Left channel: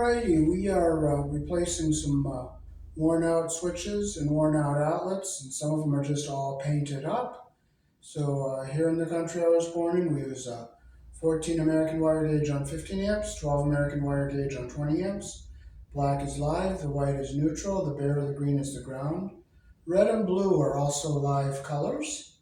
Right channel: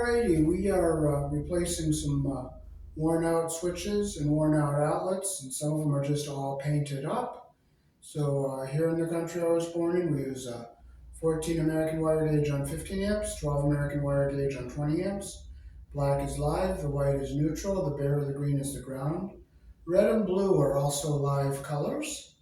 Alrighty, we are replacing some worn out switches and worn out outlets, and some of them are just all painted up. So here in the country I was born in, we use 14 American wire gauge on 15 amps, 12 American wire gauge on 20 amps. Black is live, the white is neutral, the bare or the green is the ground. Red and blue are also live colors.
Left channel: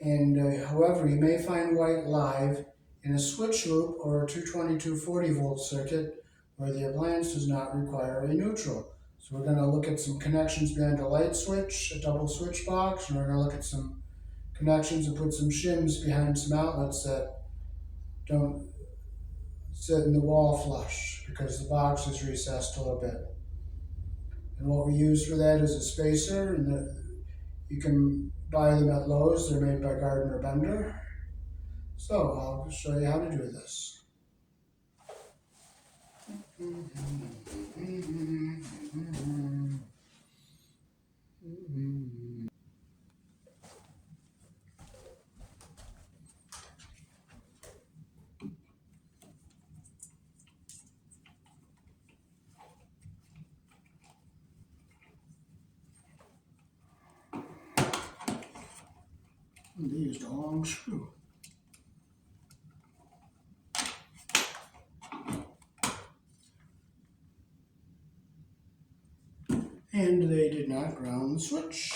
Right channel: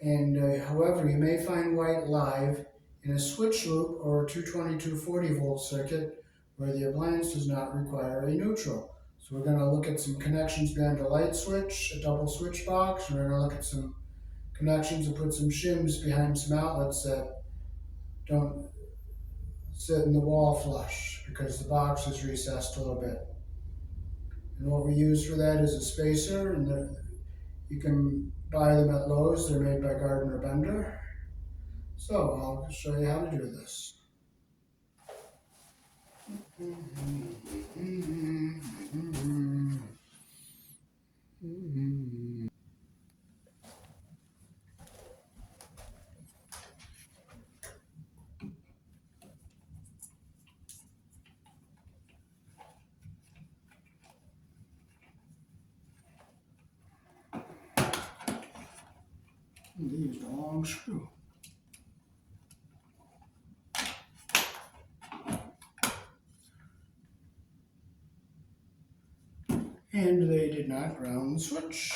And however, you may find white live in a switch loop or a 220-240 volt circuit where the appliance does not require a neutral. So we're going to look at some connections behind a light switch, a double switch box, and we're going to look at some connections and put some shims behind some outlets that don't sit in the wall flush because the box is recessed a little bit. And what we use for that is a spacer, and you can buy them at Lowe's. They're made by Gardner Bender. So I'll show you how to do this. They used a long screw. And they did not ground the switch.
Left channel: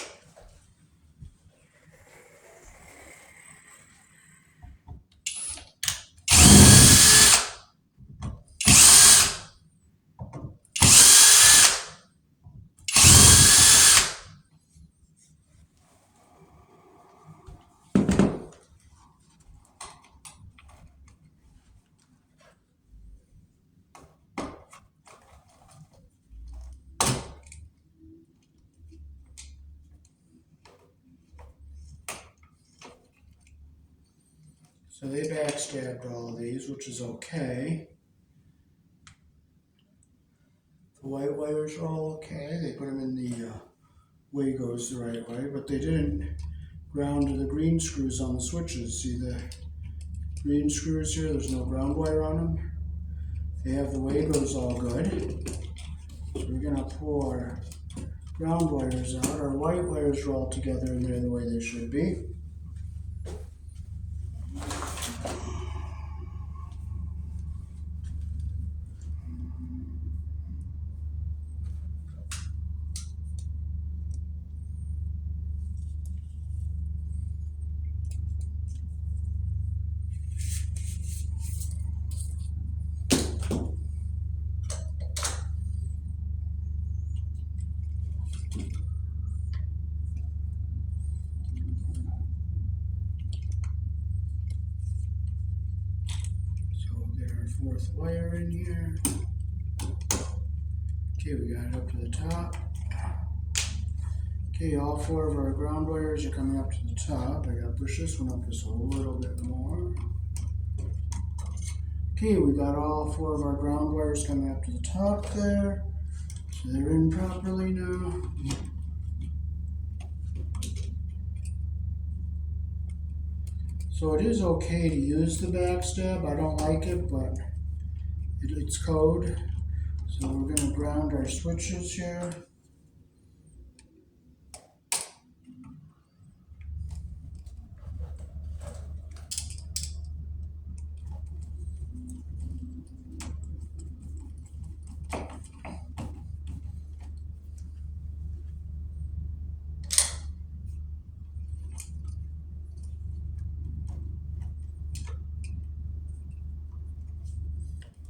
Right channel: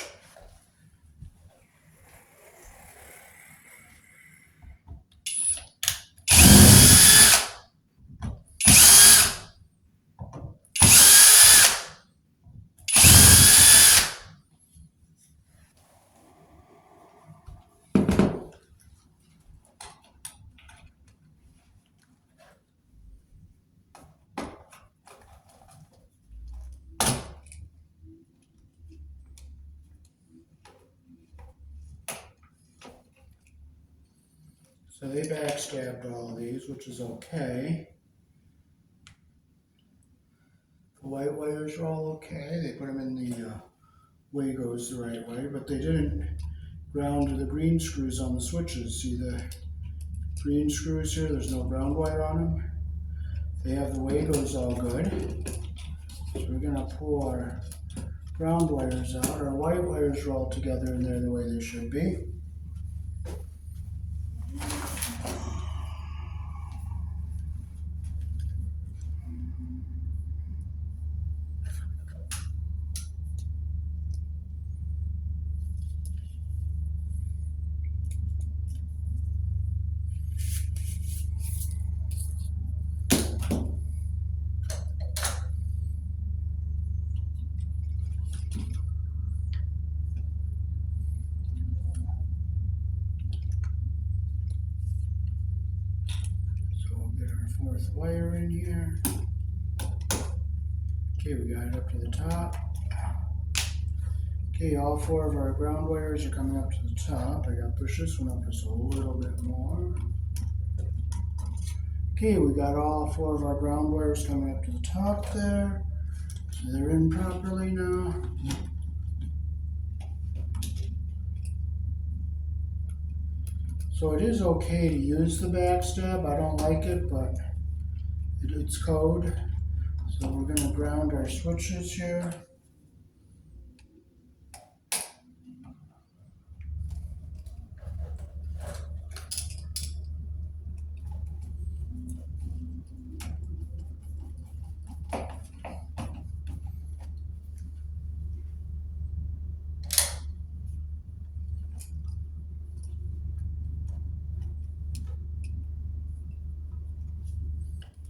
So they backstabbed all of these, which is okay. The white wires are all okay. They put them in the way goes the right way, but they didn't ground to the green screws on the switches. See the green screws here? There's no ground wire on them. They have the way goes all good. So we're going to pull our ground wires out. Our white wires are all together and they're the way they should be. Fourth wire in here. Okay, we got it up to the top. Okay, all four of our ground wires are coming up to the top. I gotta push this one up just a little bit more. Okay, we got all four of our ground wires coming up to the top there. So they're in properly now. So it is okay to use the backstab. I don't like it, but it's code. So we're going to ground our switches here.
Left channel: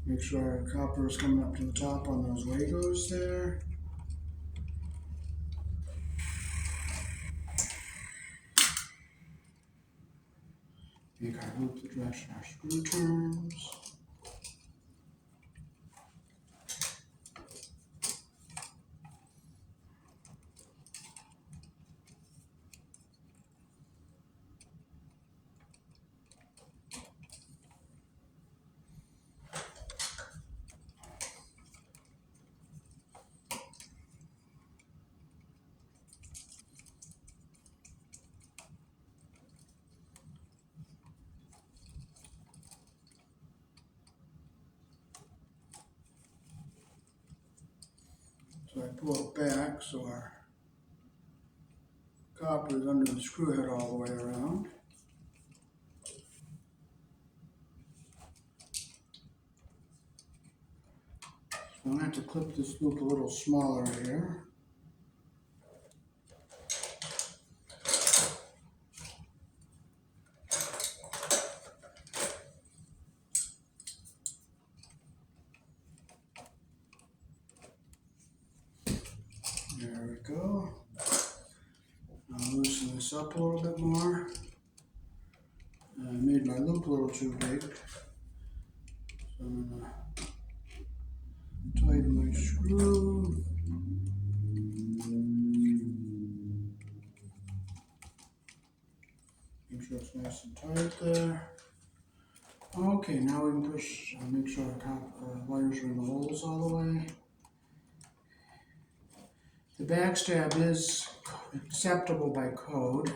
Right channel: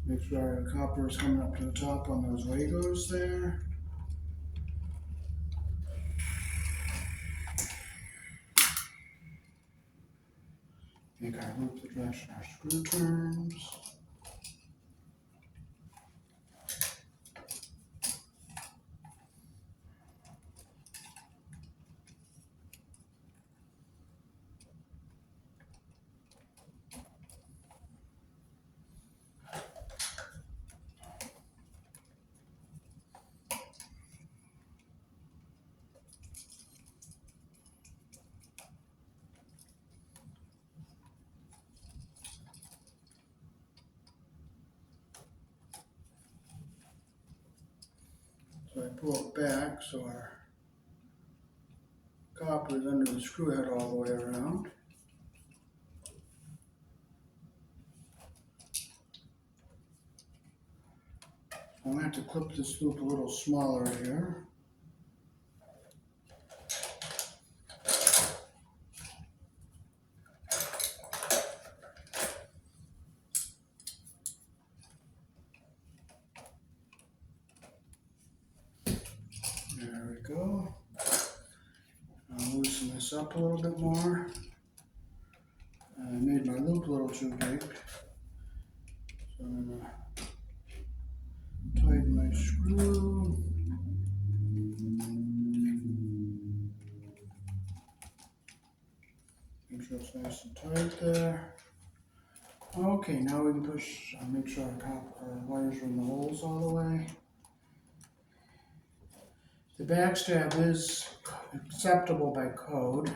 Make sure our copper is coming up to the top on those Legos there. Make our loop that drives our screw turns. pull it back so our copper is under the screw head all the way around. I'm going to have to clip this loop a little smaller here. There we go. I'll loosen this up a little bit more. I made my loop a little too big, so I'm going to tighten my screw. Make sure it's nice and tight there. Okay, now we can push, make sure our wires are in the holes all the way. The backstab is acceptable by code.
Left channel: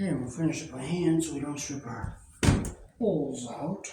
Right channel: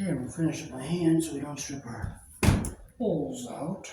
Okay, we'll finish it by hand so we don't strip our holes out.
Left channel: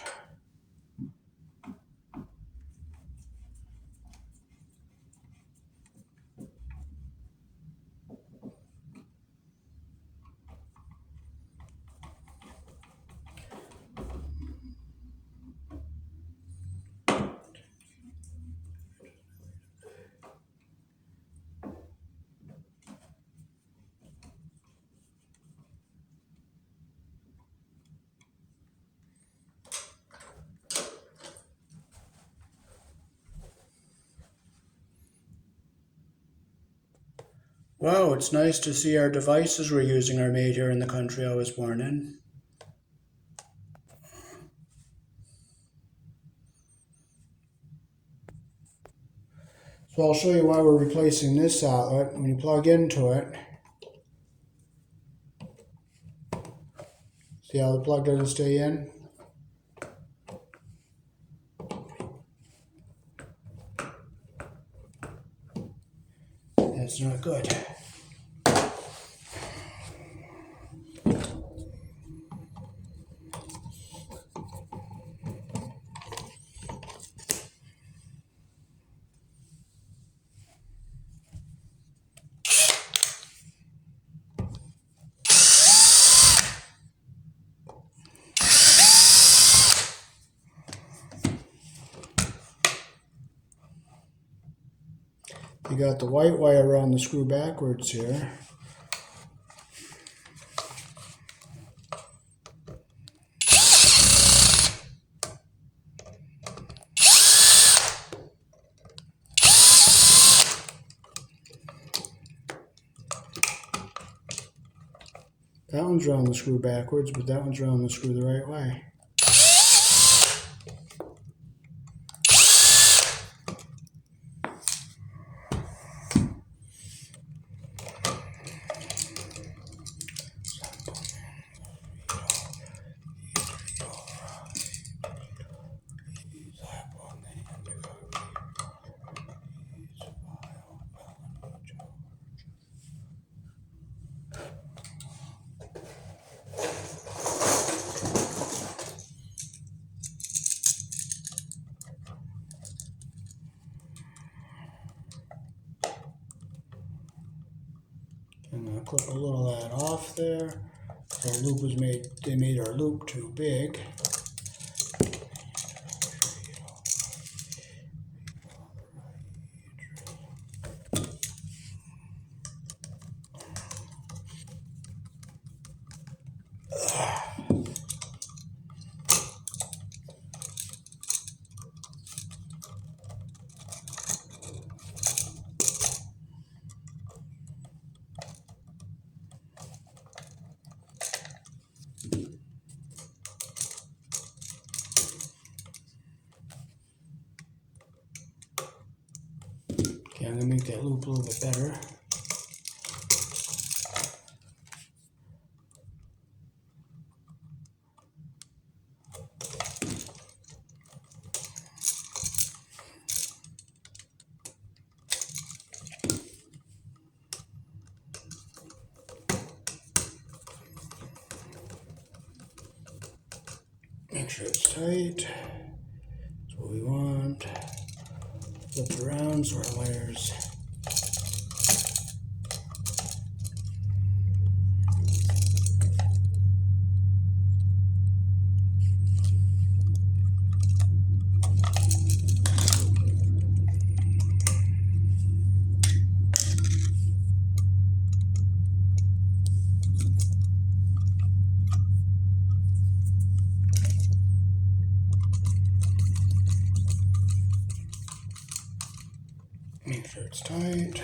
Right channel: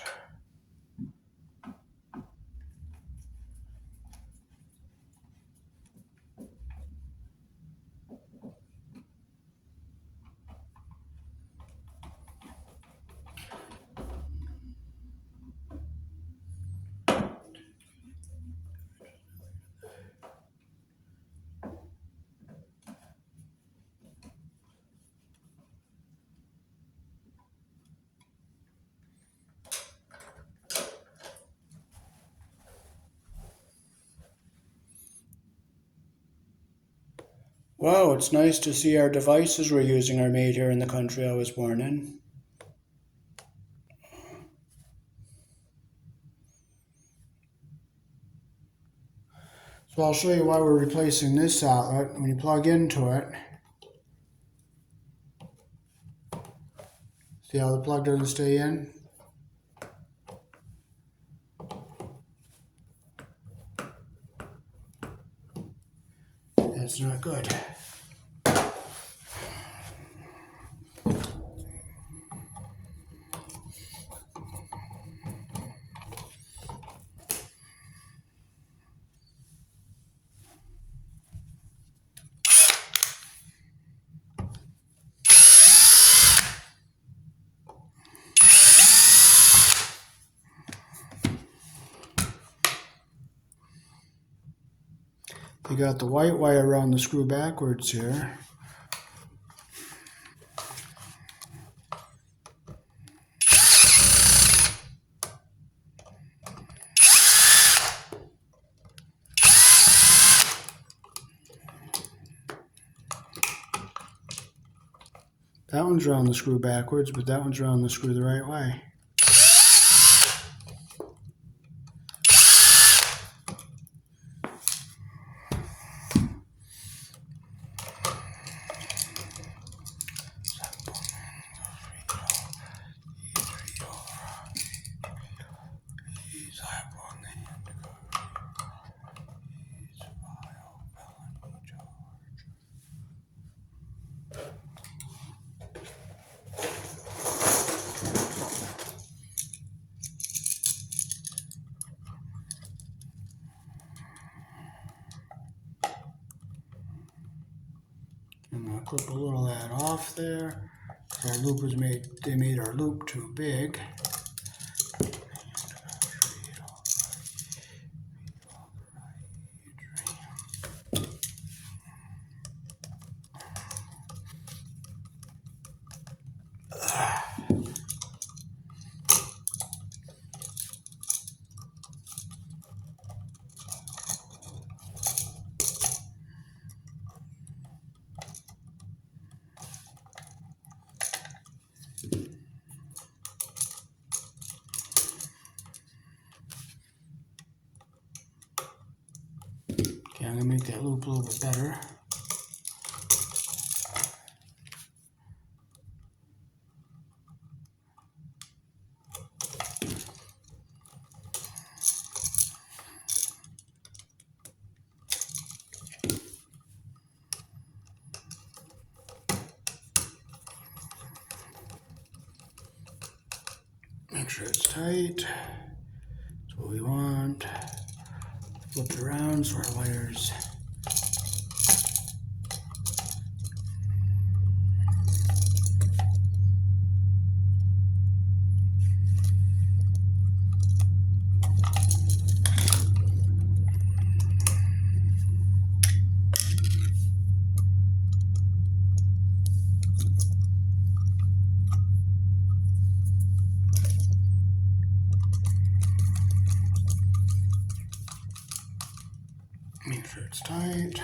Wow, it's nice to see our devices we're using are made here in the country I was born in. So I'll show you why we're replacing this outlet. When you plug into it, see how the plug doesn't stay in? That's not good. You got the white wire around the screw backwards here. That one's around the screw backwards, but that one's around the screw the right way. Clip a little of that off there. Our loop was they made our loop too big. to make that loop a little bit better. Make sure it's tight. That's what we want. Flip it around so our wires make sure it's tight.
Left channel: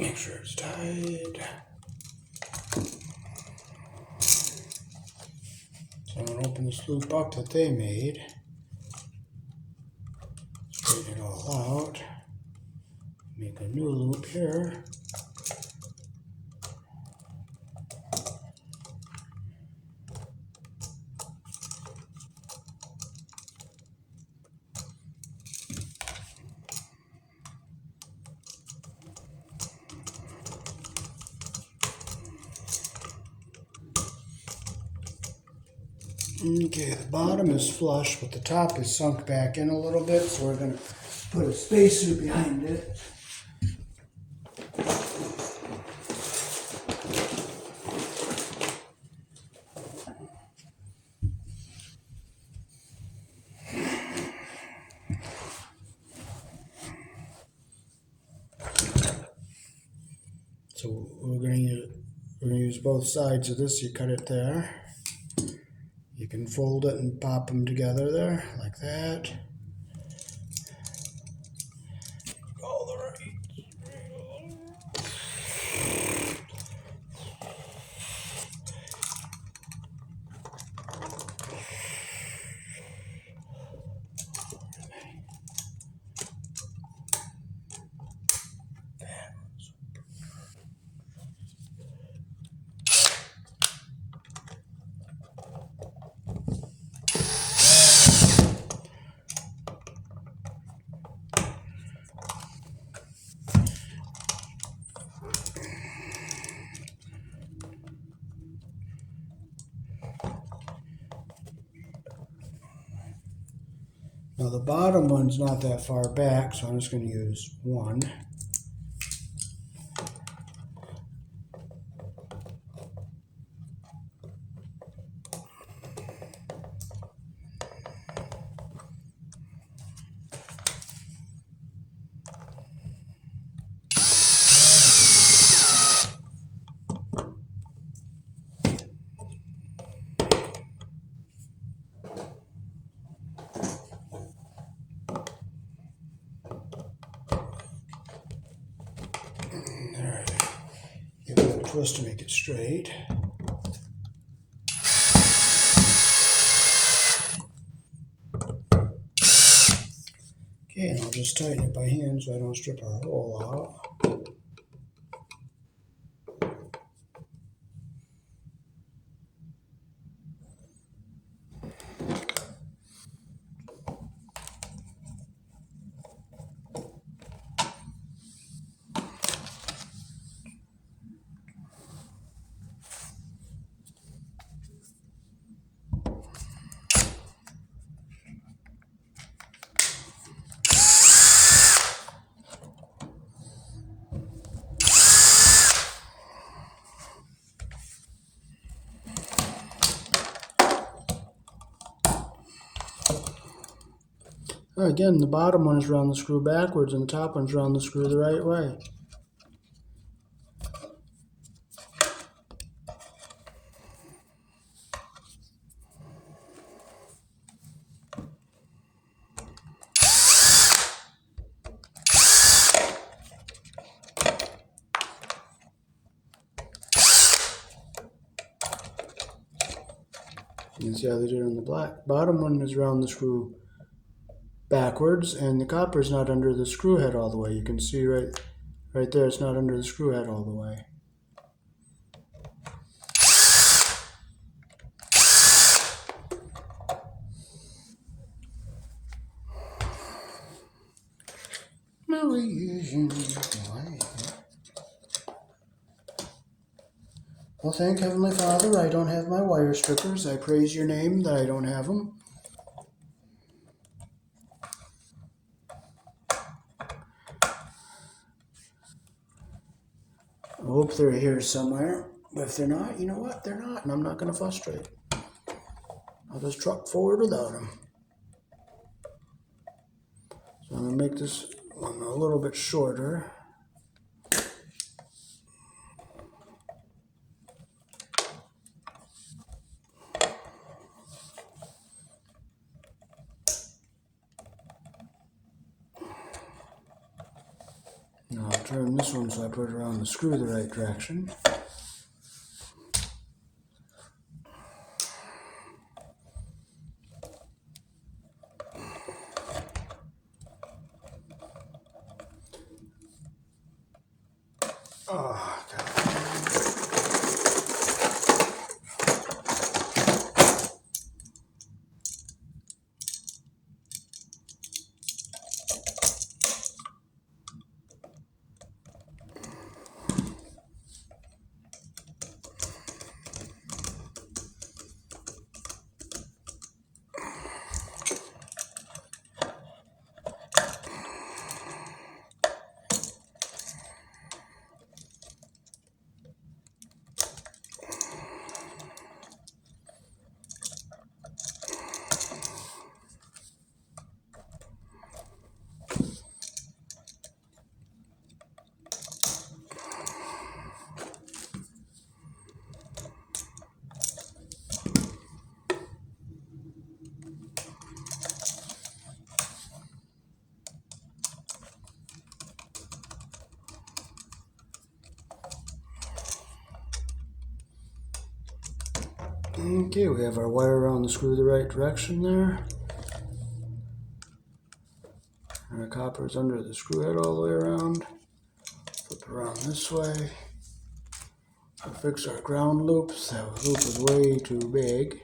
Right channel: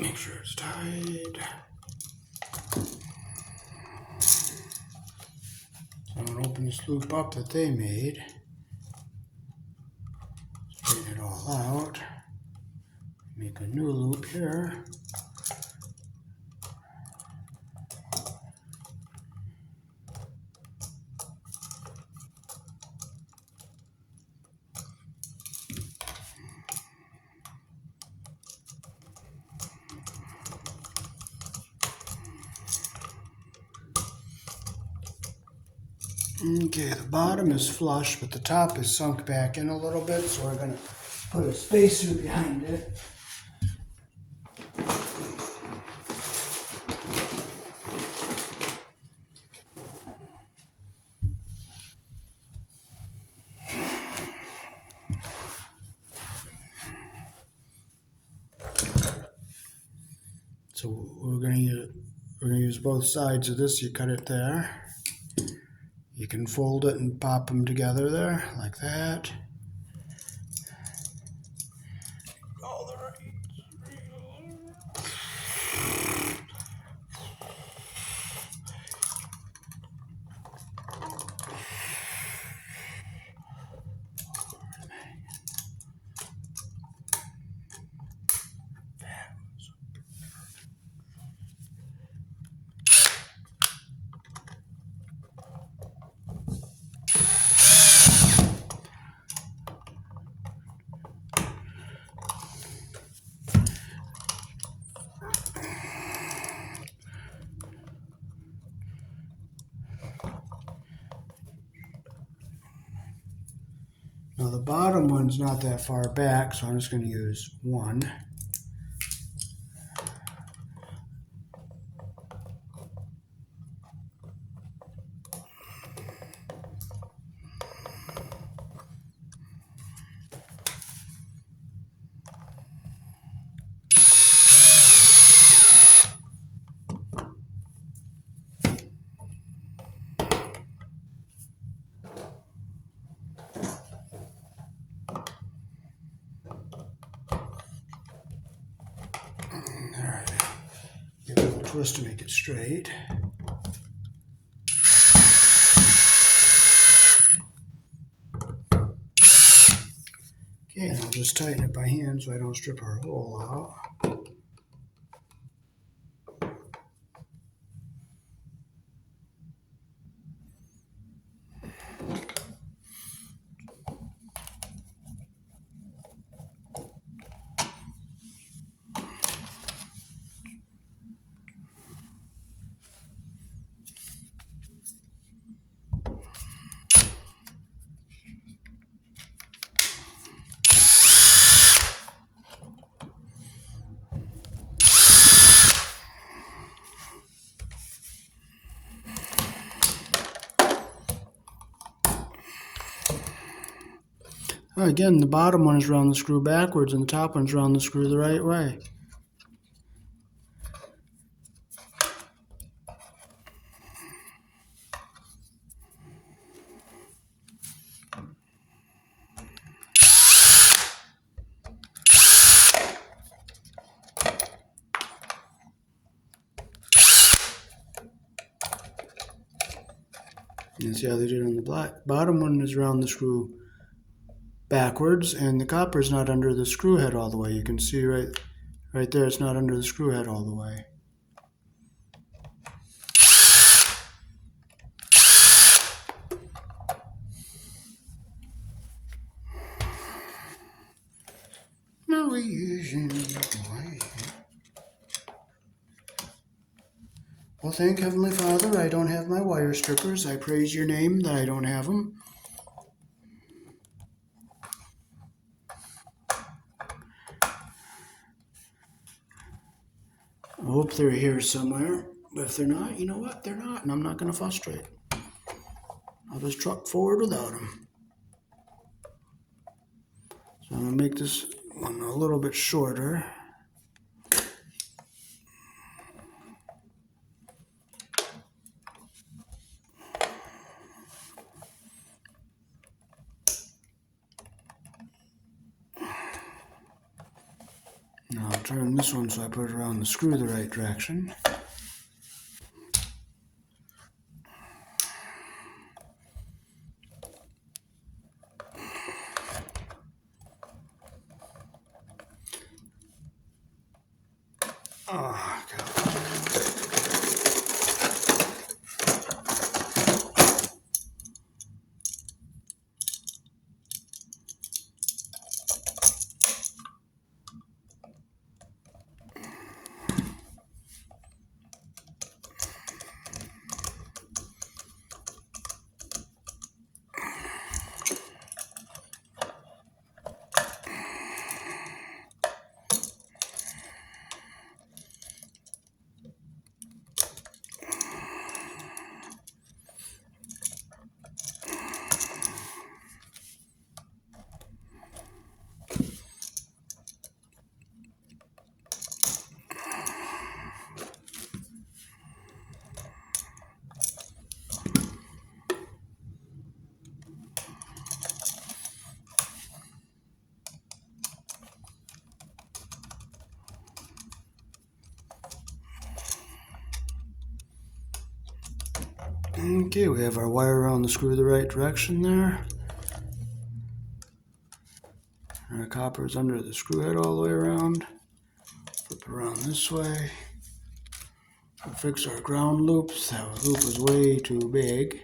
Make sure it's tight. So I'm going to open this loop up that they made. Straighten it all out. Make a new loop here. Okay, the bottom is flush, but the top is sunk back in a little bit, so we're going to put a spacer behind it. So we're going to use both sides of this. You cut it there. You can fold it and pop them together there, like that. All the right. Now the bottom one's not that far back, so I'm just going to use one. Twist to make it straight. Okay, and I'll just tighten it by hand so I don't strip our hole out. Again, the bottom one is around the screw backwards and the top one's around the screw the right way. can see how they did it on the black. Bottom one is around the screw backwards, and the copper is not under the screw head all the way. You can see right there, it's not under the screw head all the way. No using way. Well, thank Heavenly Father, I don't have my wire strippers. I praise your name that I don't have them. I hope they're here somewhere, but if they're not, you know what? They're not, and I'm not going to frustrate. I'll just truck forward without them. So I'm going to make this one a little bit shorter. Now I'll turn this one so I put it around the screw the right direction. Oh, God. Okay, we have our wire around the screw the right direction there. Our copper is under the screw head all the way around. Flip it around this way. I'll fix our ground loops. That loop is way too big.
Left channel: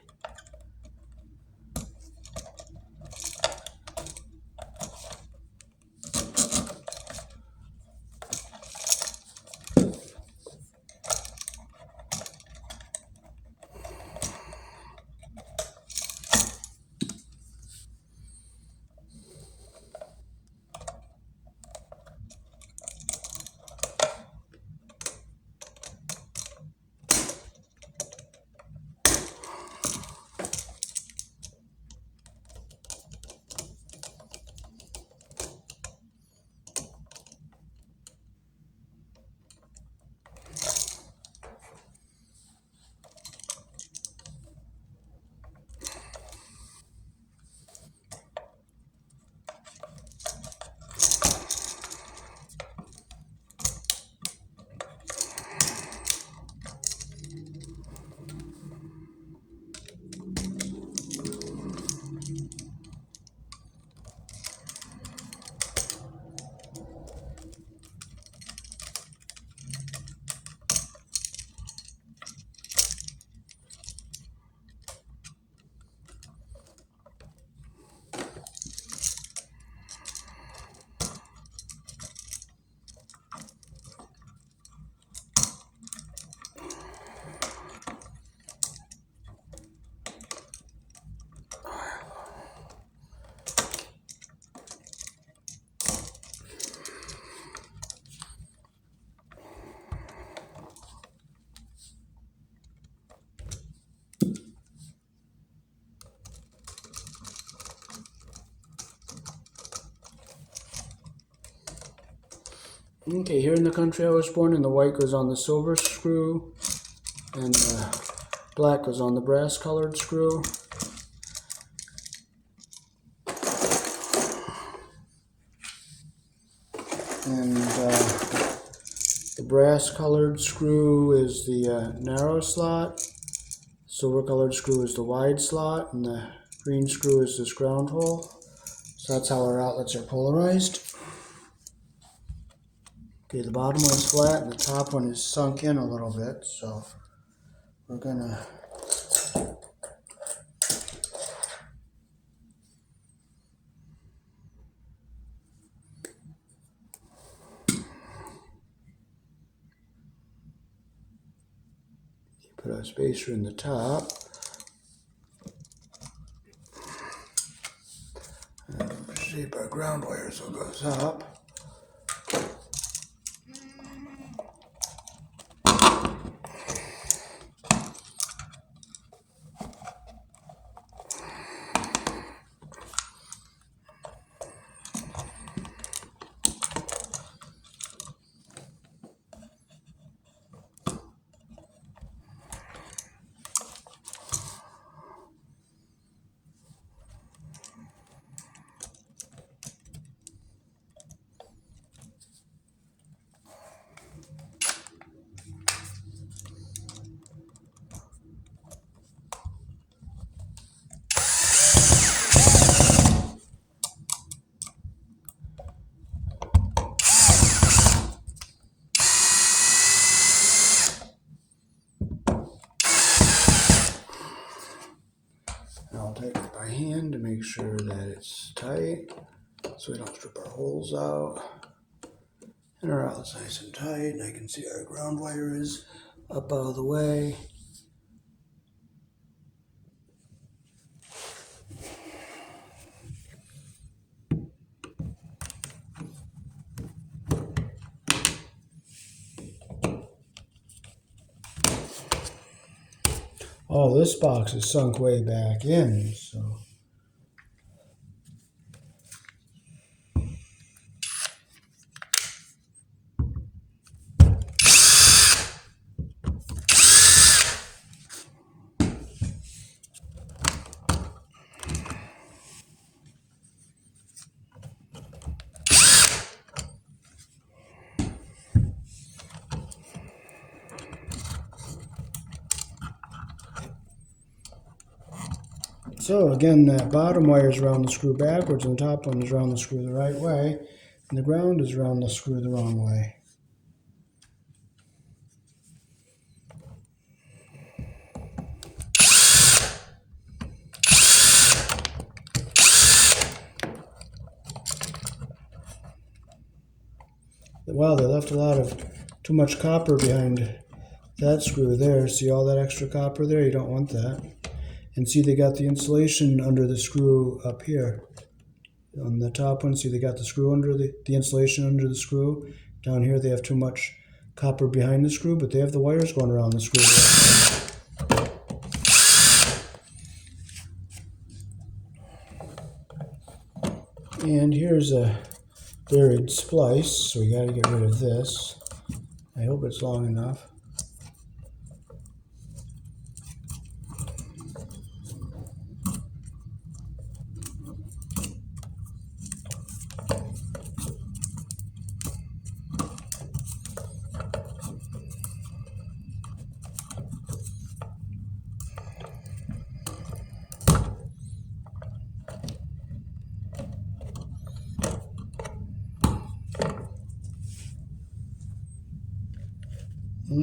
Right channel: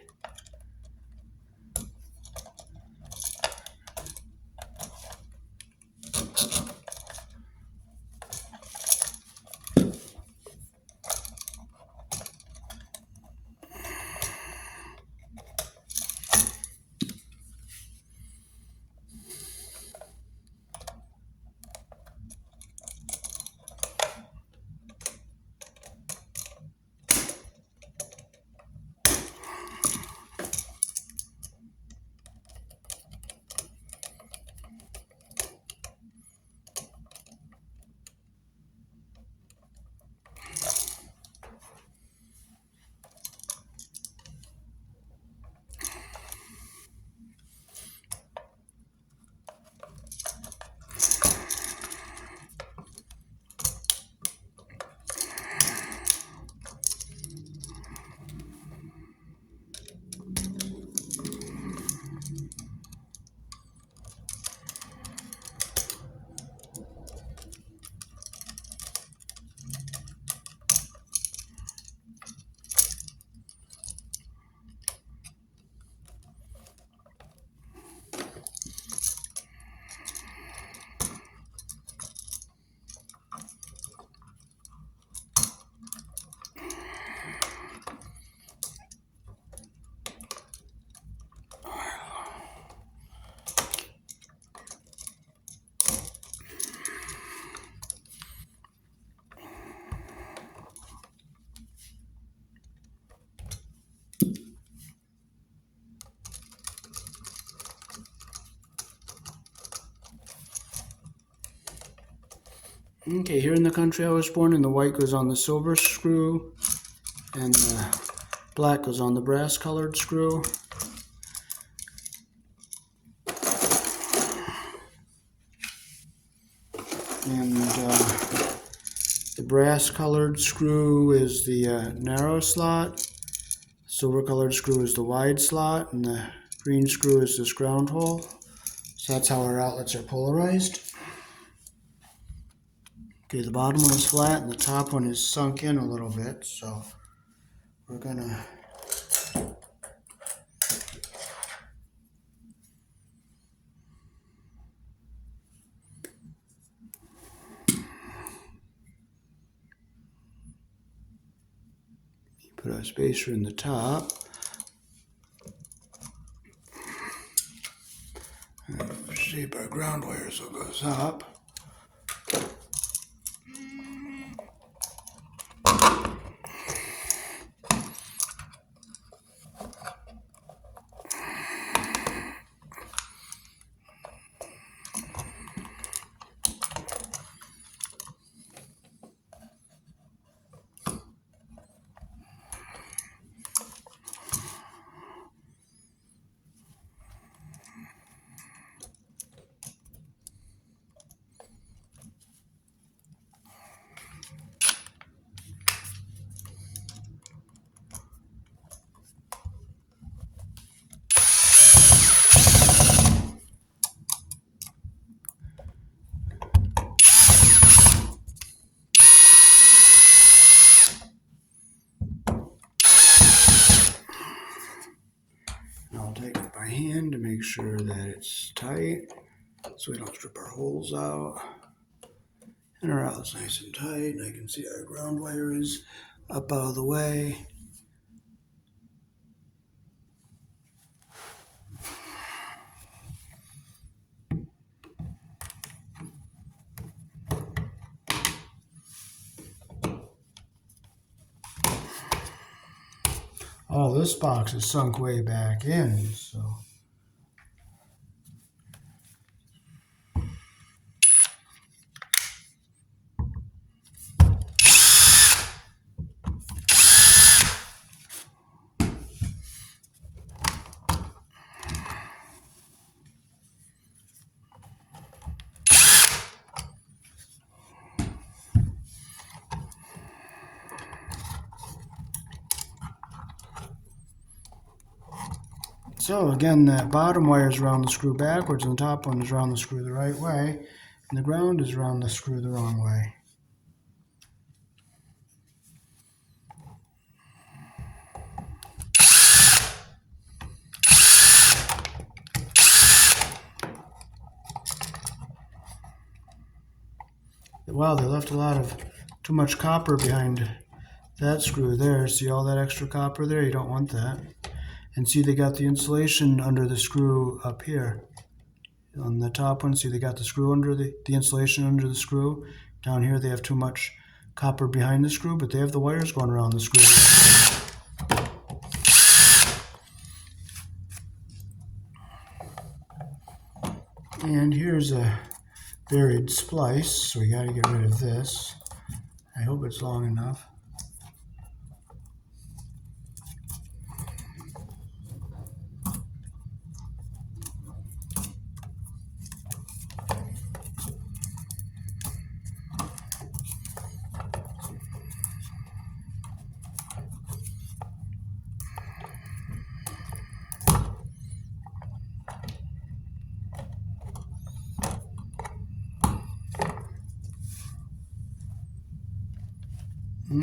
Okay, here in the country I was born, and the white goes on the silver screw, and the black goes on the brass colored screw. And the brass colored screw is the narrow slot. silver colored screw is the wide slot, and the green screw is this ground hole. So that's how our outlets are polarized. Okay, the bottom one's flat and the top one is sunk in a little bit, so we're gonna put a spacer in the top. And shape our ground wire so it goes up. I'll take it by hand to make sure that it's tight so we don't strip our holes out. And our outlet's nice and tight, and I can see our ground wire is up out of the way. Oh, this box is sunk way back in, so. So again, that bottom wire is around the screw backwards, and the top one is around the screw the right way, and the ground is around the screw the wrong way. Wow, they left a lot of too much copper behind that screw there. See all that extra copper there? You don't want that. And see, they got the insulation under the screw up here. On the top one, see they got the screw under the insulation under the screw. Down here they have too much copper behind the screw, but they have the wires going around the screw. And here's a buried splice, so we gotta get rid of this. I hope it's long enough.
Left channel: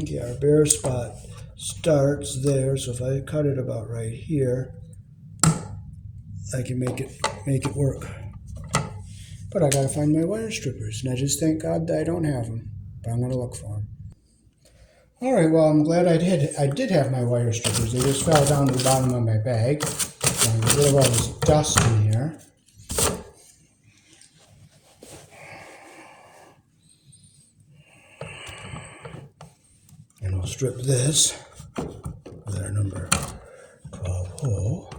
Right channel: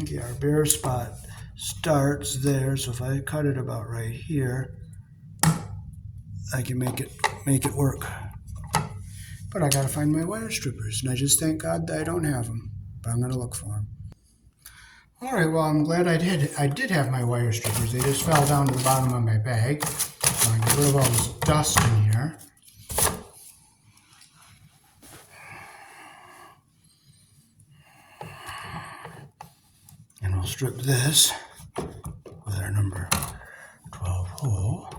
Okay, our bare spot starts there, so if I cut it about right here, I can make it work. But I gotta find my wire strippers, and I just thank God that I don't have them, but I'm gonna look for them. All right, well, I'm glad I did have my wire strippers. They just fell down to the bottom of my bag. So I get rid of all this dust in here. And we'll strip this with our number 12 hole.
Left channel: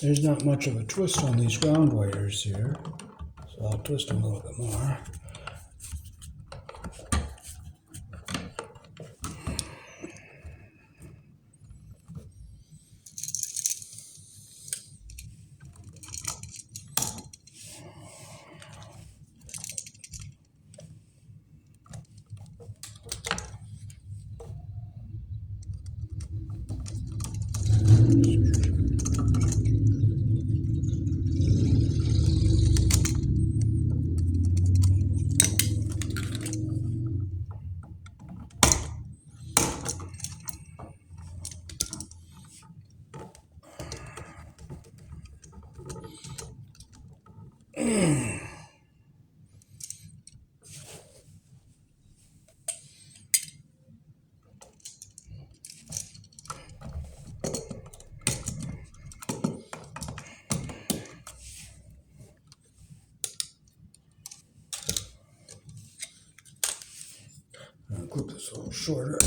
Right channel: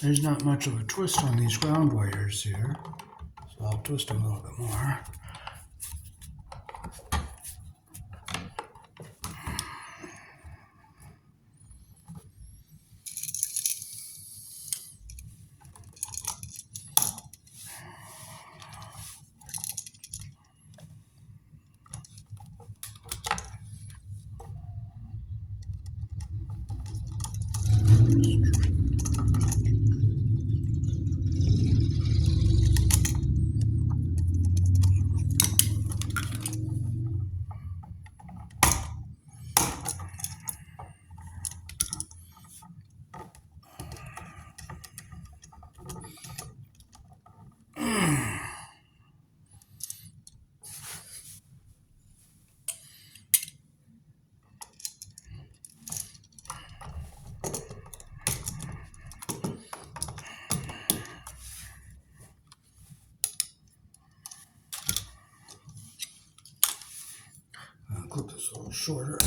There's not much of a twist on these ground wires here, so I'll twist them a little bit more. I'll clip this a little shorter.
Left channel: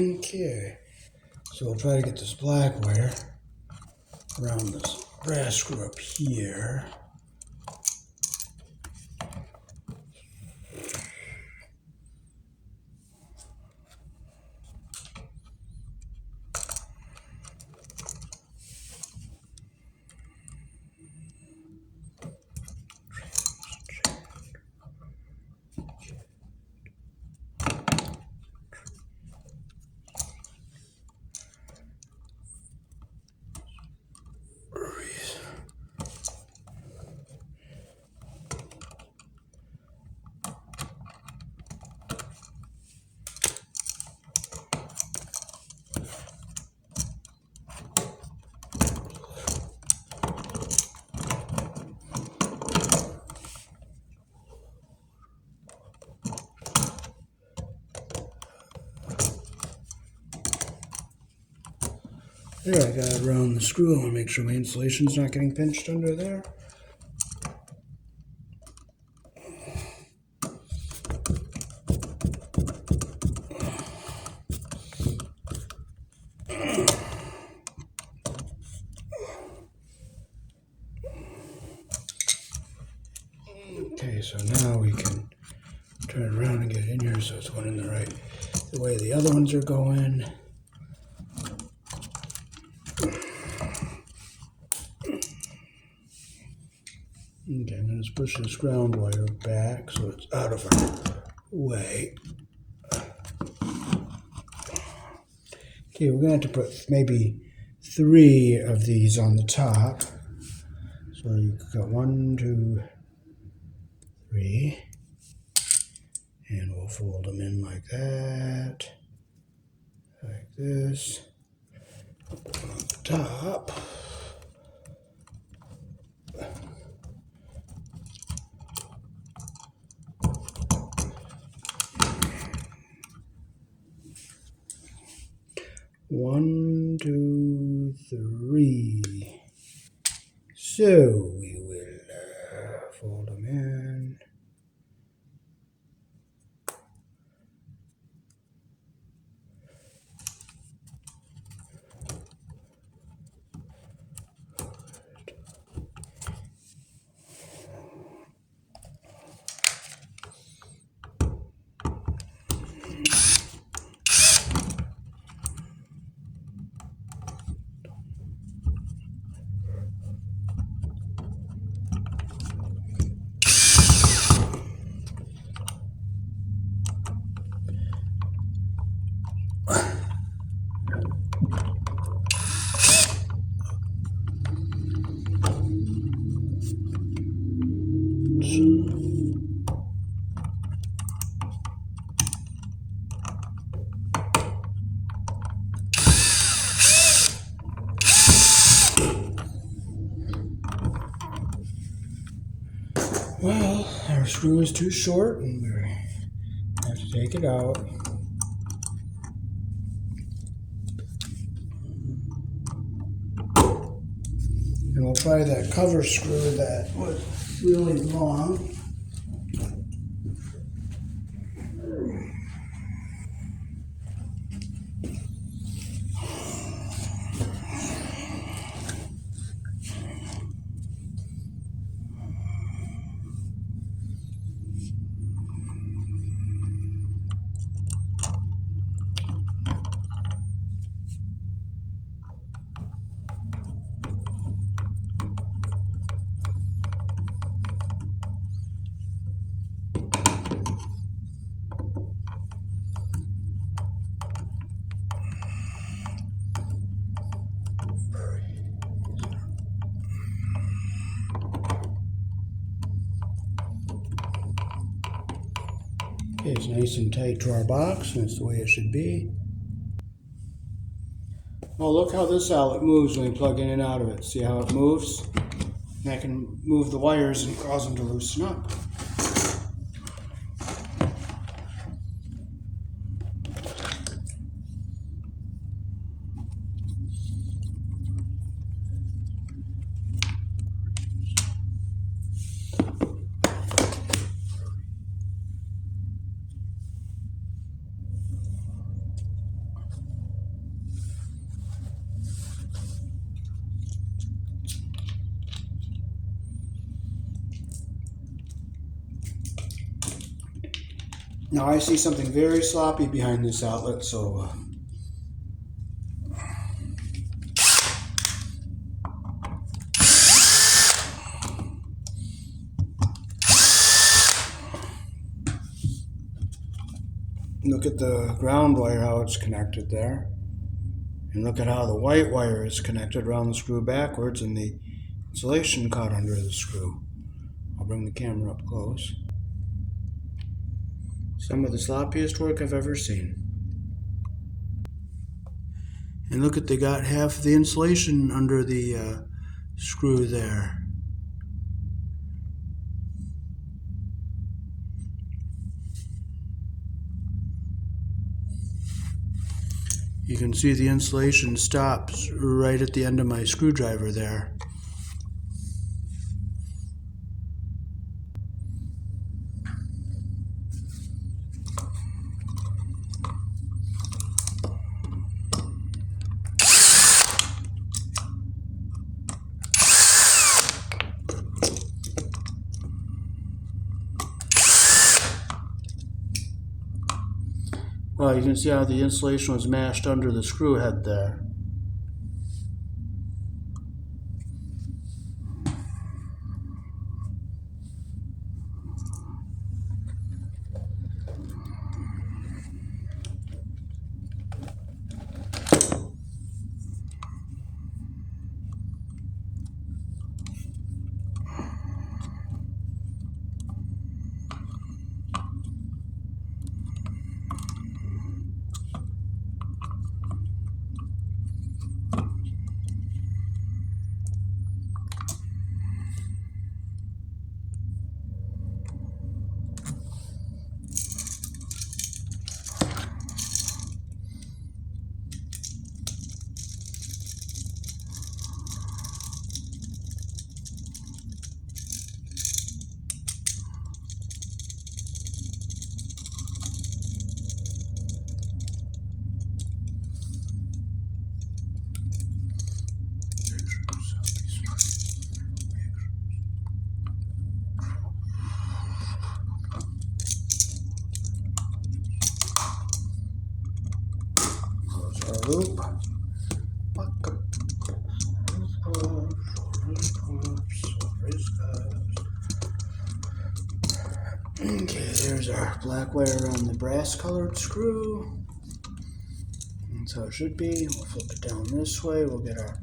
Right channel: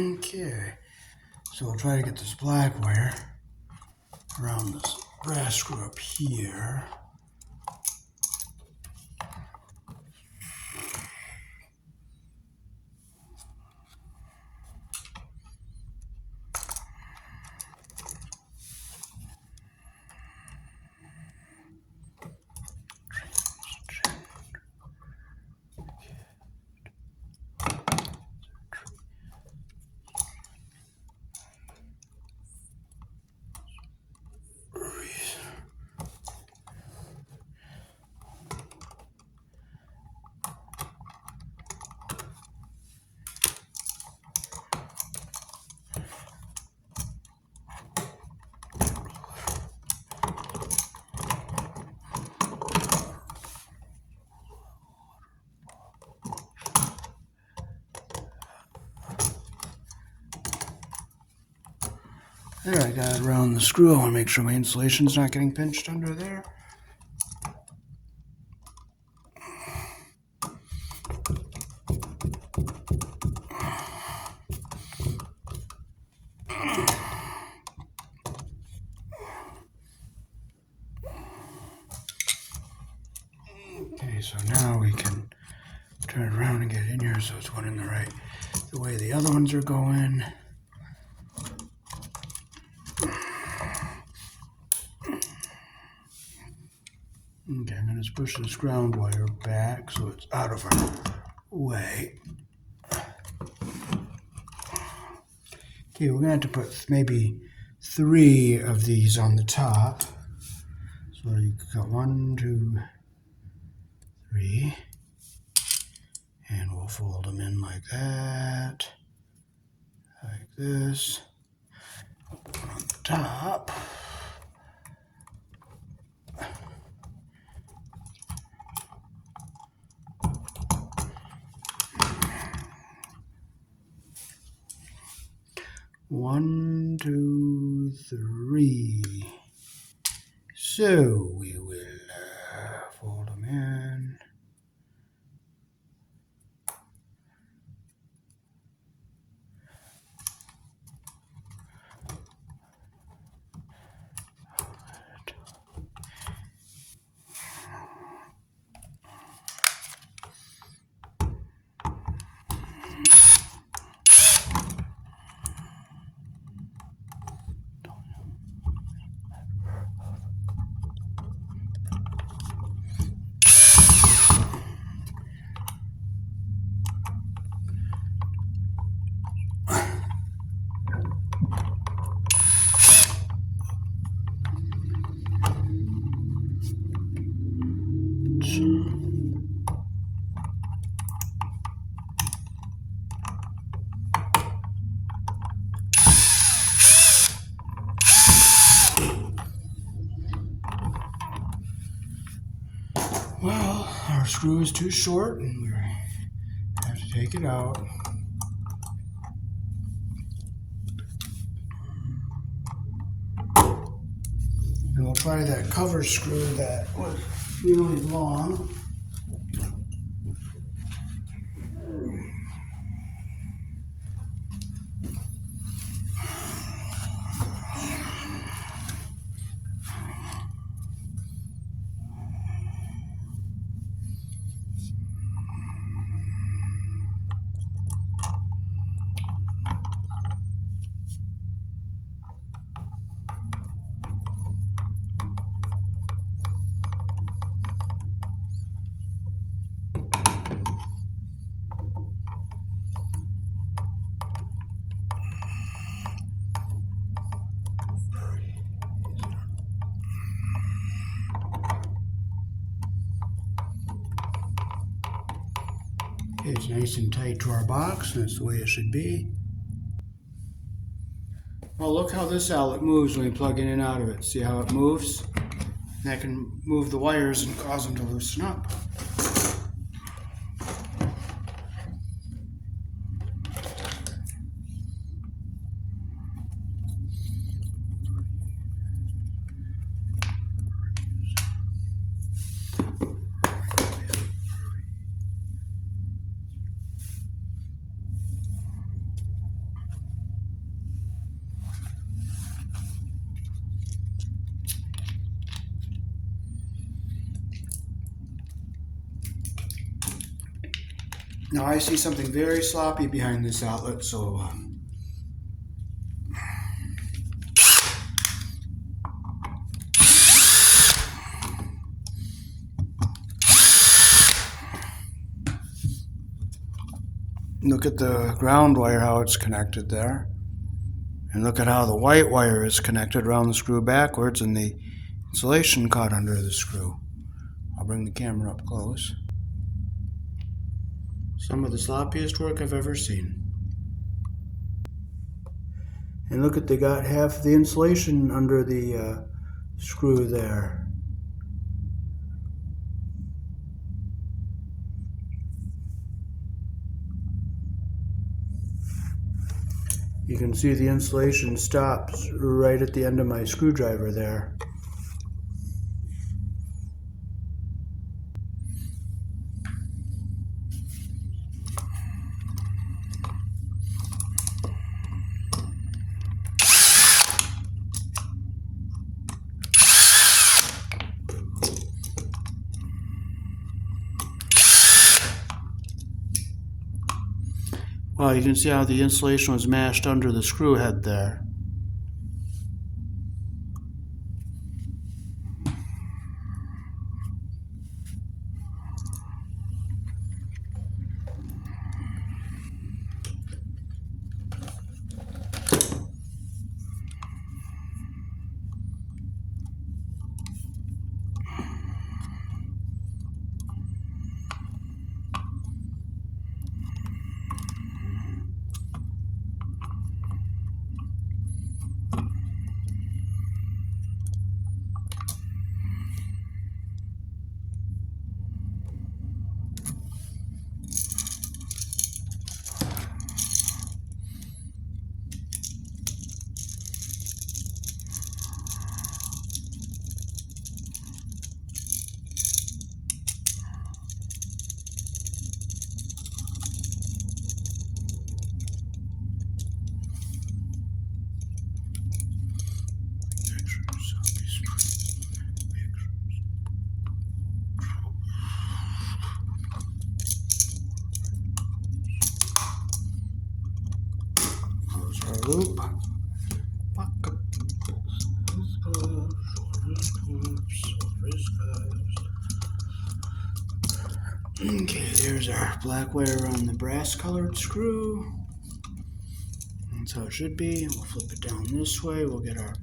Okay, so we'll try to get this black wire around this brass screw up here. There, I got it around the screw. I want to make sure my insulation's not getting pinched under there. Okay, so now we can turn it around and get it in here so it's going in the way the other ones are going. Okay, I'm going to push this ground wire back so it's out of our way. Okay, we're going to have to put maybe 3 of these on the top. So you got 1, 2, 3. And we'll fold them in like that. Like this. Put one on the top. One, 2, 3. So we will Well, our screw is too short and we have to take it out. And we'll try that cover screw that was really long. Okay, it's nice and tight to our box. That's the way it should be. Oh, look how this outlet moves when you plug in and out of it. See how it moves? That can move the wires and cause them to loosen up. Now I see something very sloppy behind this outlet, so look at the ground wire, how it's connected there. And look at how the white wire is connected around the screw backwards and the insulation caught under the screw. I'll bring the camera up close. Some of the sloppiest work I've ever seen. And look at, they got half the insulation under the screw there. You can see the insulation stops right at the end of my screwdriver there. Well, you can see how the insulation was mashed under the screw head there. Loop. Okay, there's our black wire on the brass colored screw. That's how it should be. And we'll flip it down this way. We'll get our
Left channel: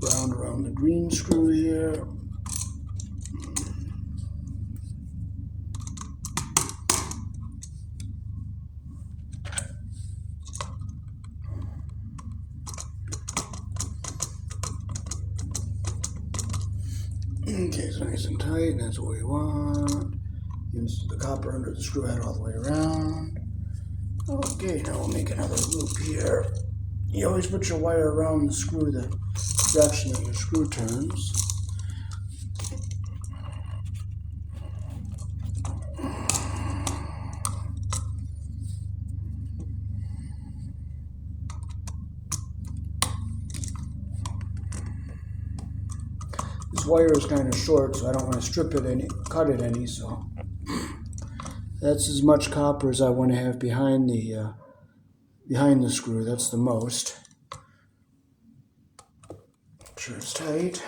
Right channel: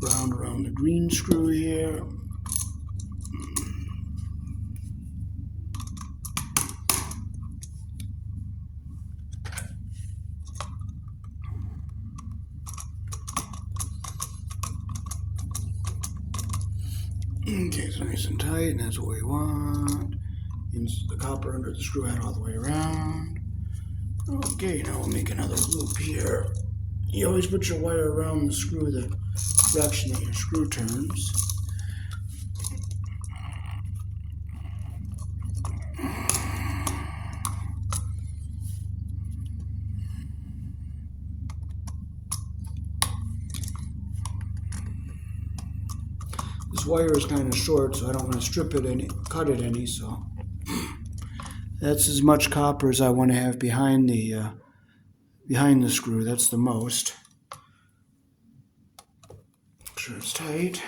round around the green screw here. Okay, it's nice and tight, and that's what we want. Insert the copper under the screw head all the way around. Okay, now we'll make another loop here. You always put your wire around the screw the direction that your screw turns. This wire is kind of short, so I don't want to cut it any, so that's as much copper as I want to have behind the screw. That's the most. Make sure it's tight.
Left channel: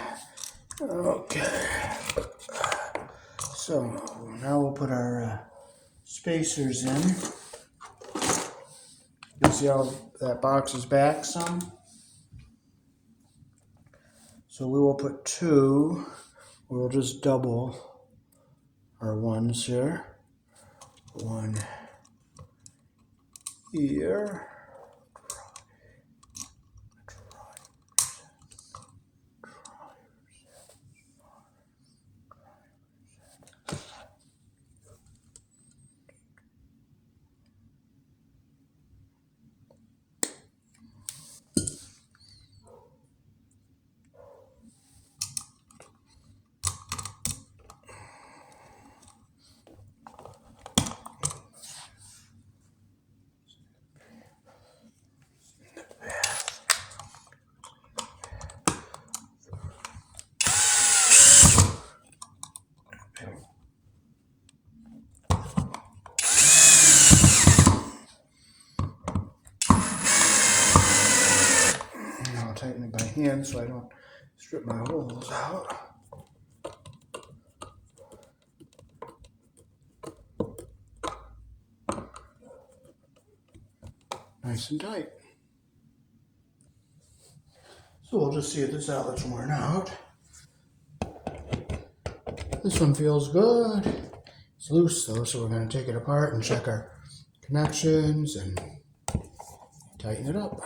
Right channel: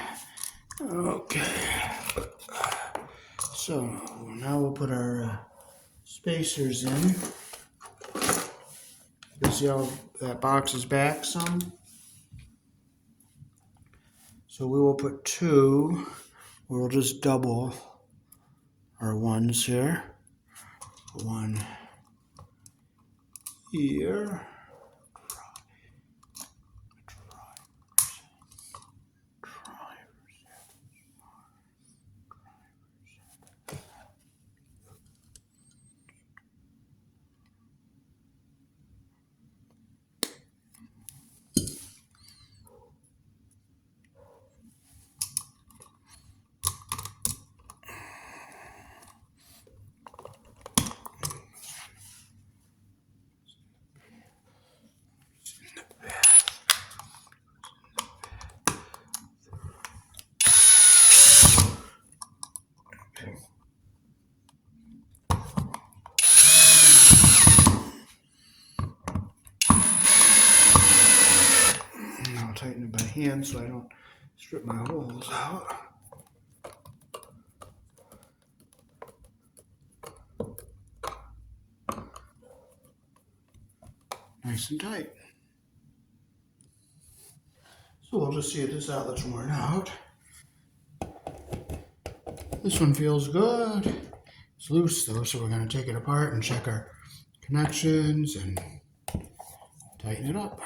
Okay. So now we'll put our spacers in. You'll see how that box is back some. So we will put 2. We'll just double our ones here. 1 here. Tighten it by hand so I don't strip my holes out. Nice and tight. So we'll just see if this outlet's worn out. This one feels good. It's loose though, so we're going to take it apart and check our connections and tighten it up.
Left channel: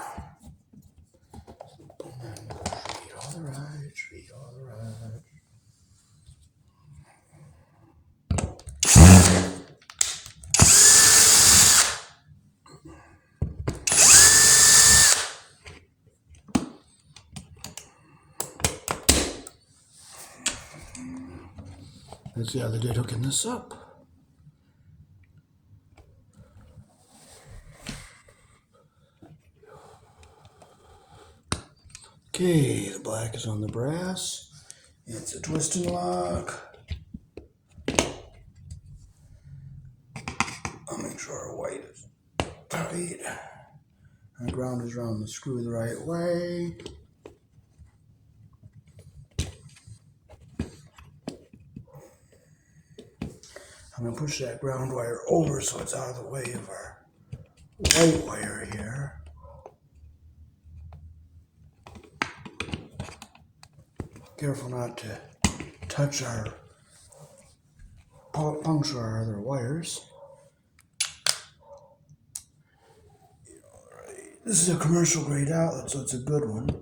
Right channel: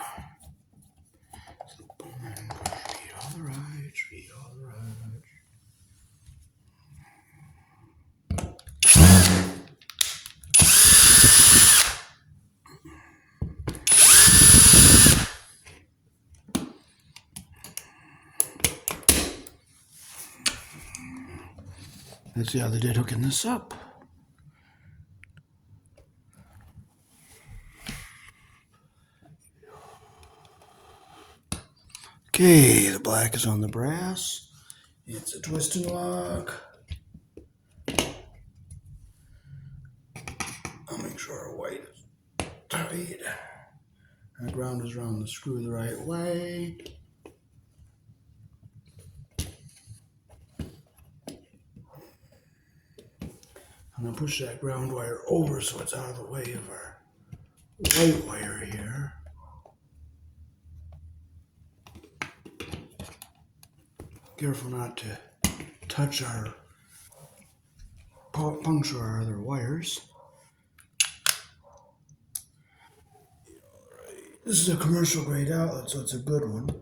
Let's see how they did hooking this up. Okay, the black is on the brass. It's a twist and lock. I'll make sure our white is tight. And the ground is around the screw the right way. I'm going to push that ground wire over so it's out of the way of our white wire here. Careful not to touch our, puncture our other wires. This is a commercial grade outlet, so it's a good one.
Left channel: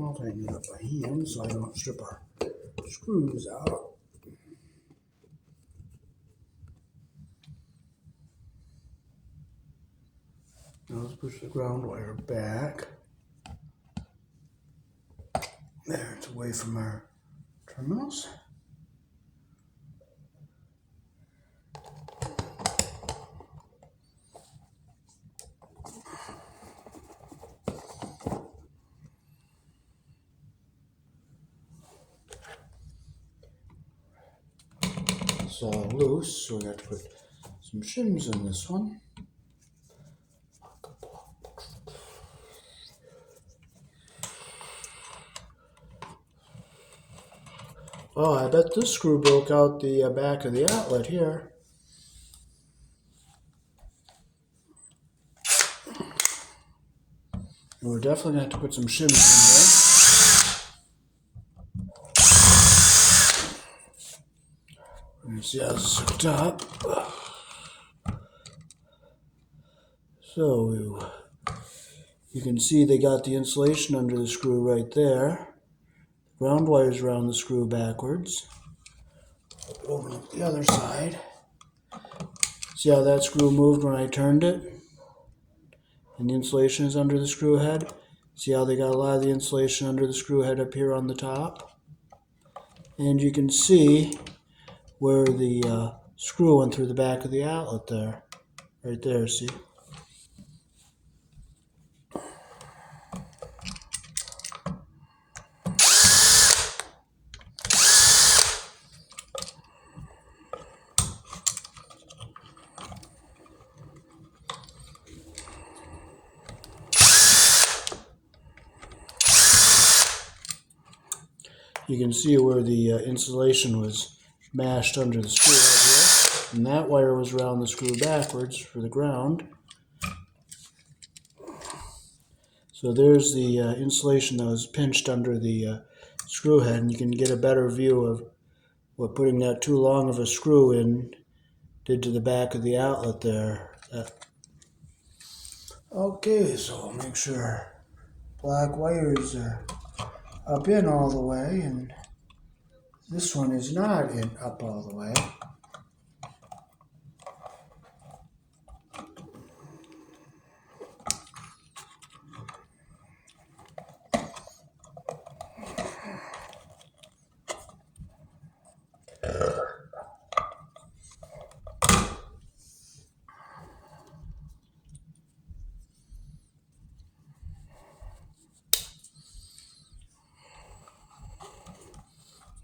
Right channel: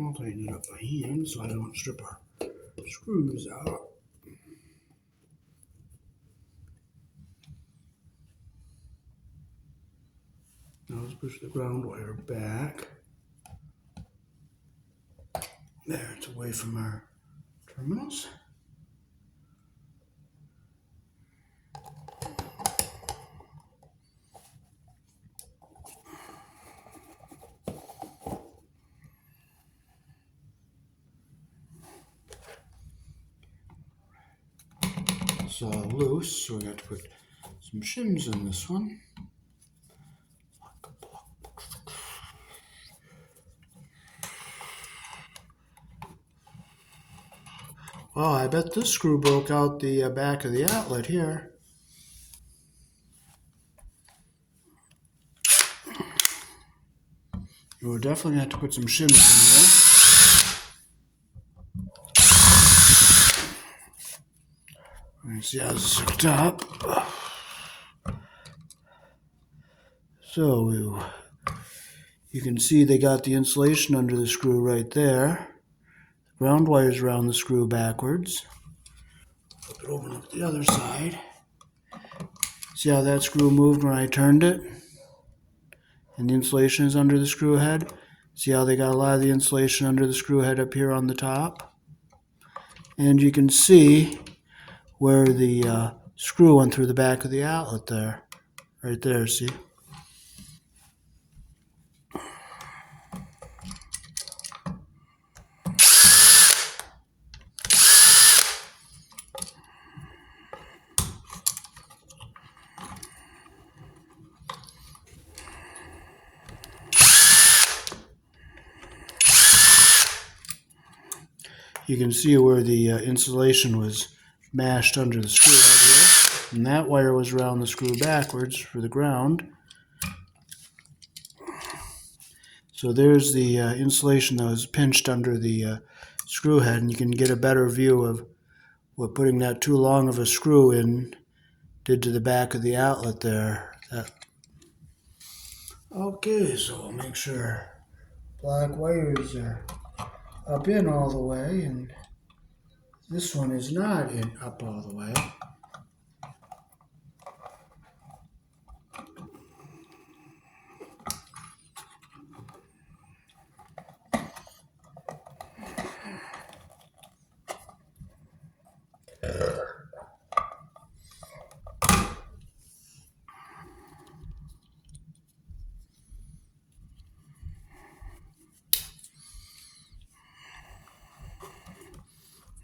I'll tighten it up by hand so I don't strip our screws out. Now let's push the ground wire back. There, it's away from our terminals. is loose, so we got to put some shims in this one. Oh, I bet this screw broke out the back of the outlet here. We're definitely going to have to put some shims in there. Let's see how this is hooked up. So you can see they got the insulation under the screw right there. The ground wire's around the screw backwards. Flip it over to the other side. See how that screw moved when I turned it? And the insulation is under the screw head. See how they got a lot of the insulation under the screw head up here on the top? And you can see where the screw went through the back of the outlet there. Right there, see? You can see where the insulation was mashed under the screw head here. And that wire was around the screw backwards for the ground. So there's the insulation that was pinched under the screw head, and you can get a better view of what putting that too long of a screw in did to the back of the outlet there. Okay, so we'll make sure black wires are up in all the way, and this one is not up all the way.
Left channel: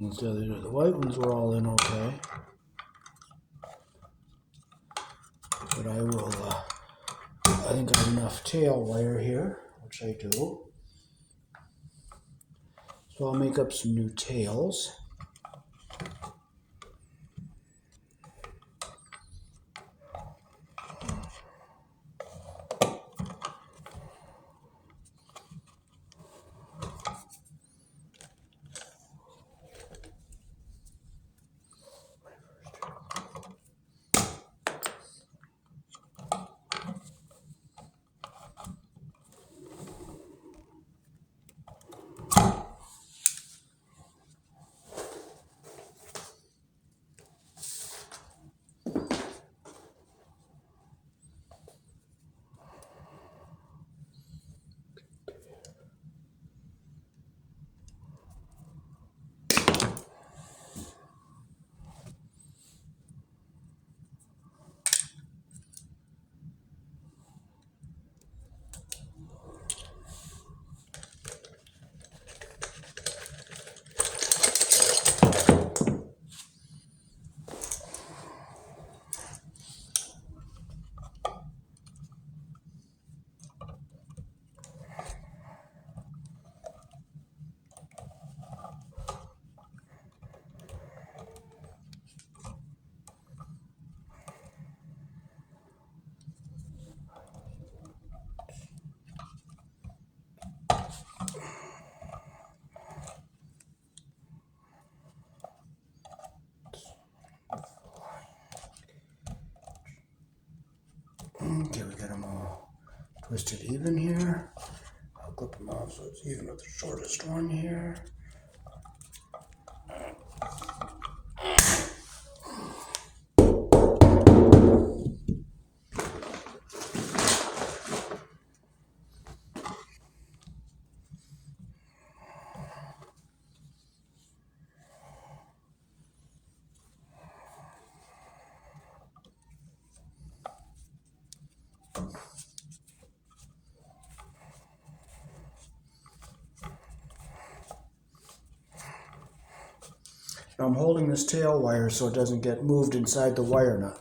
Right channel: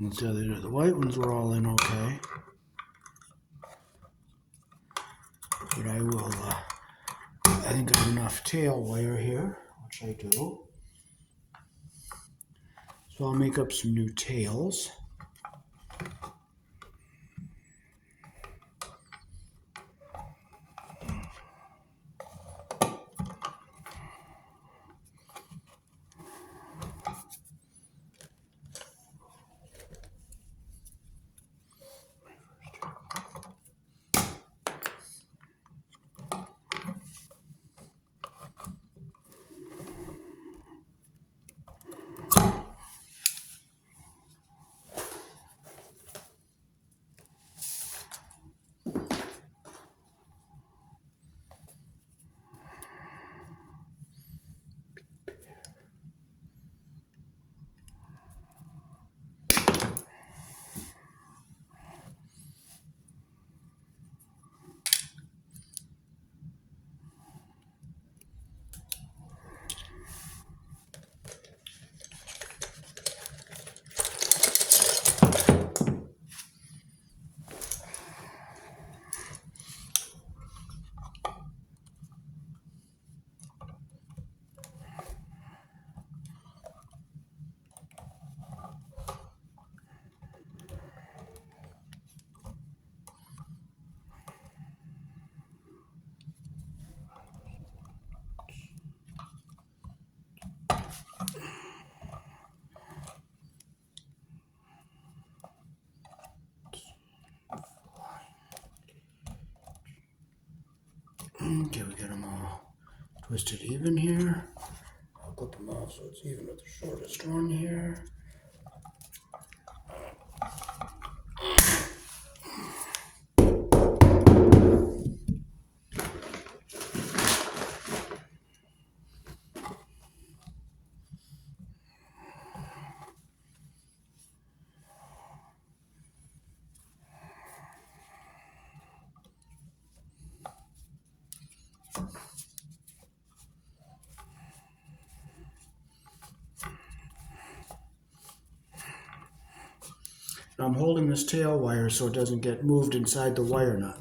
And so the white ones were all in okay. But I think I have enough tail wire here, which I do. So I'll make up some new tails. Okay, we got them all twisted even here. I'll clip them off so it's even with the shortest one here. Now I'm holding this tail wire so it doesn't get moved inside the wire nut.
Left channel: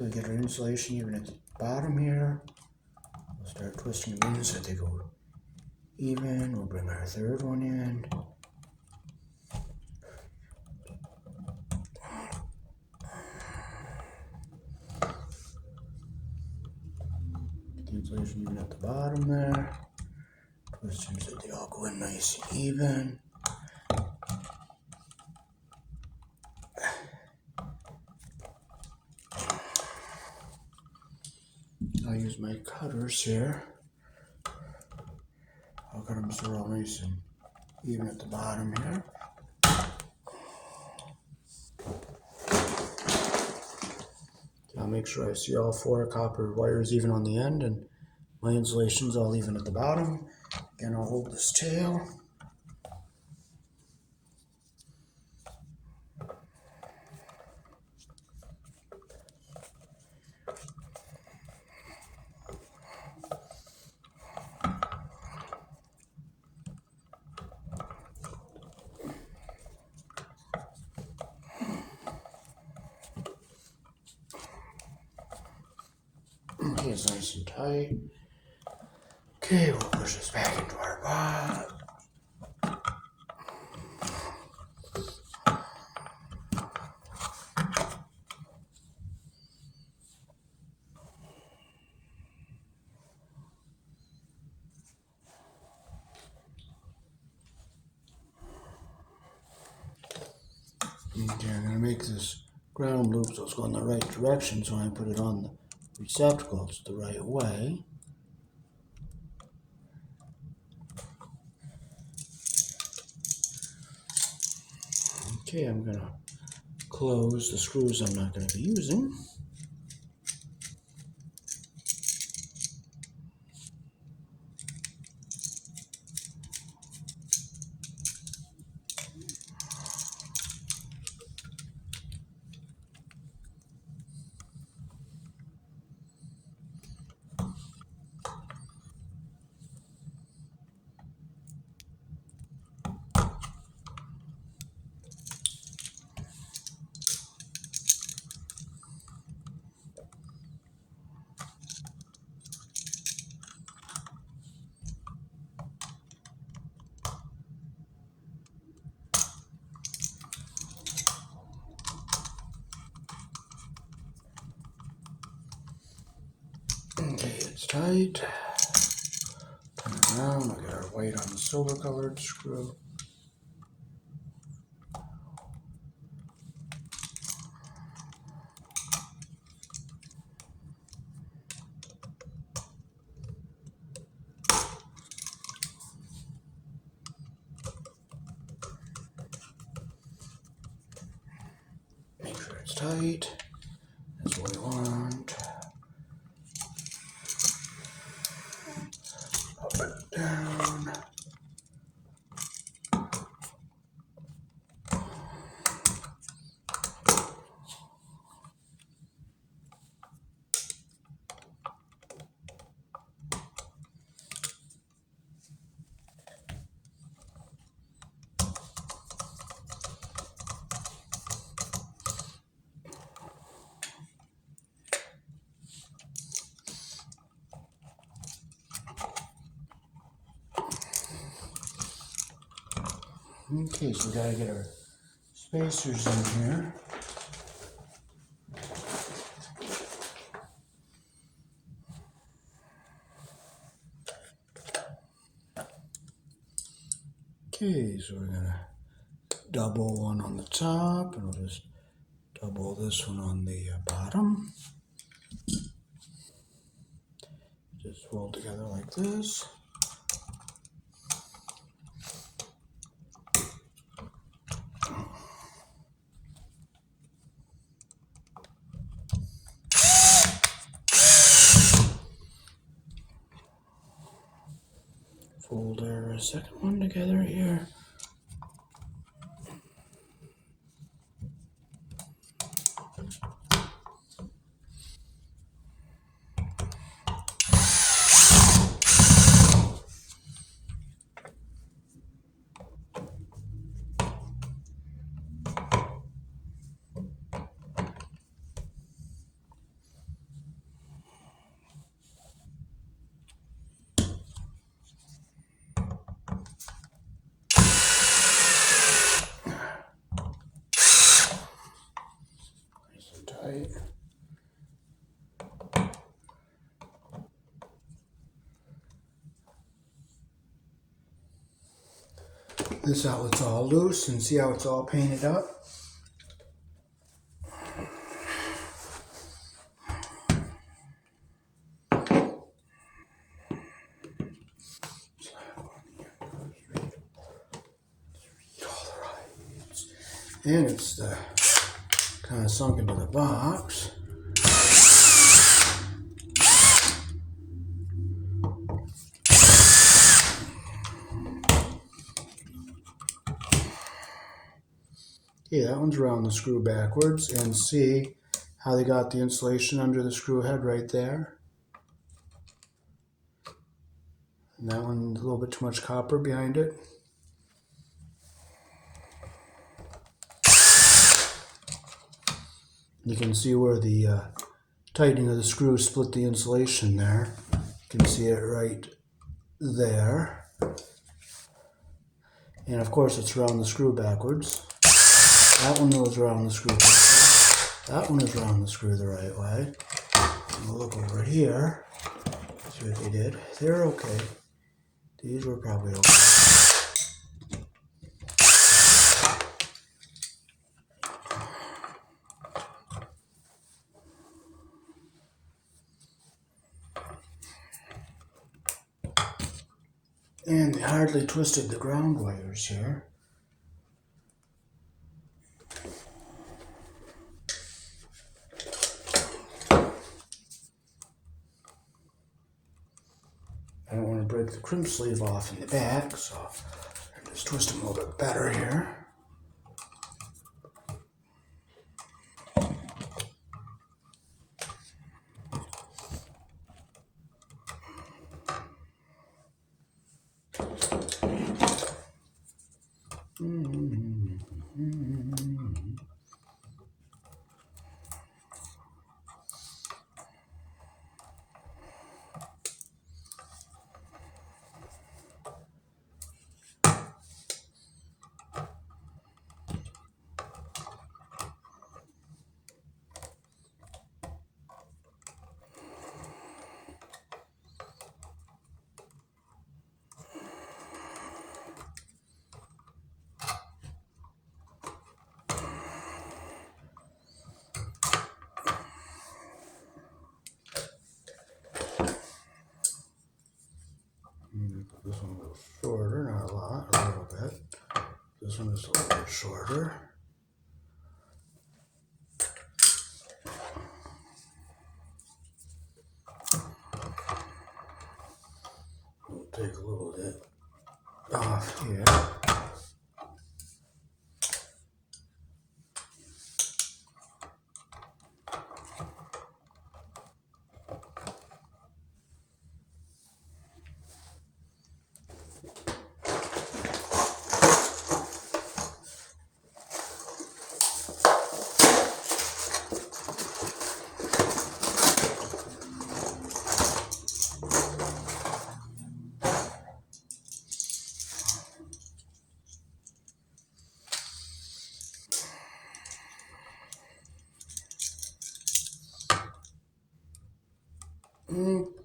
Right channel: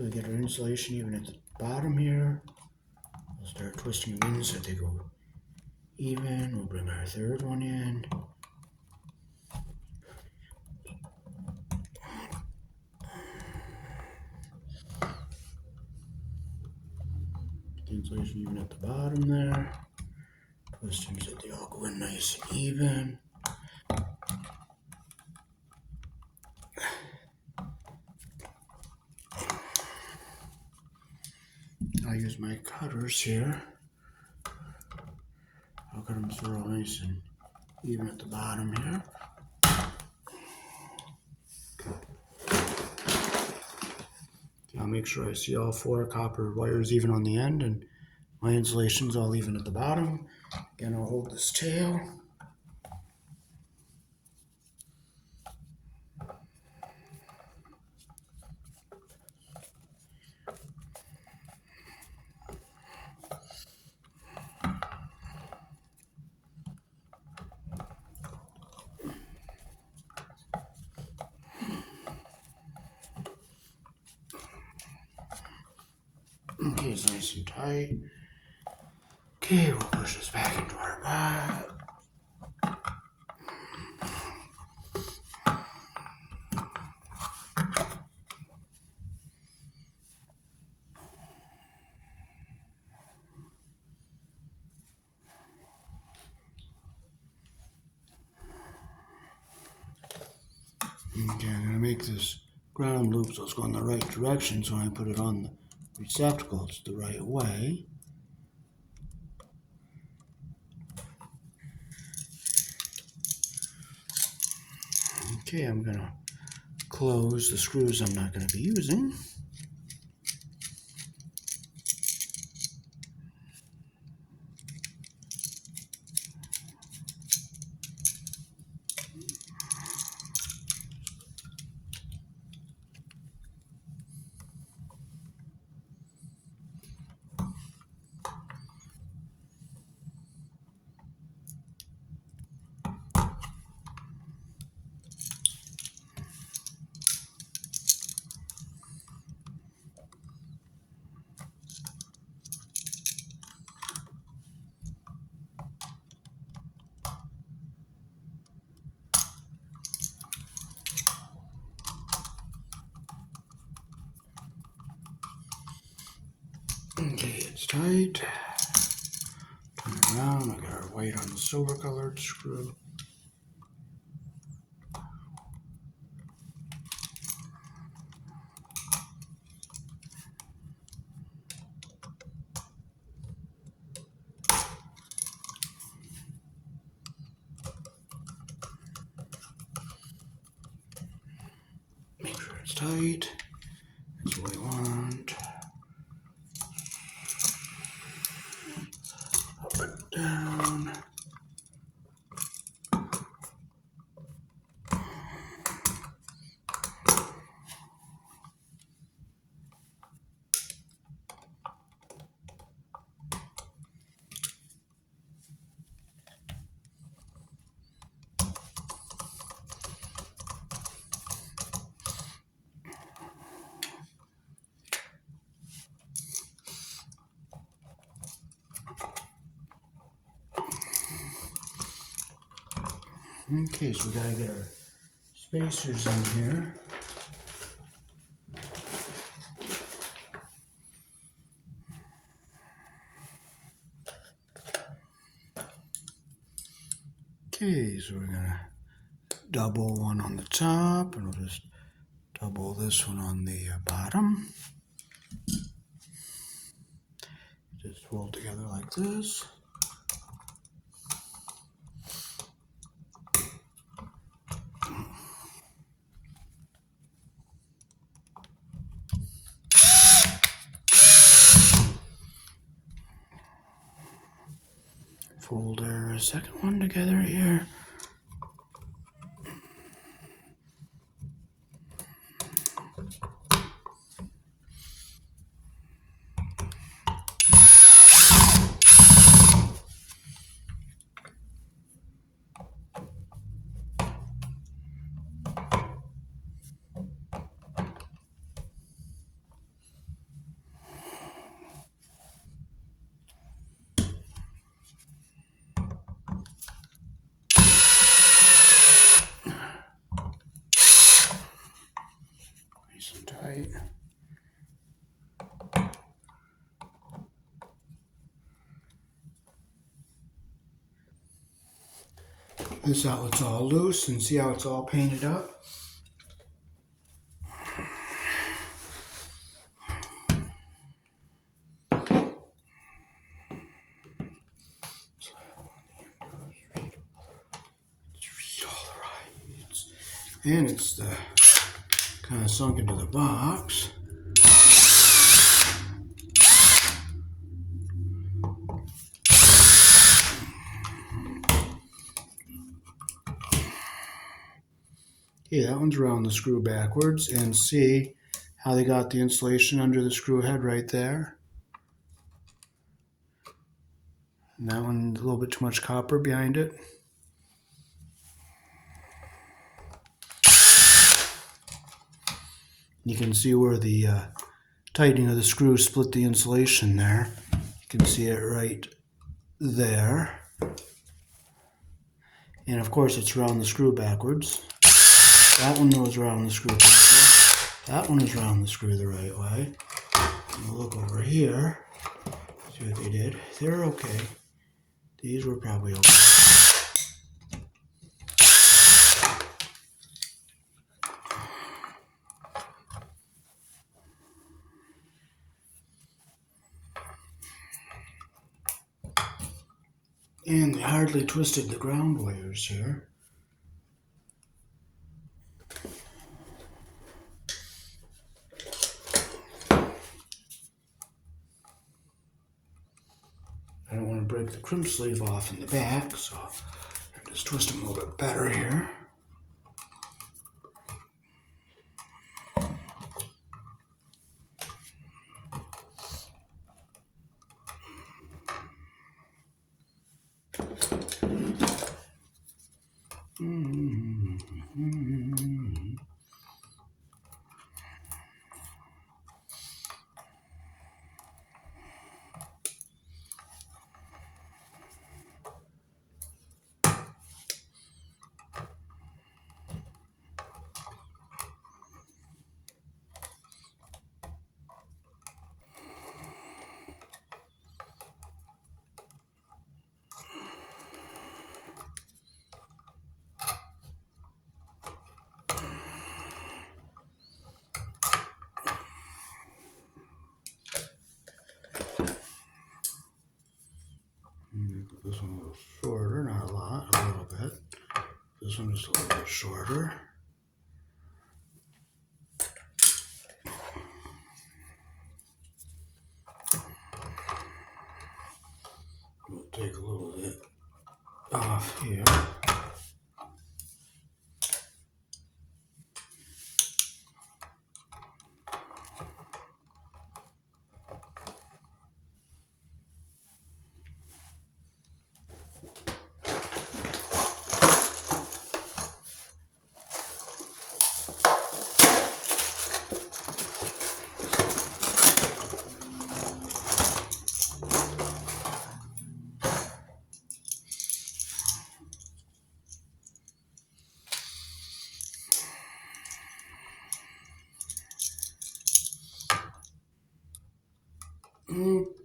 So we get our insulation even at the bottom here. We'll start twisting them in so they go even. We'll bring our third one in. Get the insulation even at the bottom there. Twist them so they all go in nice and even. I'll use my cutters here. I'll cut them so they're all nice and even at the bottom here. I'll make sure I see all 4 copper wires even on the end, and my insulation's all even at the bottom. Again, I'll hold this tail. Okay, it's nice and tight. Okay, we'll push this back into our pot. Okay, I'm going to make this ground loop so it's going the right direction, so I put it on the receptacles the right way. Okay, I'm going to close the screws I'm not going to be using. Okay, it's tight. Turn it around. I'll get our white on the silver colored screw. Make sure it's tight. That's what we want. Up and down. Okay, so we gotta get our spacers in here. Okay, so we're gonna double one on the top, and we'll just double this one on the bottom. Just fold together like this. Fold our second one together here. Nice and tight. This outlet's all loose, and see how it's all painted up? And it's kind of sunk into the box. Okay, that one's around the screw backwards, and see how they got the insulation under the screw head right there. And that one, a little bit too much copper behind it. You can see where the tightening of the screw split the insulation there. You can see it right there. And of course it's around the screw backwards. That one was around the screw backwards. That one is around the screw the right way. And we'll look over here. See what they did. They're okay. These were probably okay. And they hardly twisted the ground wires here. I don't want to break the crimp sleeve off in the back, so I'll just twist them a little bit better here. This one a little shorter, not a lot, a little bit. This one is a little bit shorter. We'll take a little bit off here.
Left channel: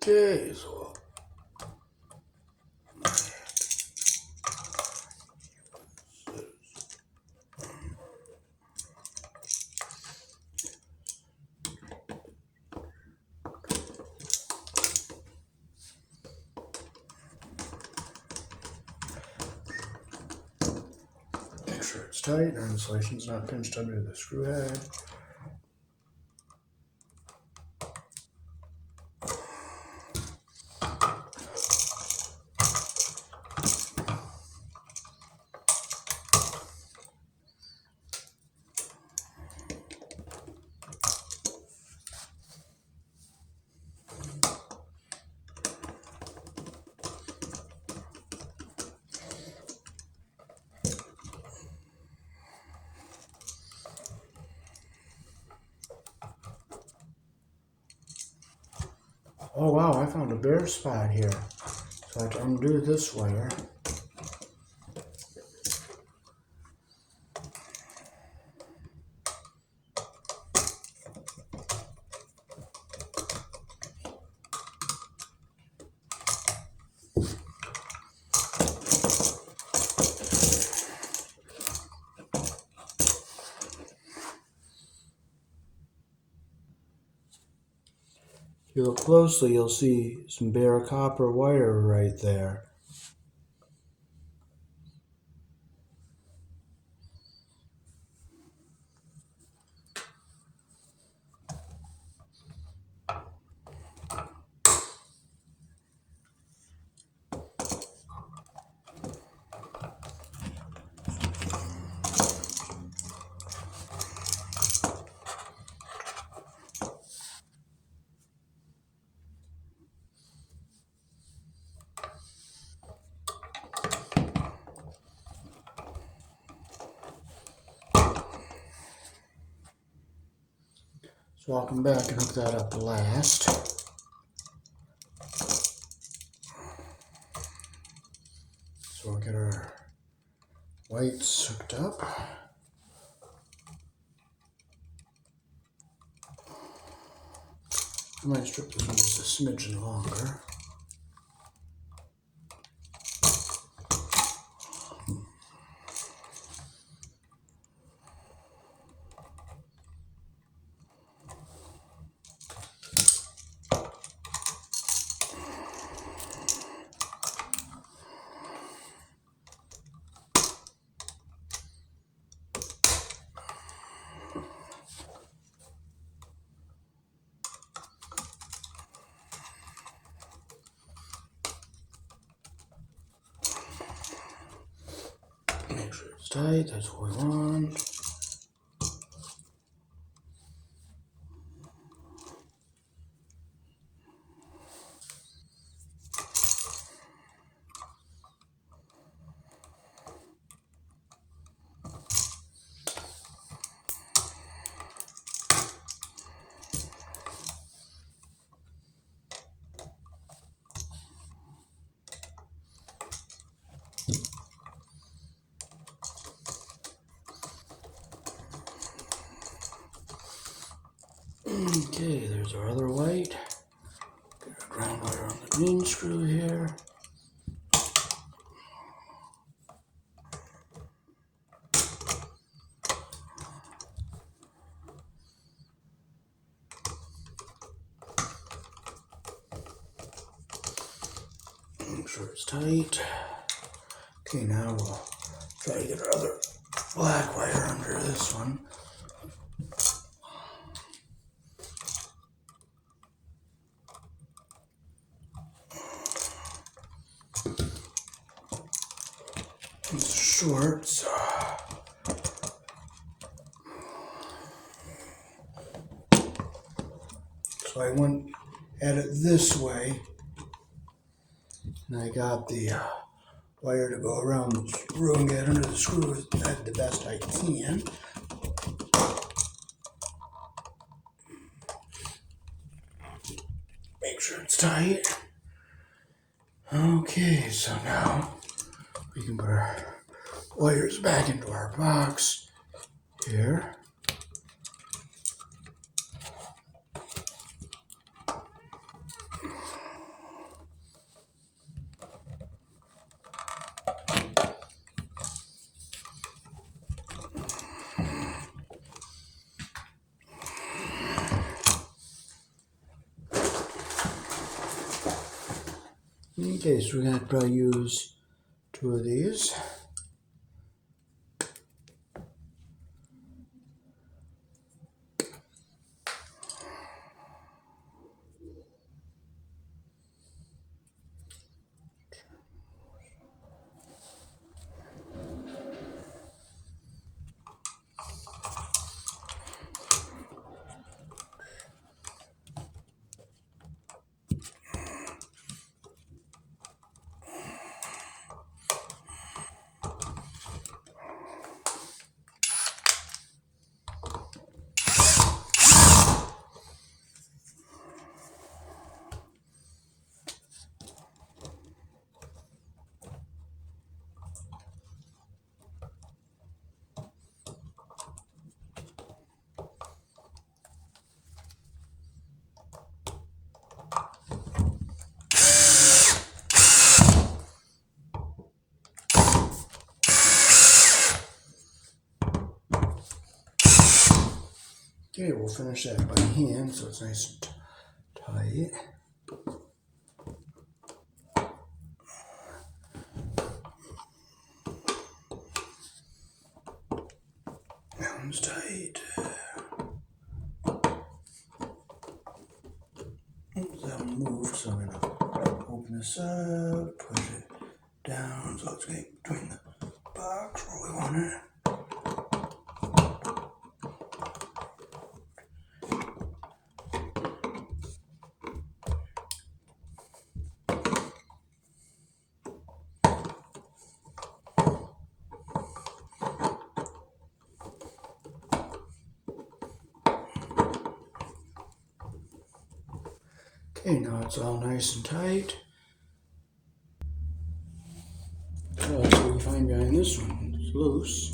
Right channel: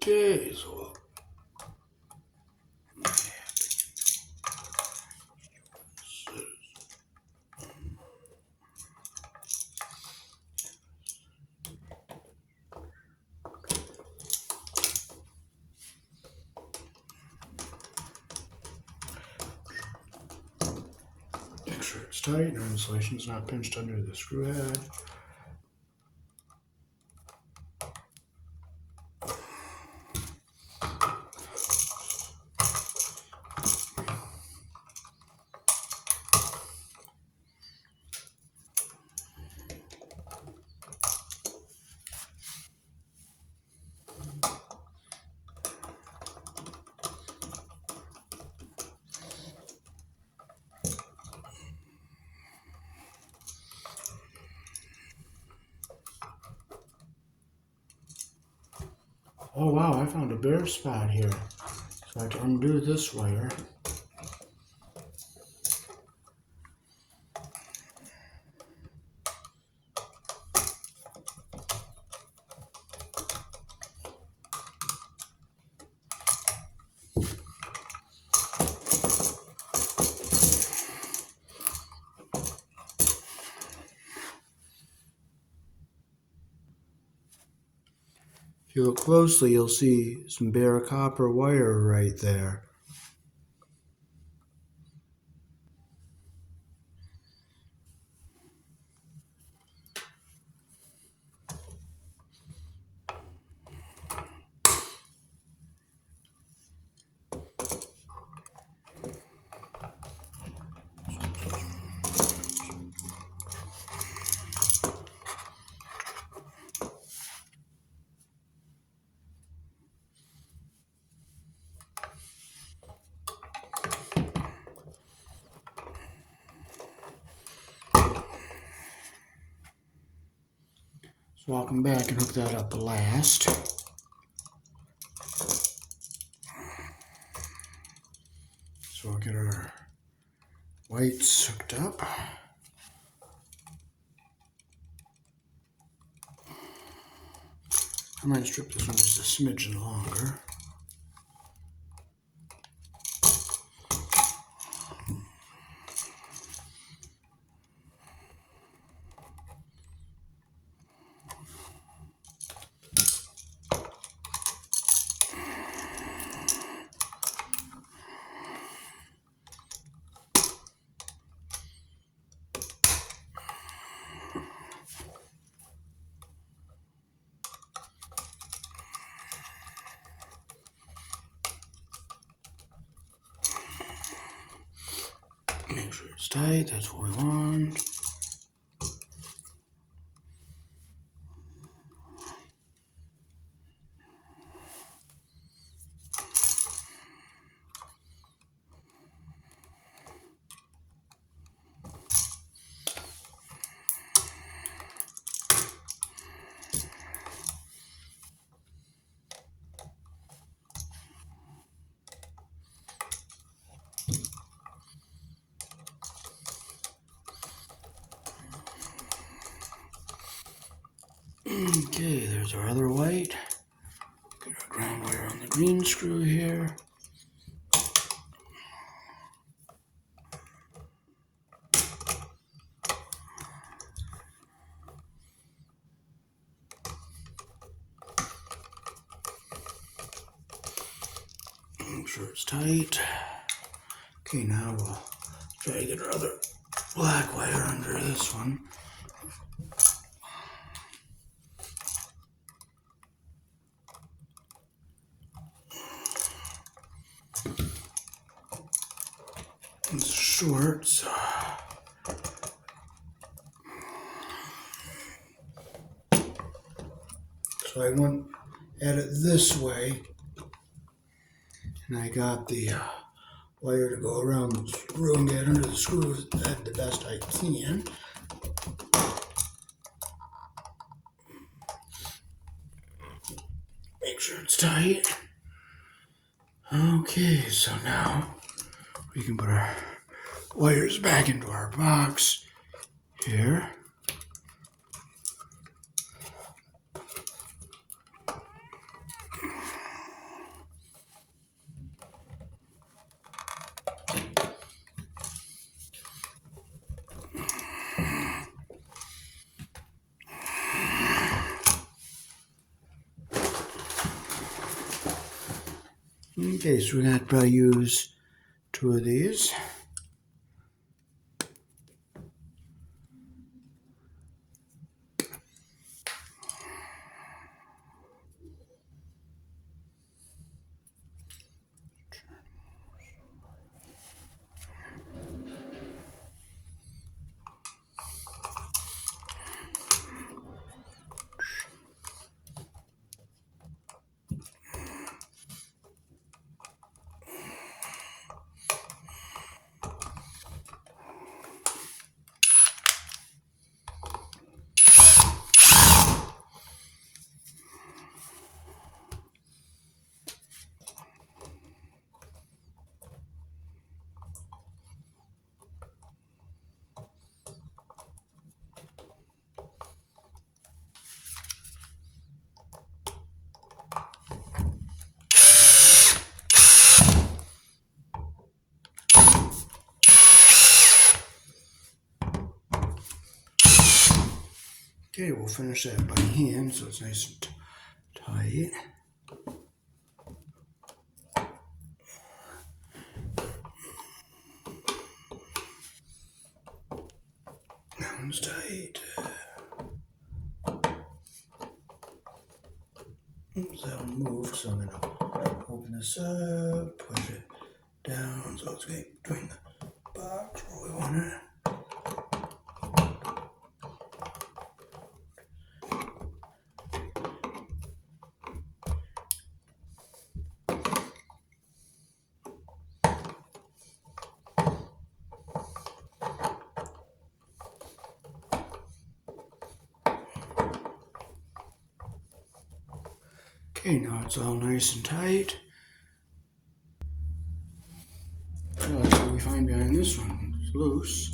Okay, so make sure it's tight and our insulation's not pinched under the screw head. Oh wow, I found a bare spot here. So I can undo this wire. If you look closely, you'll see some bare copper wire right there. So I'll come back and hook that up last. So we'll get our whites hooked up. I might strip this one just a smidgen longer. Make sure it's tight, that's what we want. Okay, there's our other white. Get our ground wire on the green screw here. Make sure it's tight. Okay, now we'll try to get our other black wire under this one. It's short, so I went at it this way, and I got the wire to go around the screw and get under the screw the best I can. Make sure it's tight. Okay, so now we can put our wires back into our box here. Okay, so we're going to probably use 2 of these. Okay, we'll finish that by hand so it's nice and tight. That one's tight. Oops, that one moved, so I'm gonna open this up, push it down so it's getting between the box where we want it. Okay, now it's all nice and tight. So that's what we find behind this one. It's loose.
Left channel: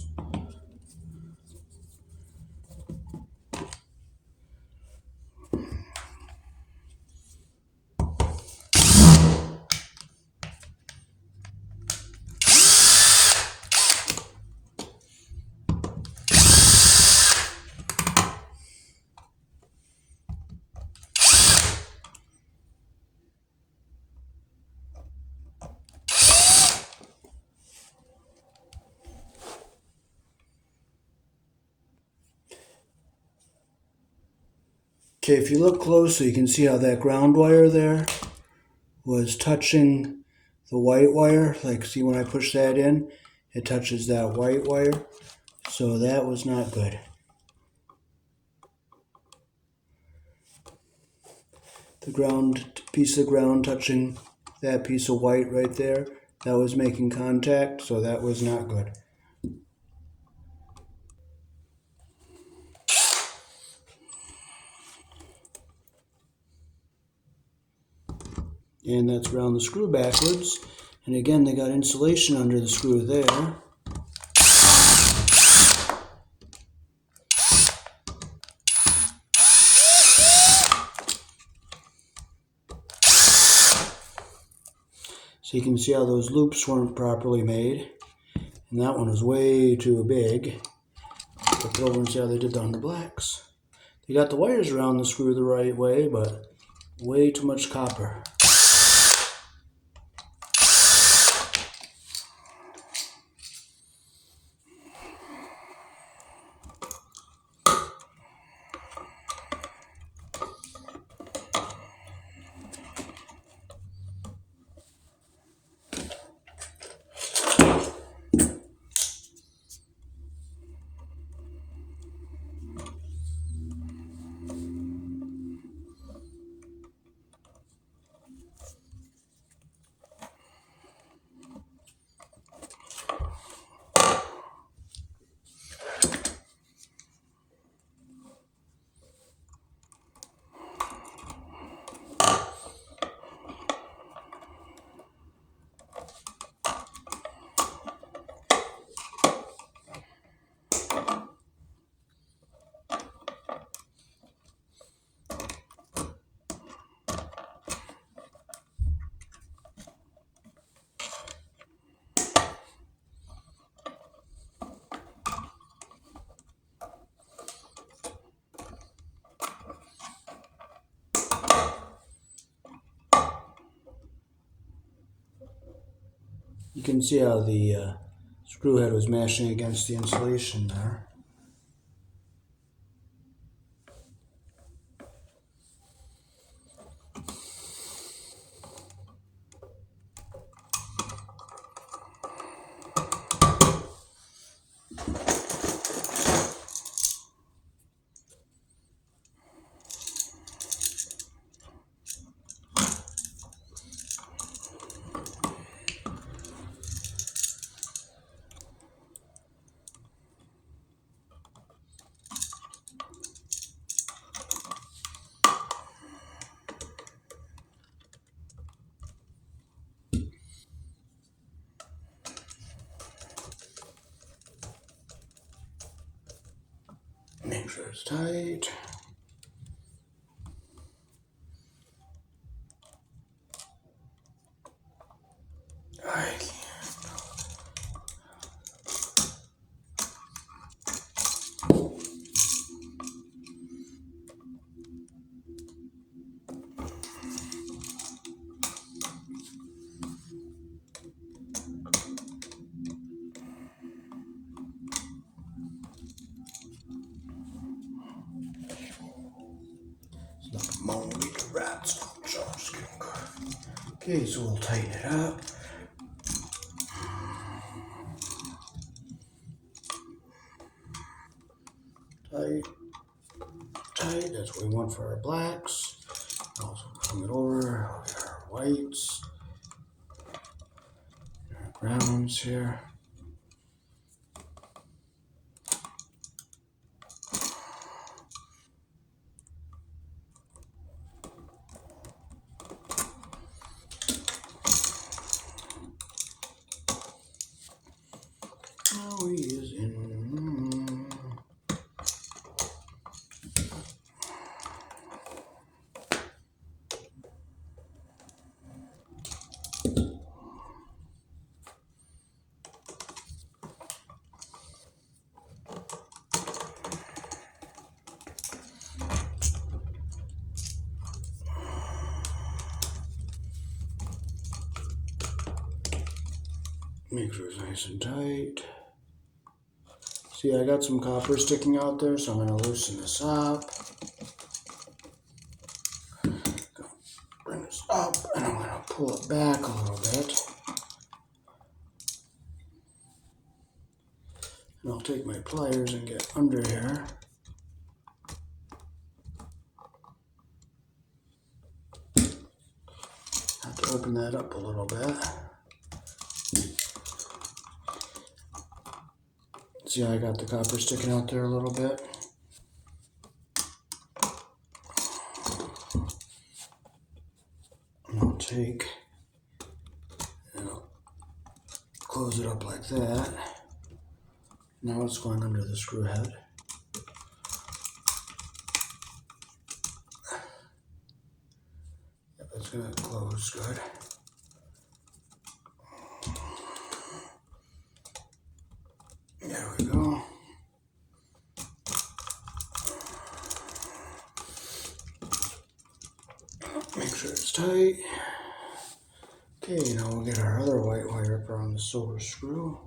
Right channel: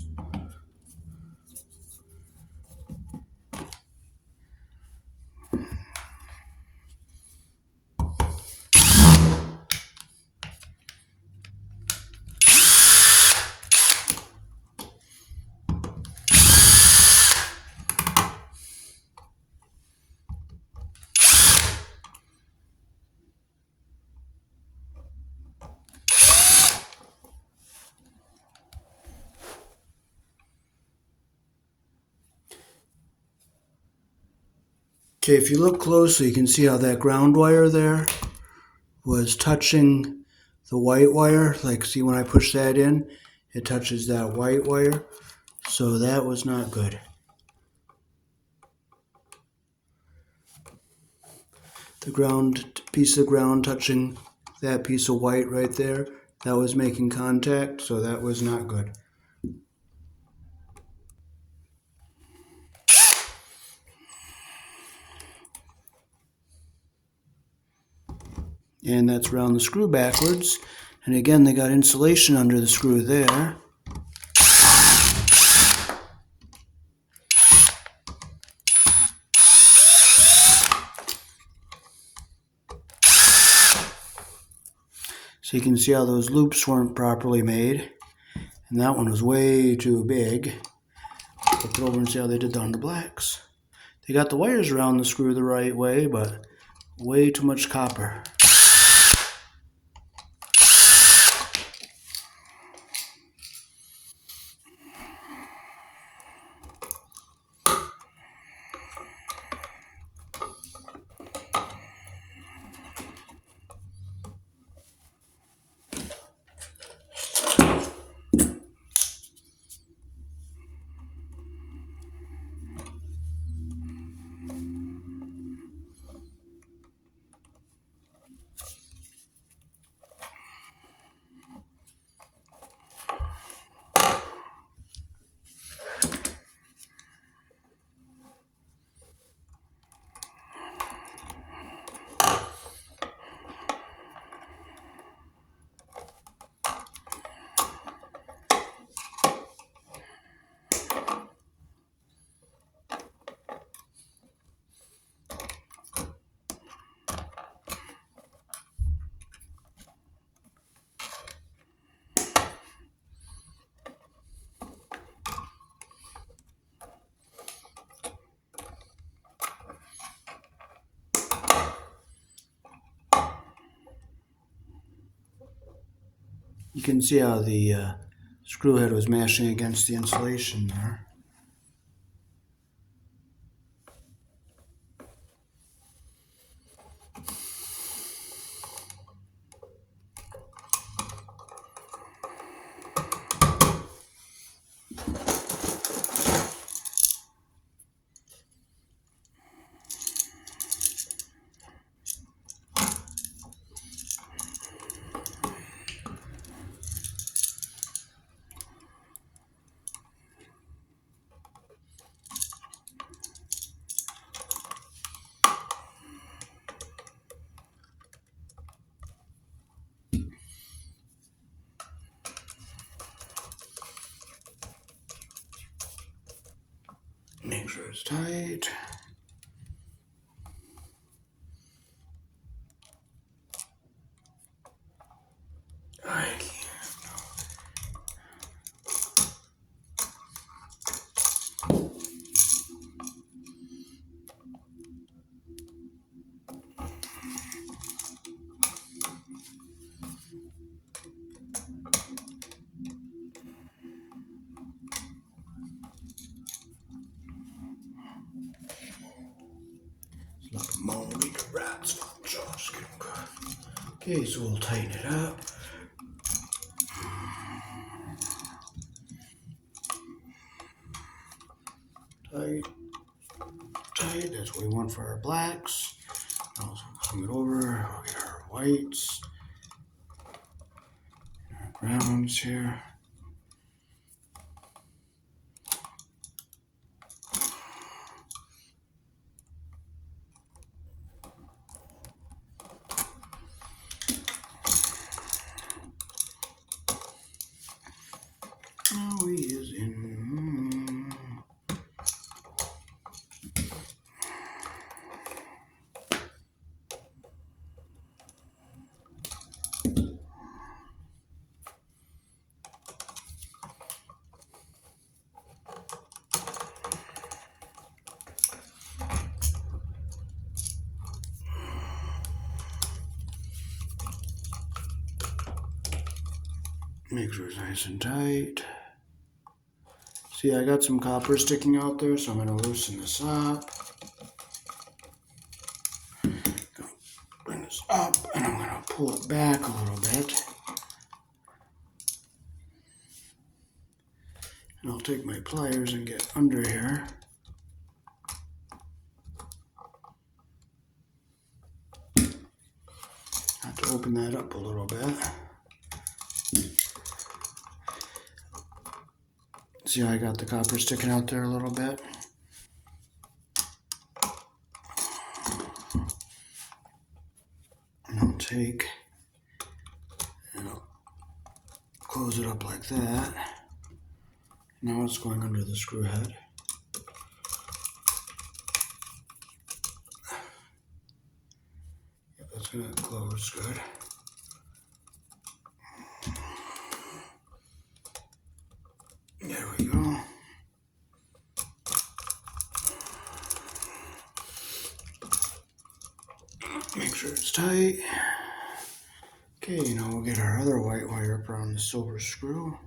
Okay, if you look closely, you can see how that ground wire there was touching the white wire. Like, see when I push that in, it touches that white wire. So that was not good. The ground, piece of ground touching that piece of white right there, that was making contact, so that was not good. And that's around the screw backwards. And again, they got insulation under the screw there. So you can see how those loops weren't properly made. And that one was way too big. Look over and see how they did that on the blacks. They got the wires around the screw the right way, but way too much copper. You can see how the screw head was mashing against the insulation there. Make sure it's tight. Okay, so we'll tighten it up. Tight, tight, that's what we want for our blacks. Also swing it over, we'll get our whites, our browns here. Now he is in. Make sure it's nice and tight. See, I got some copper sticking out there, so I'm going to loosen this up. Bring this up, and I'm going to pull it back a little bit. And I'll take my pliers and get under here. Have to open that up a little bit. See how I got the copper sticking out there a little bit? And I'll take and I'll close it up like that. Now it's going under the screw head. Yep, that's going to close good. There we go. Make sure it's tight. Okay, now we'll get our other white wire up around the silver screw.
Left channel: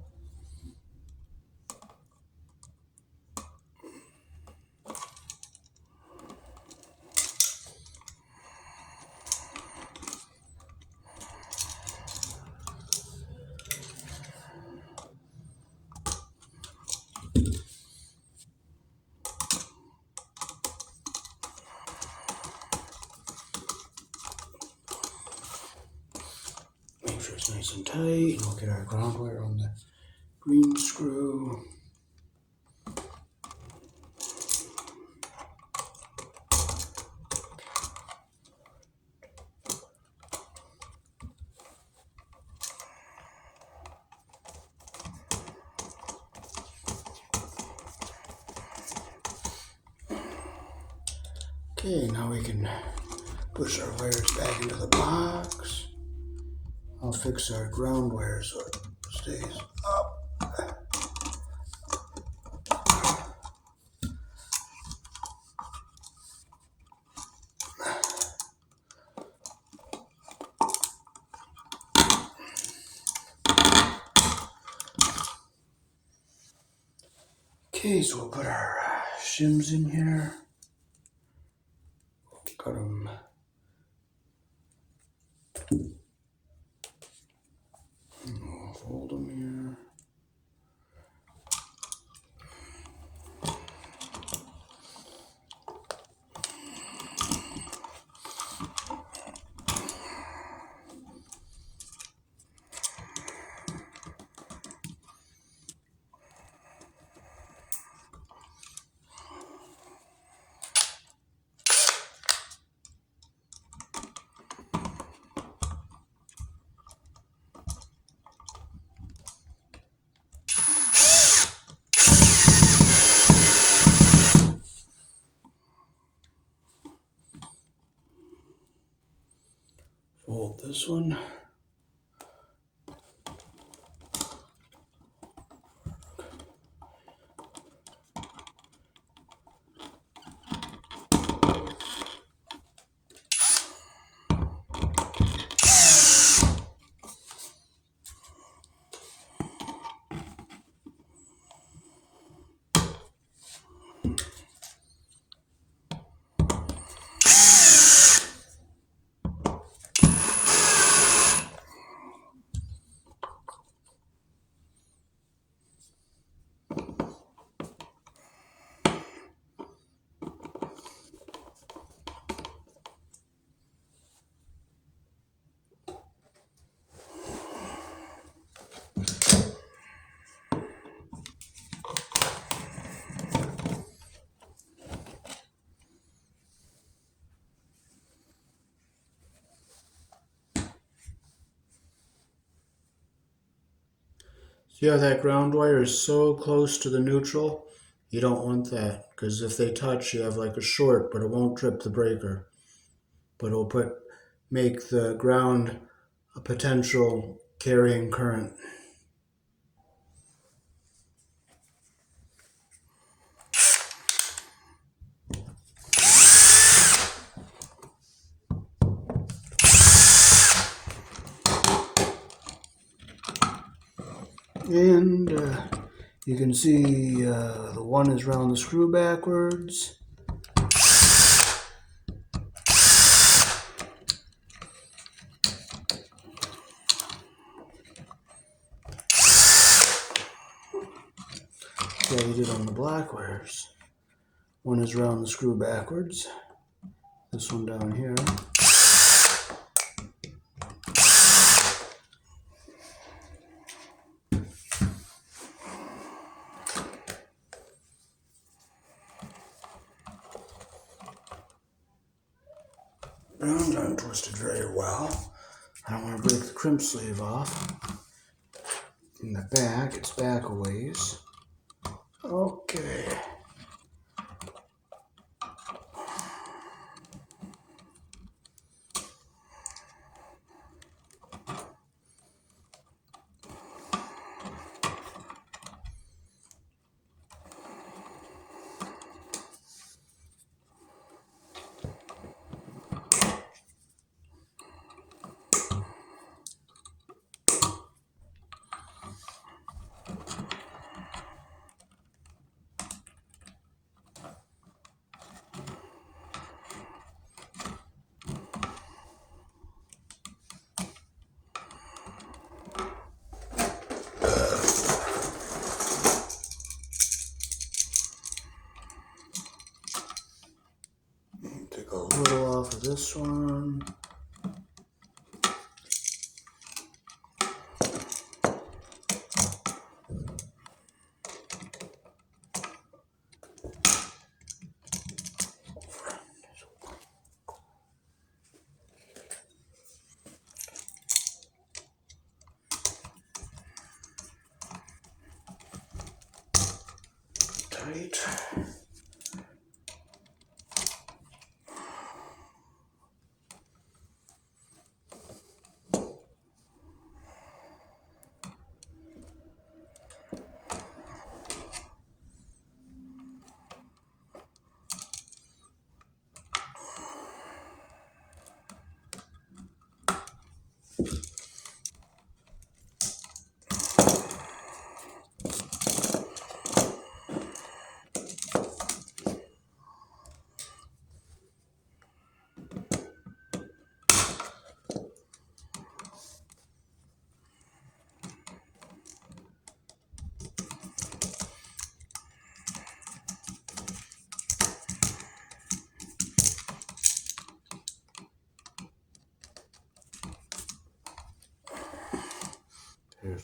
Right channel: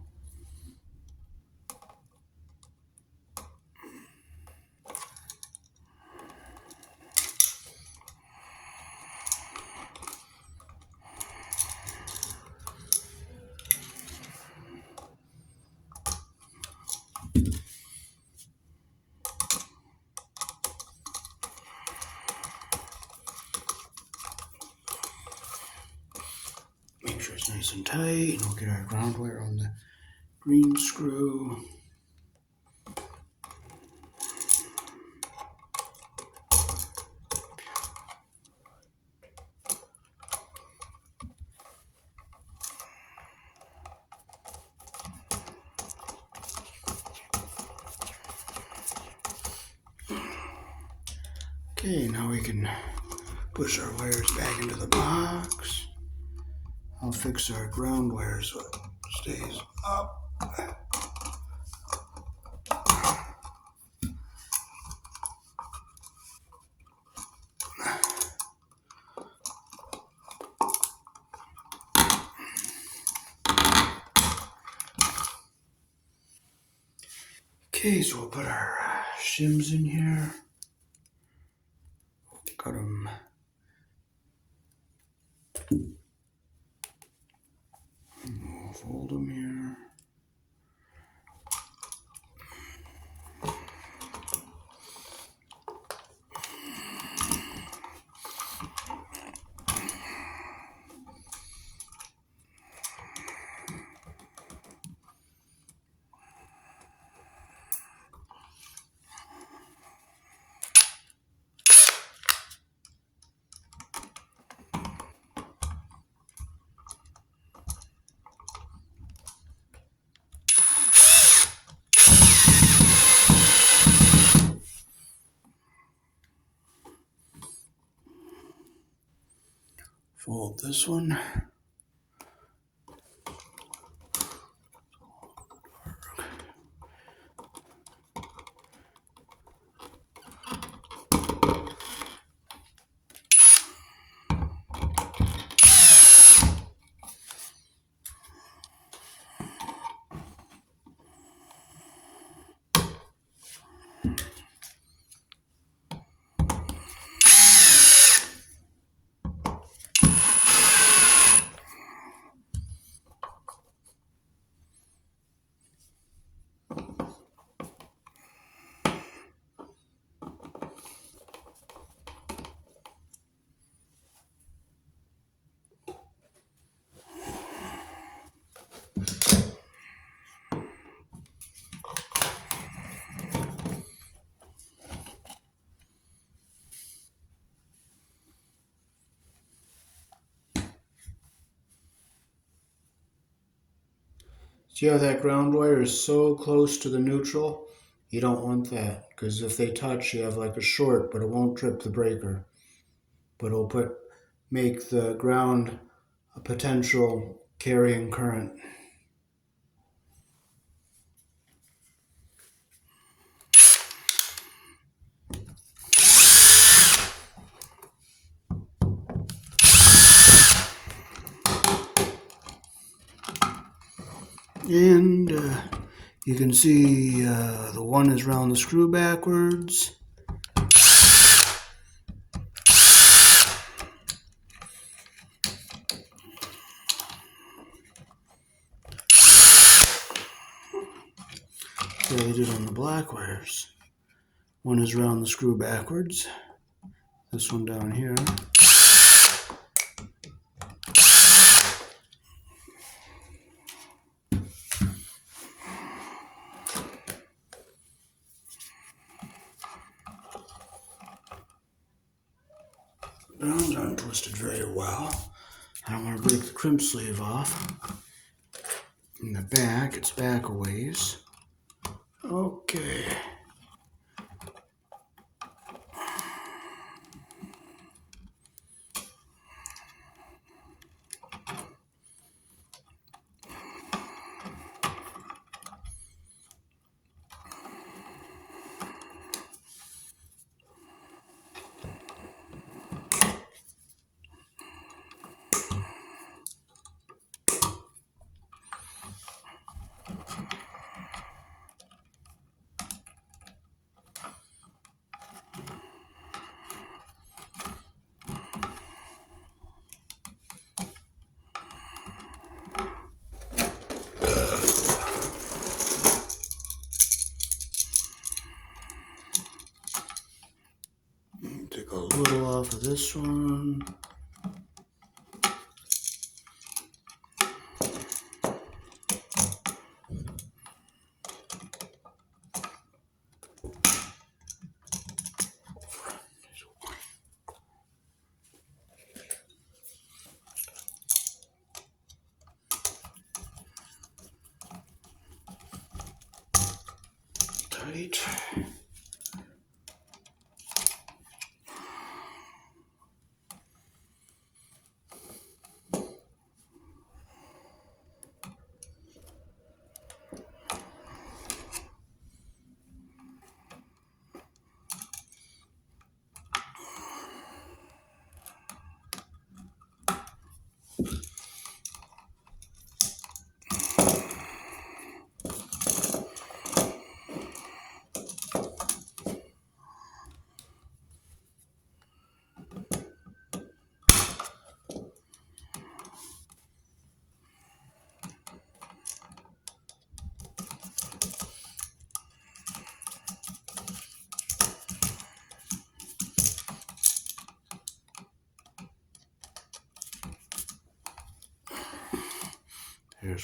Make sure it's nice and tight, and we'll get our ground wire on the green screw. Okay, now we can push our wires back into the box. I'll fix our ground wire so it stays up. Okay, so we'll put our shims in here. Got them. We'll fold them here. Fold this one. See how that ground wire is so close to the neutral? You don't want that, because if they touch, you have like a short, but it won't trip the breaker. But it'll make the ground a potential carrying current. And you can see the one is round the screw backwards. Like I did on the black wires. One is round the screw backwards. This one down here. Those aren't twisted very well. I don't want to break the crimp sleeve off. In the back, it's back a ways. Okay. Take a little off of this one. Tight.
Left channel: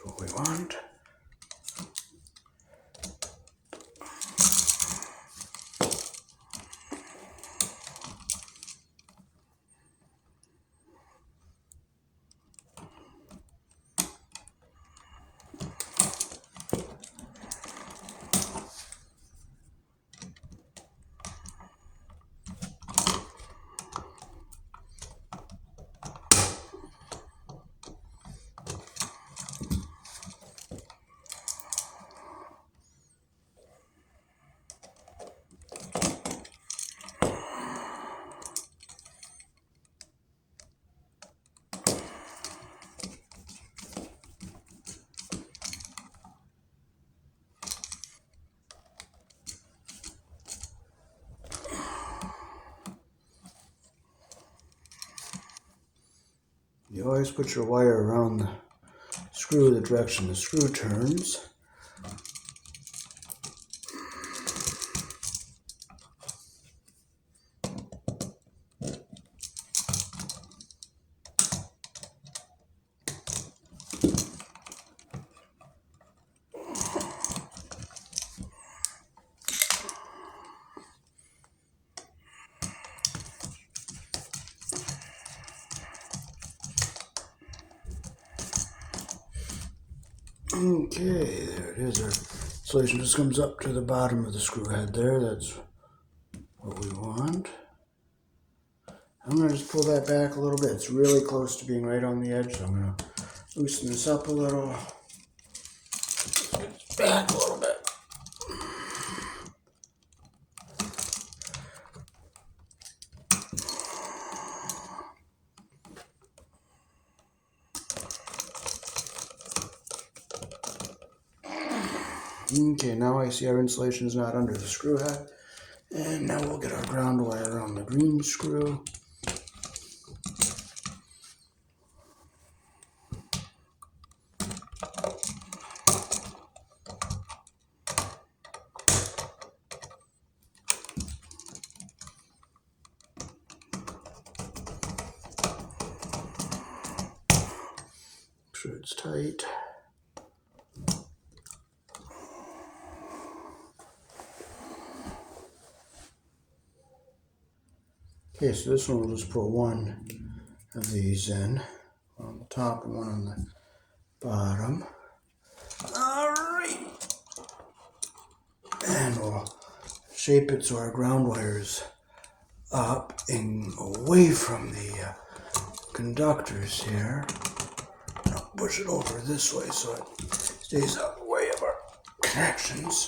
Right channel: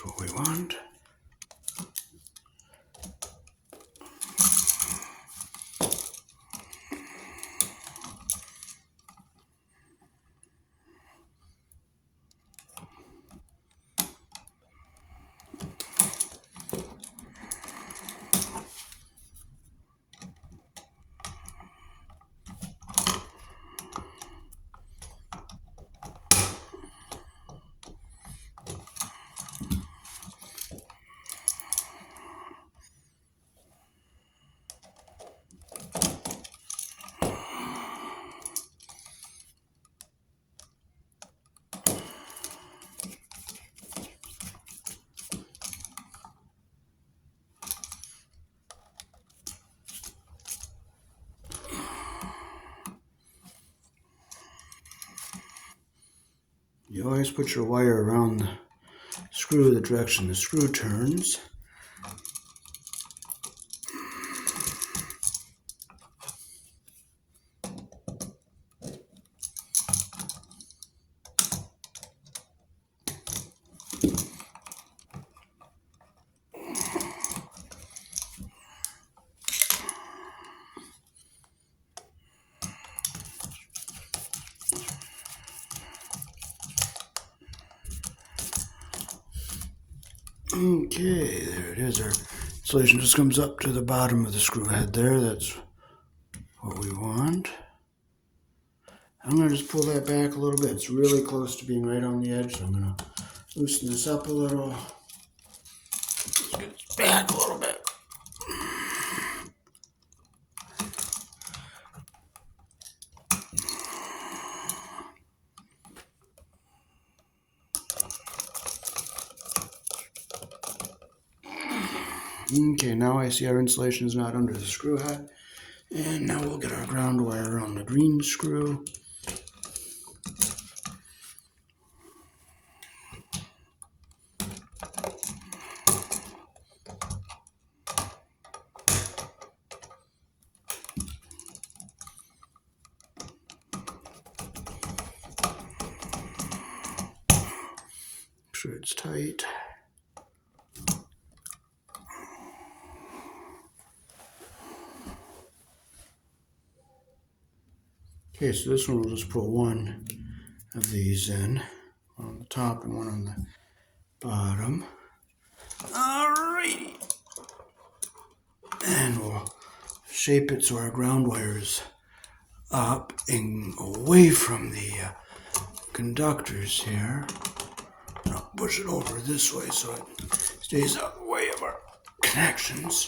There's what we want. You always put your wire around the screw the direction the screw turns. Okay, there it is. Our insulation just comes up to the bottom of the screw head there. That's what we want. I'm going to just pull that back a little bit. It's really close to being right on the edge, so I'm going to loosen this up a little. Let's get this back a little bit. Okay, now I see our insulation is not under the screw head. And now we'll get our ground wire on the green screw. Make sure it's tight. Okay, so this one we'll just put one of these in, one on the top and one on the bottom. Alright! And we'll shape it so our ground wire is up and away from the conductors here. And I'll push it over this way so it stays out of the way of our connections.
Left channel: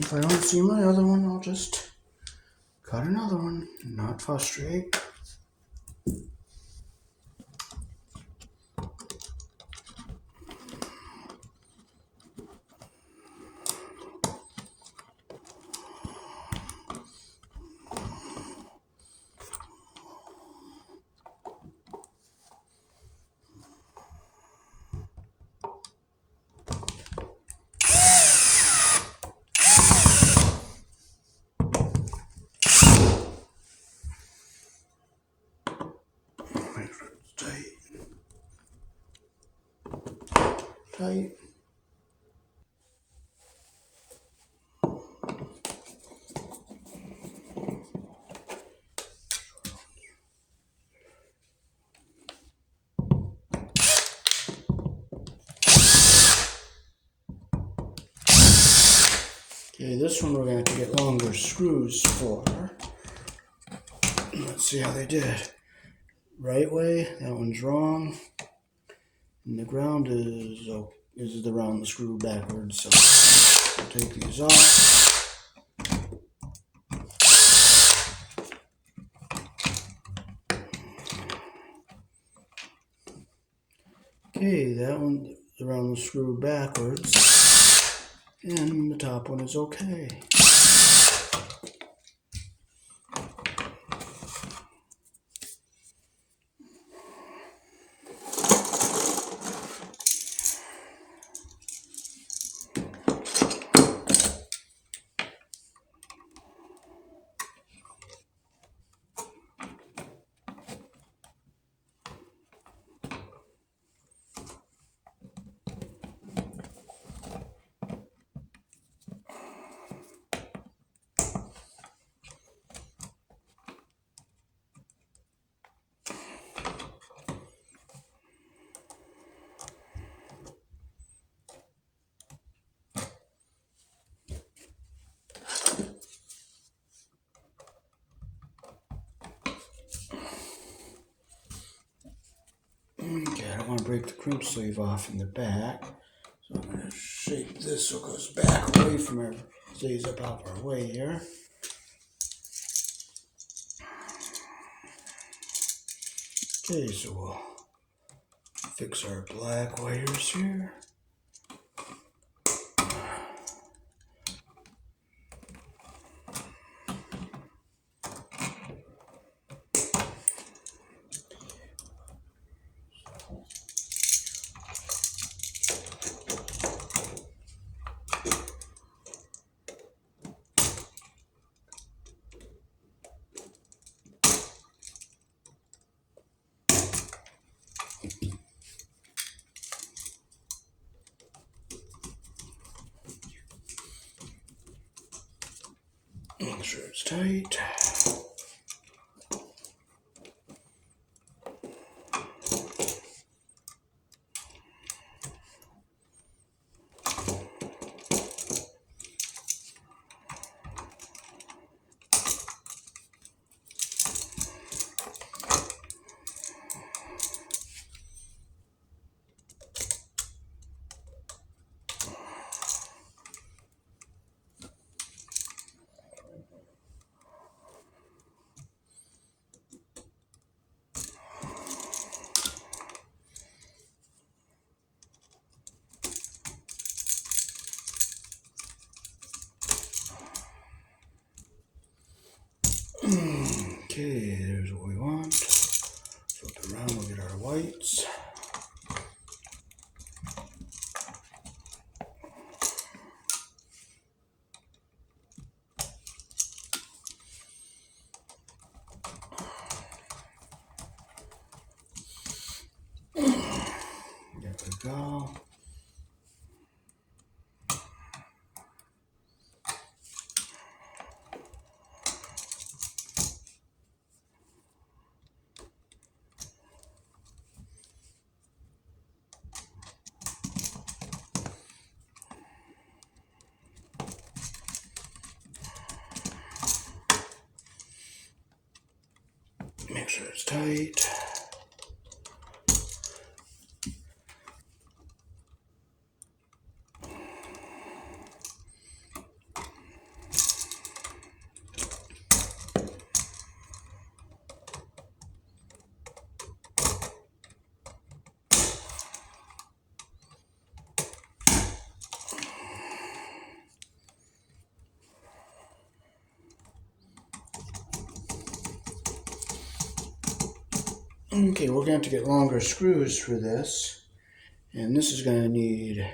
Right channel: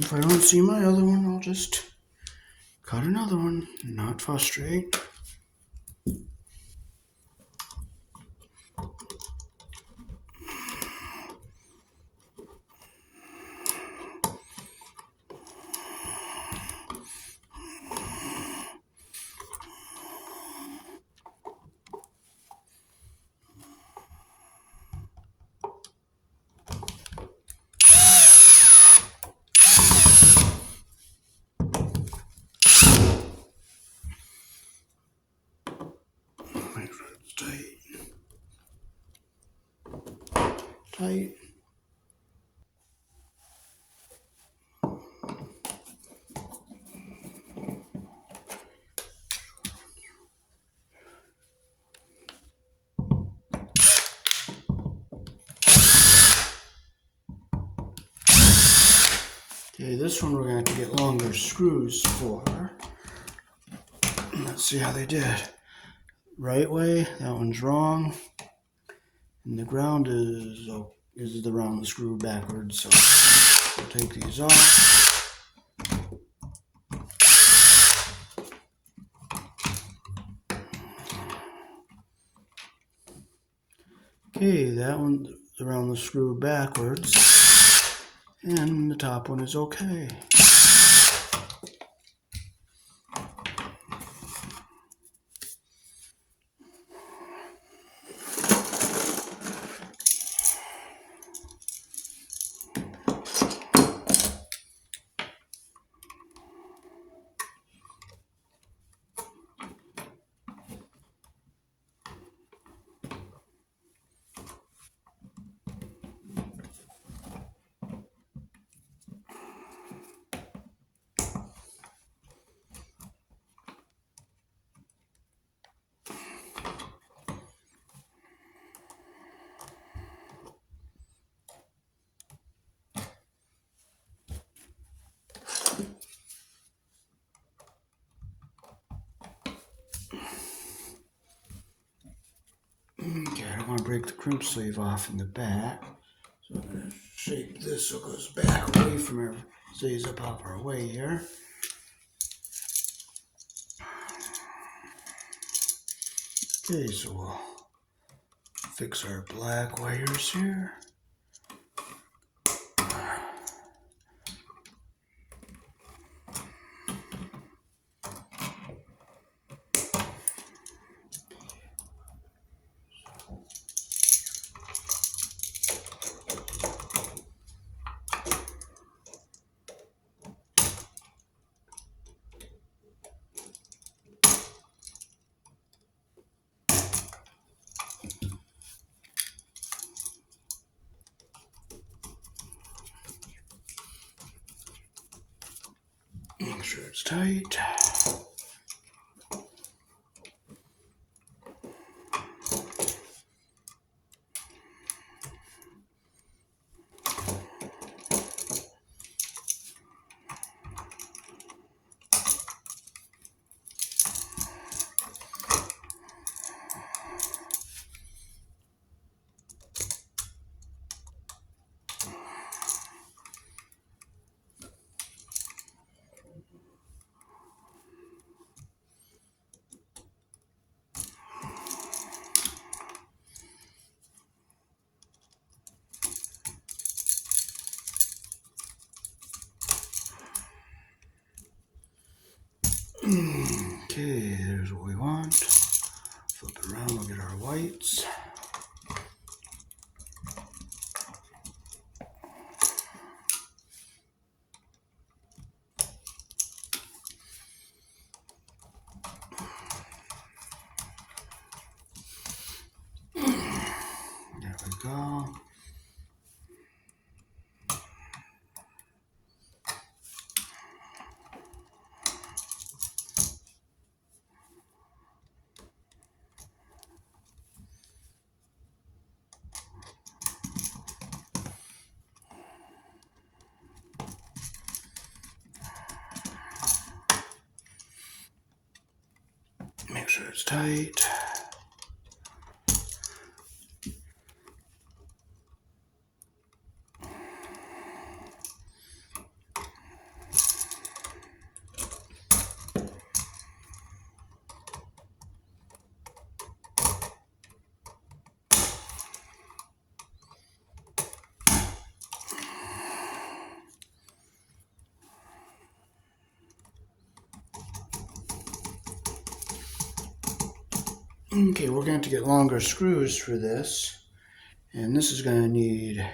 If I don't see my other one, I'll just cut another one and not frustrate. Tight. Okay, this one we're going to get longer screws for. Let's see how they did. Right way, that one's wrong. And the ground is around the screw backwards, so we'll take these off. Okay, that one around the screw backwards, and the top one is okay. Okay, I don't want to break the crimp sleeve off in the back, so I'm going to shape this so it goes back away from our, stays up out of our way here. Okay, so we'll fix our black wires here. Make sure it's tight. Okay, there's what we want. Flip it around, we'll get our whites. There we go. Make sure it's tight. Okay, we're going to have to get longer screws for this. And this is going to need,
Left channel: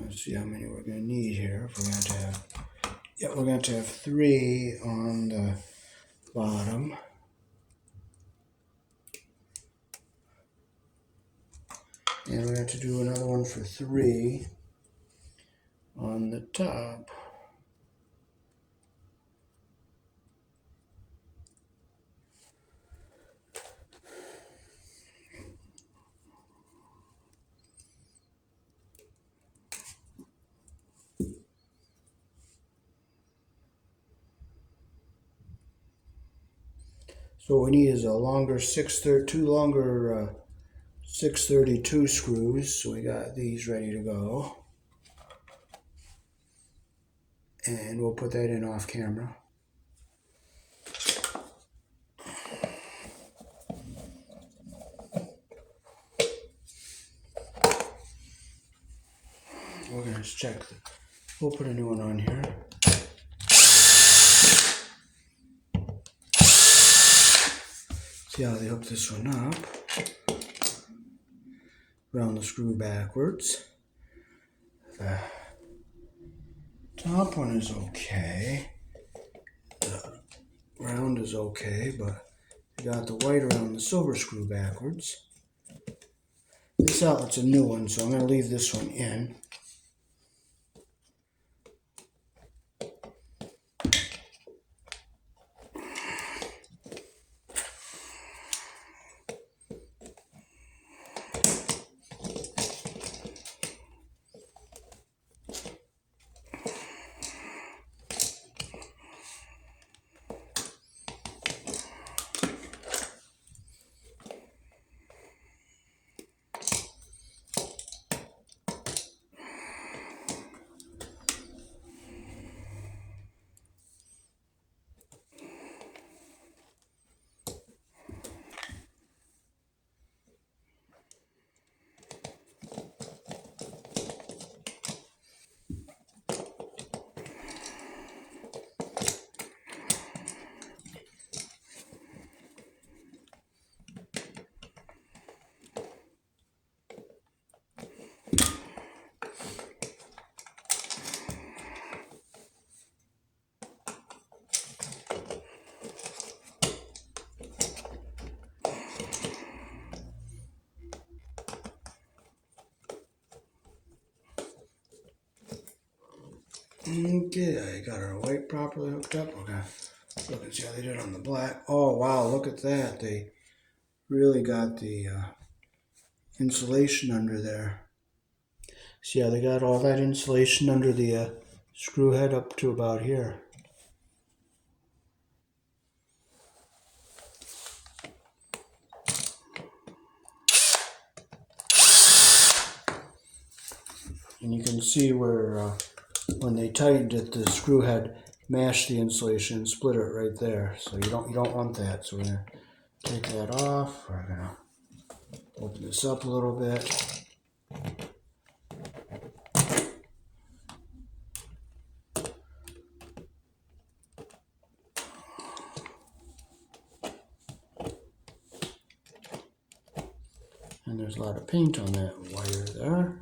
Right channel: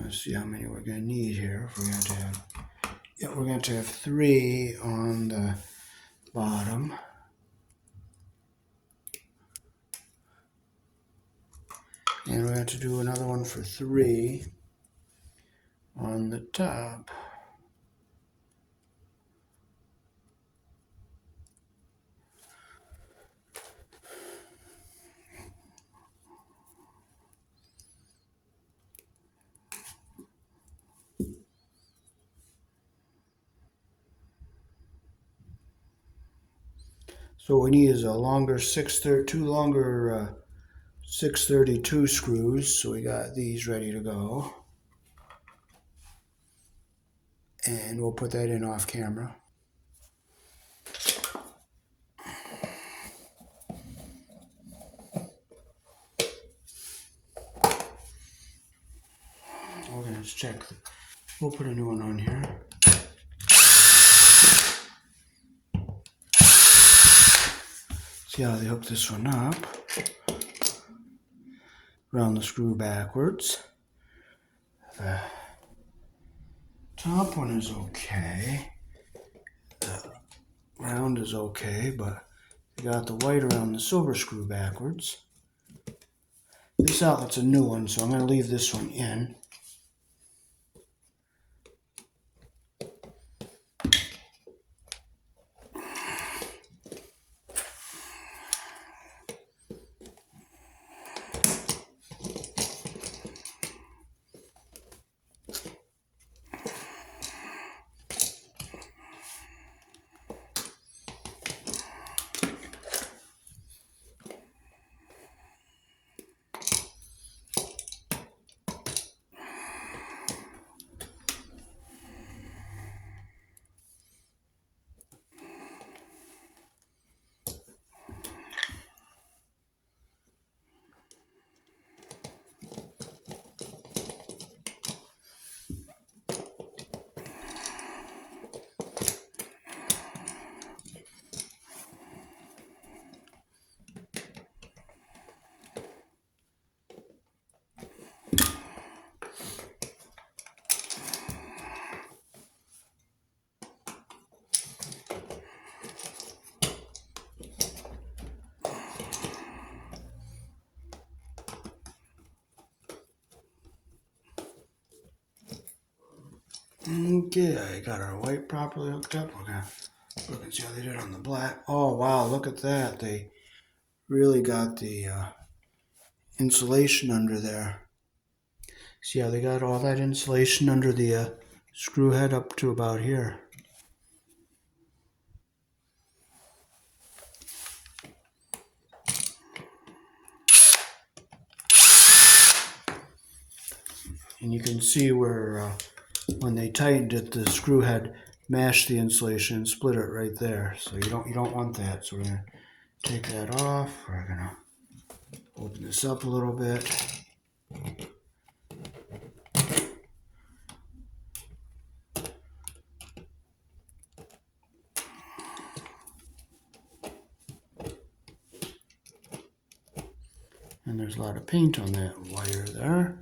let's see how many we're going to need here. We're going to have, we're going to have 3 on the bottom. And we're going to do another one for 3 on the top. So what we need is a longer 632 screws. So we got these ready to go. And we'll put that in off camera. let's check. We'll put a new one on here. See how they hook this one up. Round the screw backwards. The top one is okay. The round is okay, but you got the white around the silver screw backwards. This outlet's a new one, so I'm going to leave this one in. Okay, I got our white properly hooked up. Look and see how they did on the black. Oh wow, look at that. They really got the insulation under there. See how they got all that insulation under the screw head up to about here. And you can see where when they tightened it, the screw head mashed the insulation and split it right there. So you don't want that. So we're gonna take that off. We're gonna open this up a little bit. And there's a lot of paint on that wire there.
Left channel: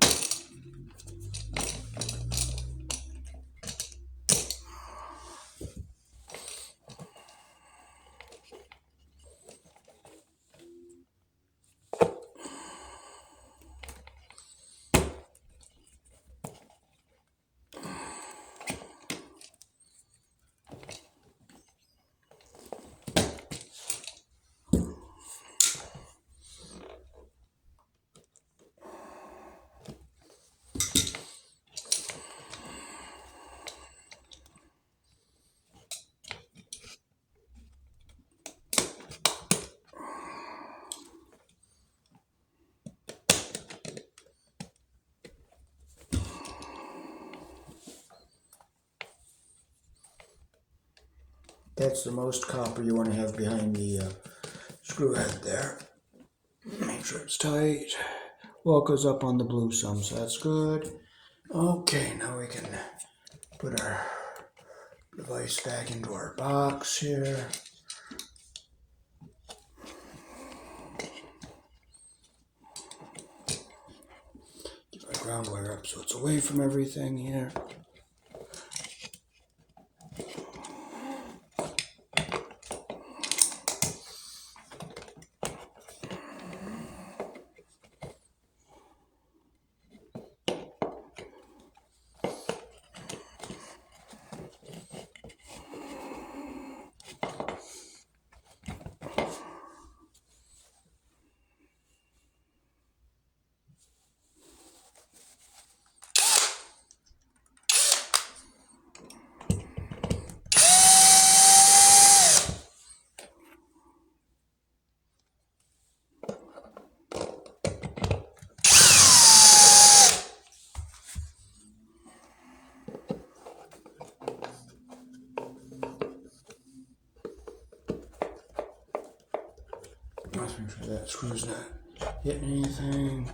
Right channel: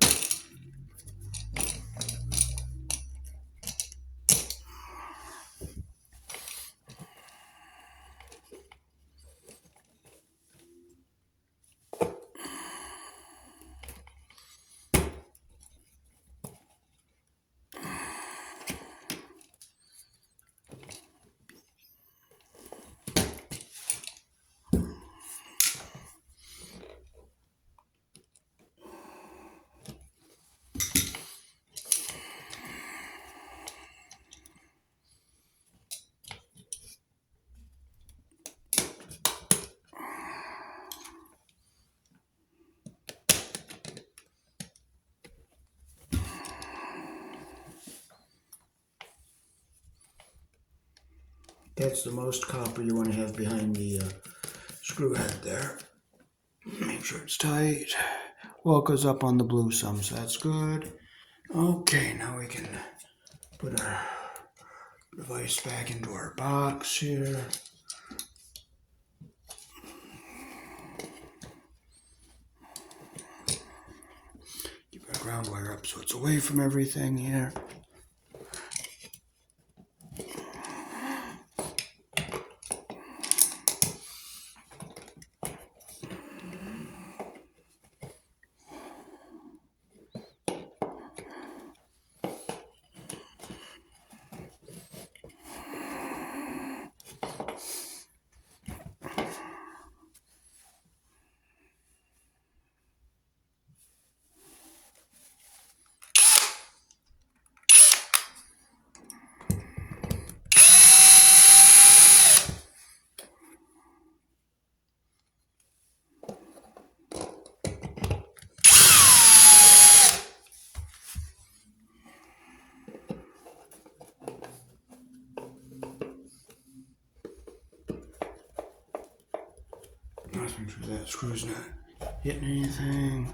That's the most copper you want to have behind the screw head there. Make sure it's tight. Well, it goes up on the blue some, so that's good. Okay, now we can put our device back into our box here. Keep our ground wire up so it's away from everything here. Let's make sure that screw's not hitting anything.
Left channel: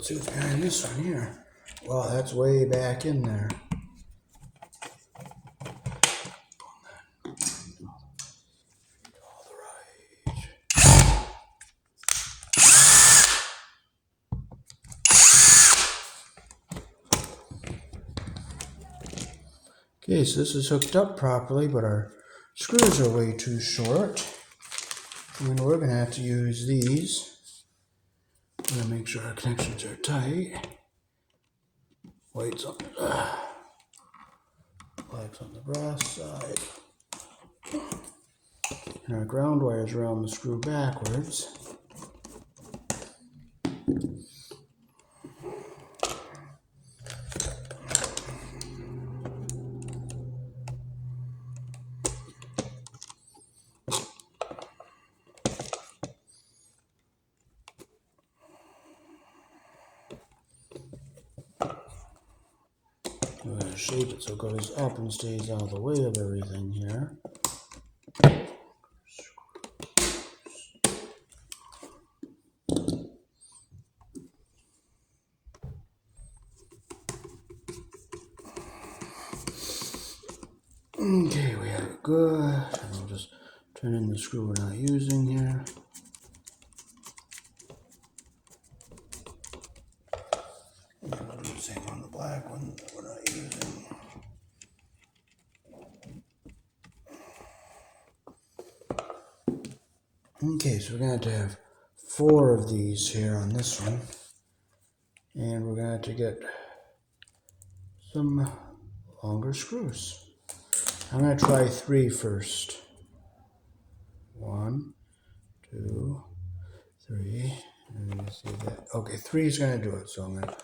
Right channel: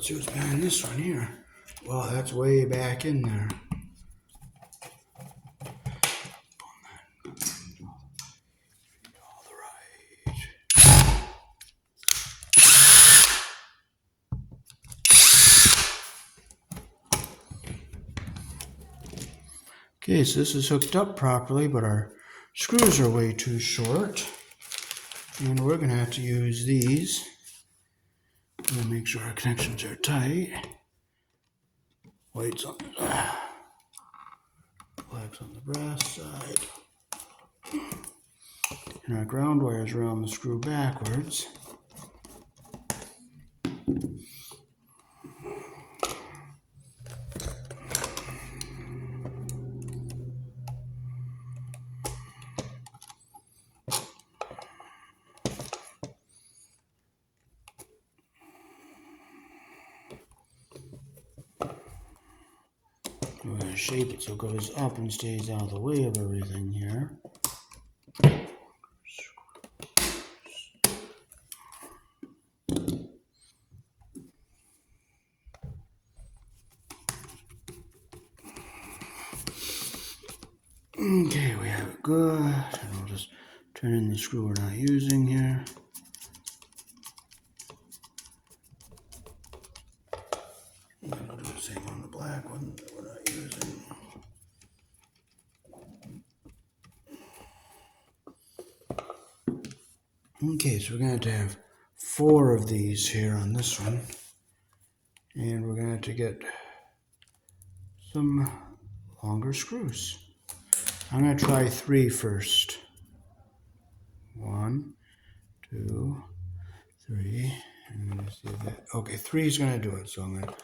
let's see what's behind this one here. Wow, that's way back in there. Okay, so this is hooked up properly, but our screws are way too short. And we're going to have to use these. We're going to make sure our connections are tight. White's on the black's on the brass side. And our ground wire's around the screw backwards. We're going to shape it so it goes up and stays out of the way of everything here. Okay, we have it good. And I'll just turn in the screw we're not using here. And we'll do the same on the black one that we're not using. Okay, so we're going to have 4 of these here on this one. And we're going to get some longer screws. I'm going to try 3 first. 1, 2, 3. I'm going to see that. Okay, 3 is going to do it. So I'm going to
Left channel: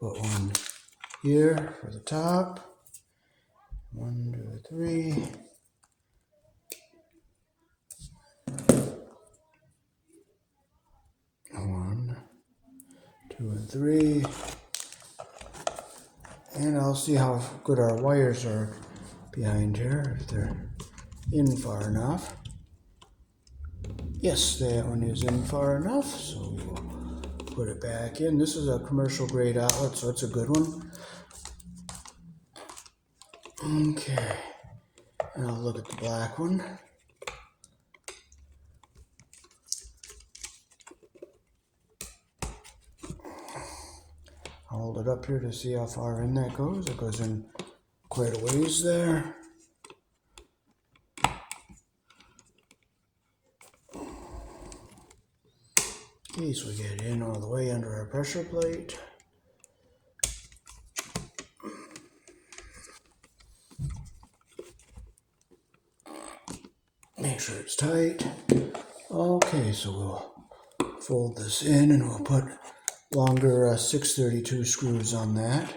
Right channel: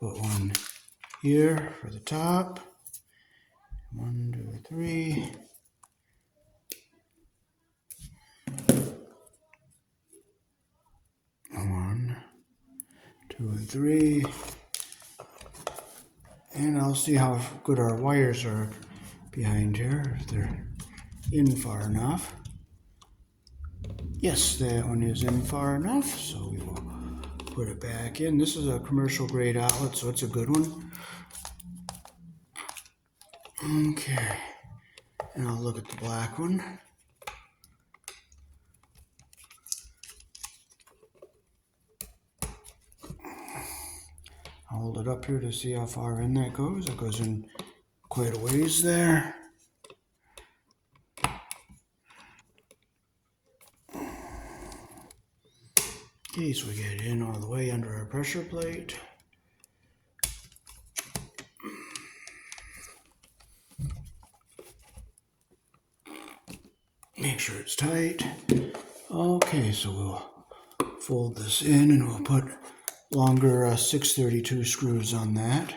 put one here for the top. 1, 2, 3. One, 2, and 3. And I'll see how good our wires are behind here, if they're in far enough. Yes, that one is in far enough, so we will put it back in. This is a commercial grade outlet, so it's a good one. Okay, and I'll look at the black one. I'll hold it up here to see how far in that goes. It goes in quite a ways there. Okay, so we get it in all the way under our pressure plate. Make sure it's tight. Okay, so we'll fold this in and we'll put longer 632 screws on that.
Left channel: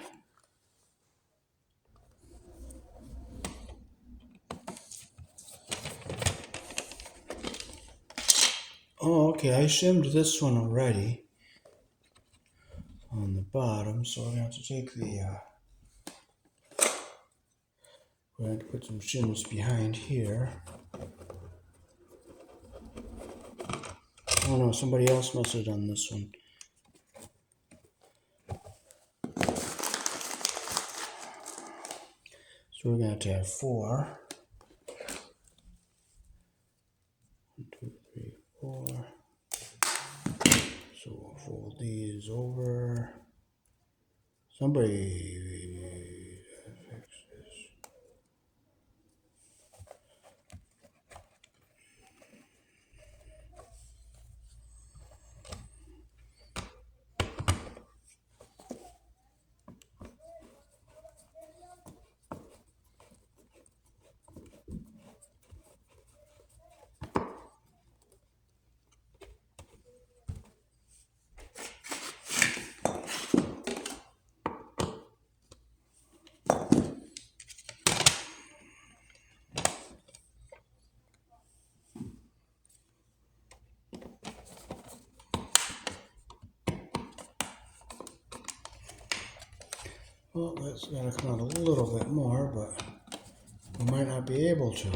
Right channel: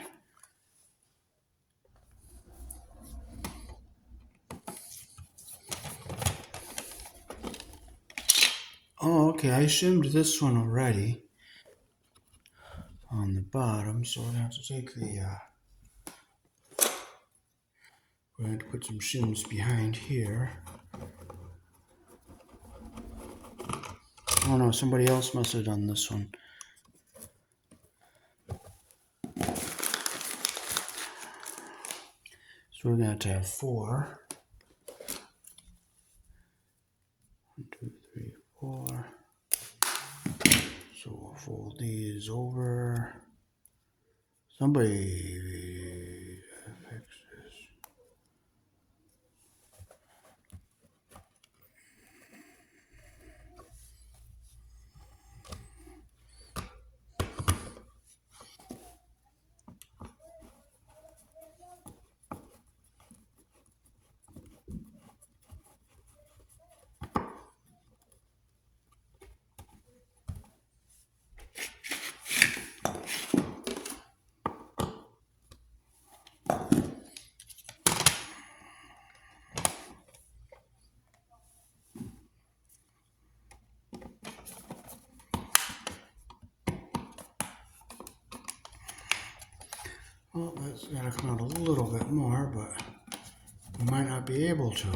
Oh, okay, I shimmed this one already on the bottom, so we're going to have to take the, we're going to put some shims behind here. Oh no, somebody else must have done this one. So we're going to have 4. 1, 2, 3, 4. So we'll fold these over. Somebody fix this. Well, that's got to come out a little bit more, but we might not be able to.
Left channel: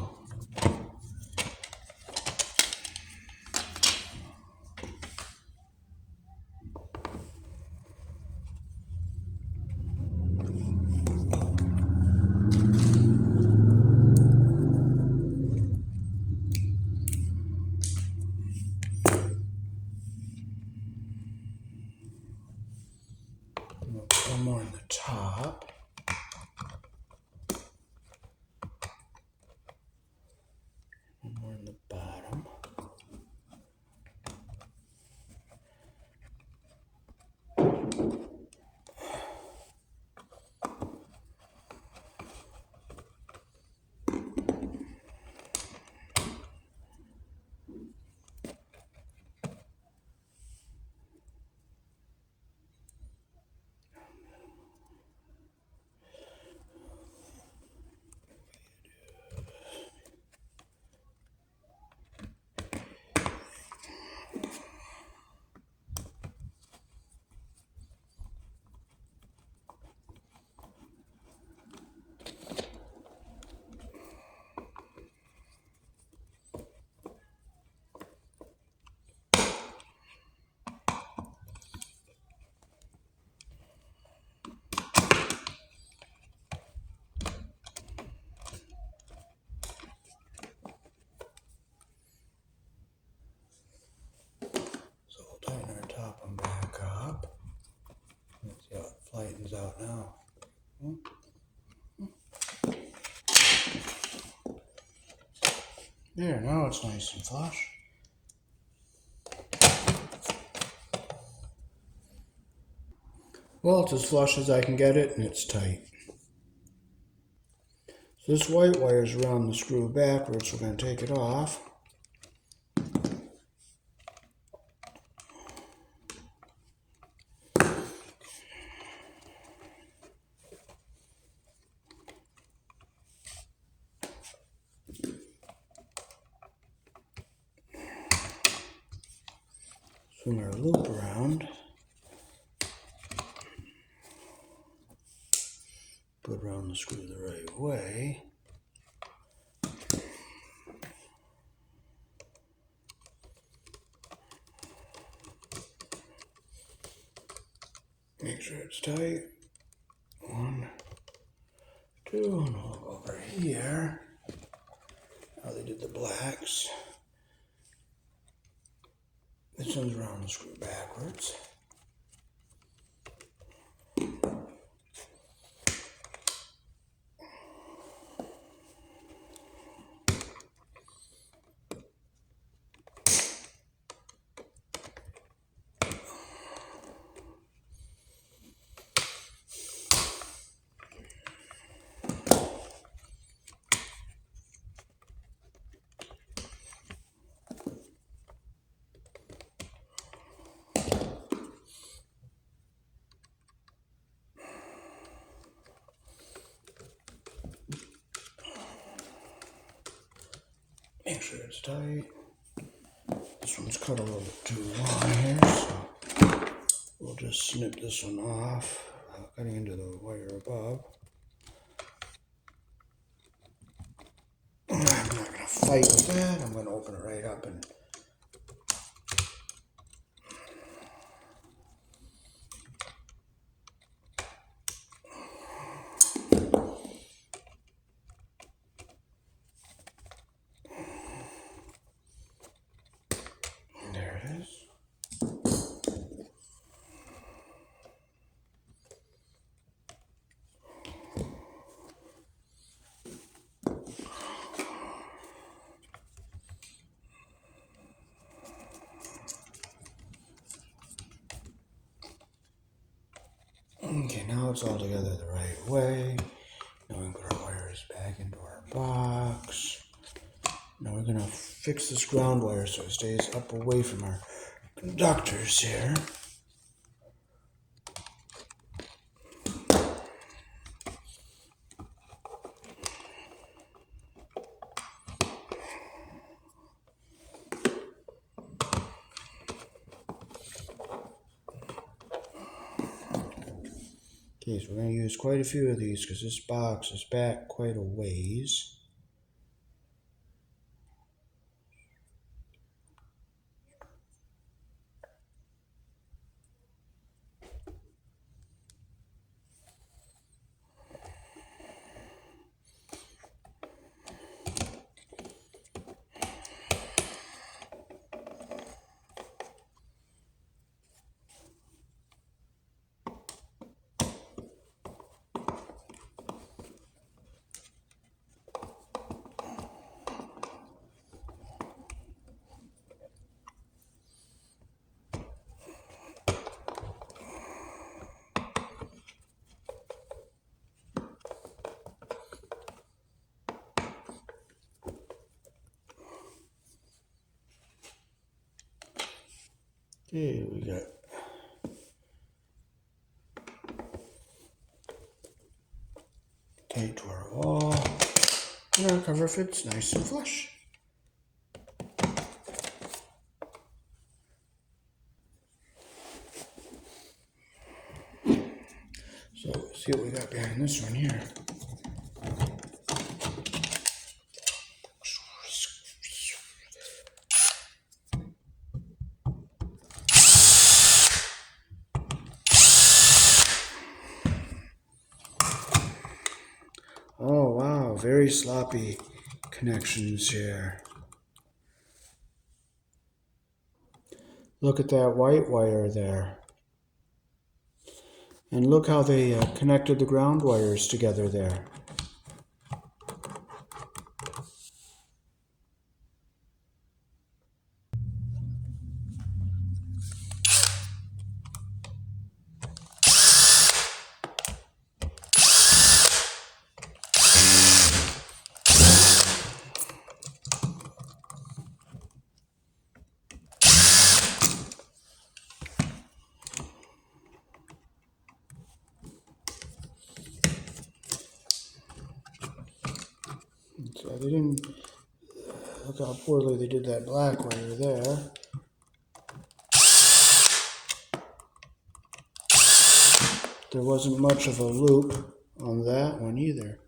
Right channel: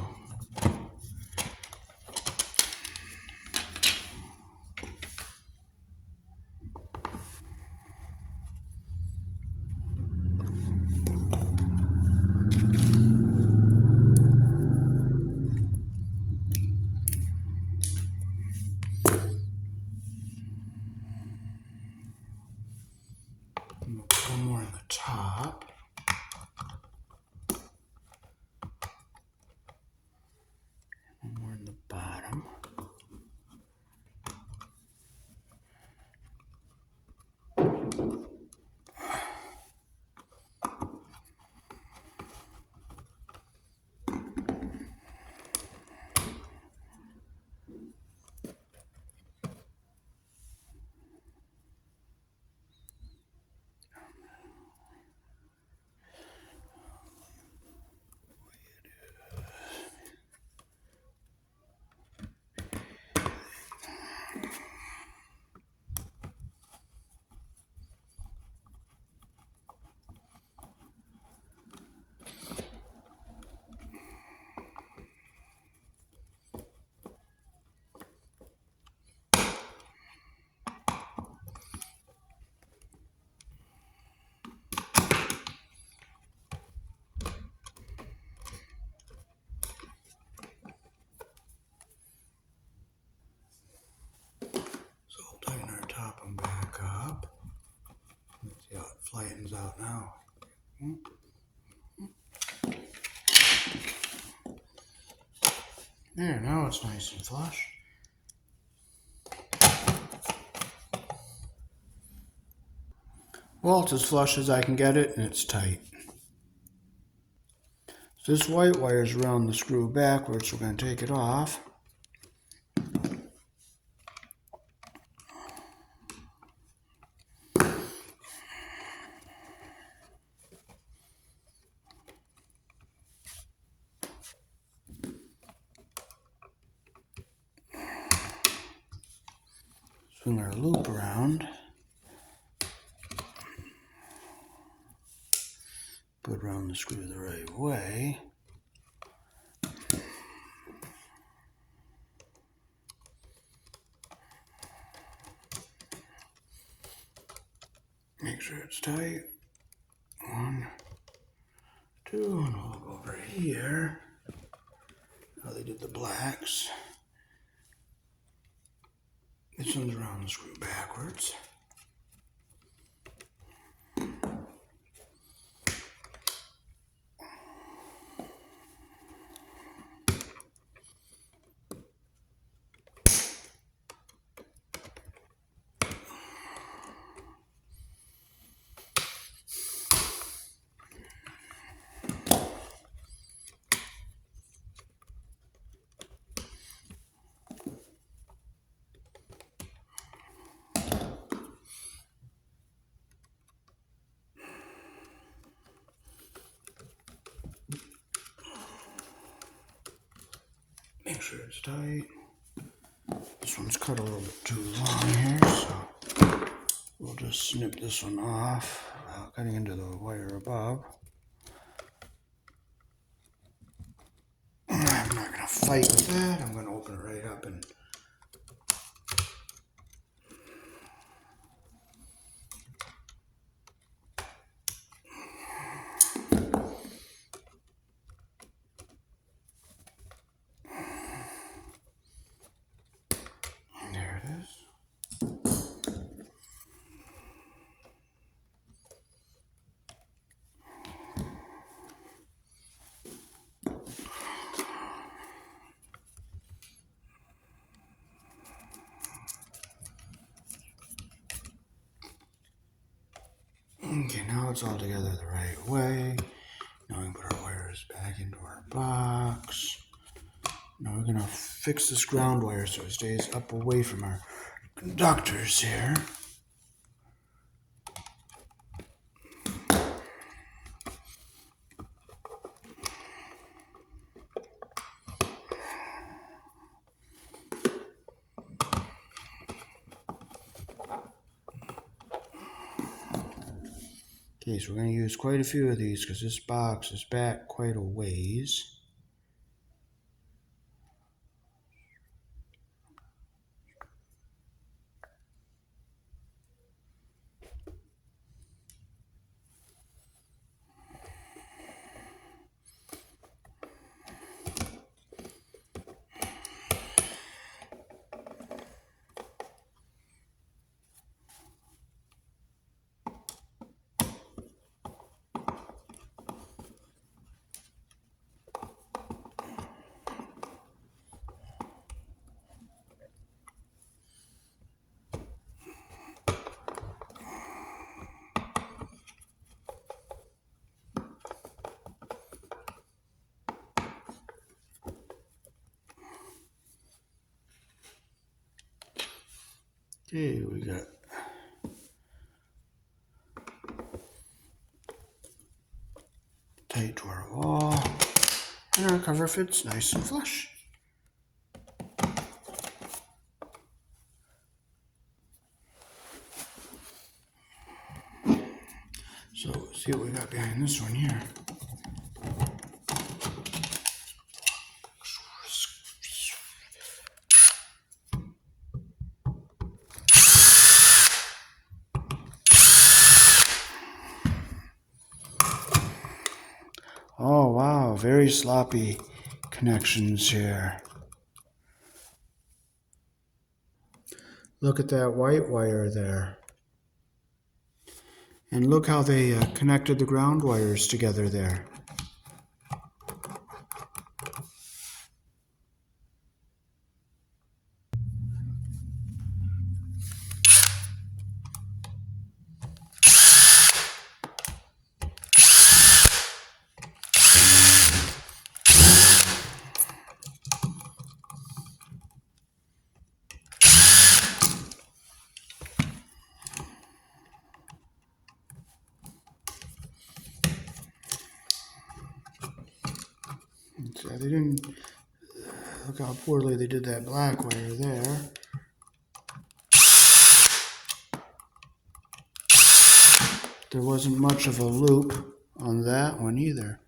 There, now it's nice and flush. Well, it's as flush as I can get it, and it's tight. So this white wire is around the screw backwards, so we're going to take it off. Swing our loop around. Put around the screw the right way. Make sure it's tight. 1, 2, and I'll go over here. How they did the blacks. This one's around the screw backwards. Make sure it's tight. This one's cut a little too long here, so we'll just snip this one off without cutting into the wire above. I'm not going to fight with that. I'm going to open it right up and there it is. Okay, now it's all together the right way. Now we can put our wires back into our box. Now we're going to fix this ground wire so it stays up away from our conductors here. Okay, so we're going to use quite a few of these because this box is back quite a ways. Okay, we got tight to our wall, and our cover fits nice and flush. So, see what we got behind this one here. Oh wow, very sloppy connections here. Look at that white wire there. And look how they connected the ground wires together there. They didn't look how poorly they did that black wire there. There wasn't much of a loop on that one either.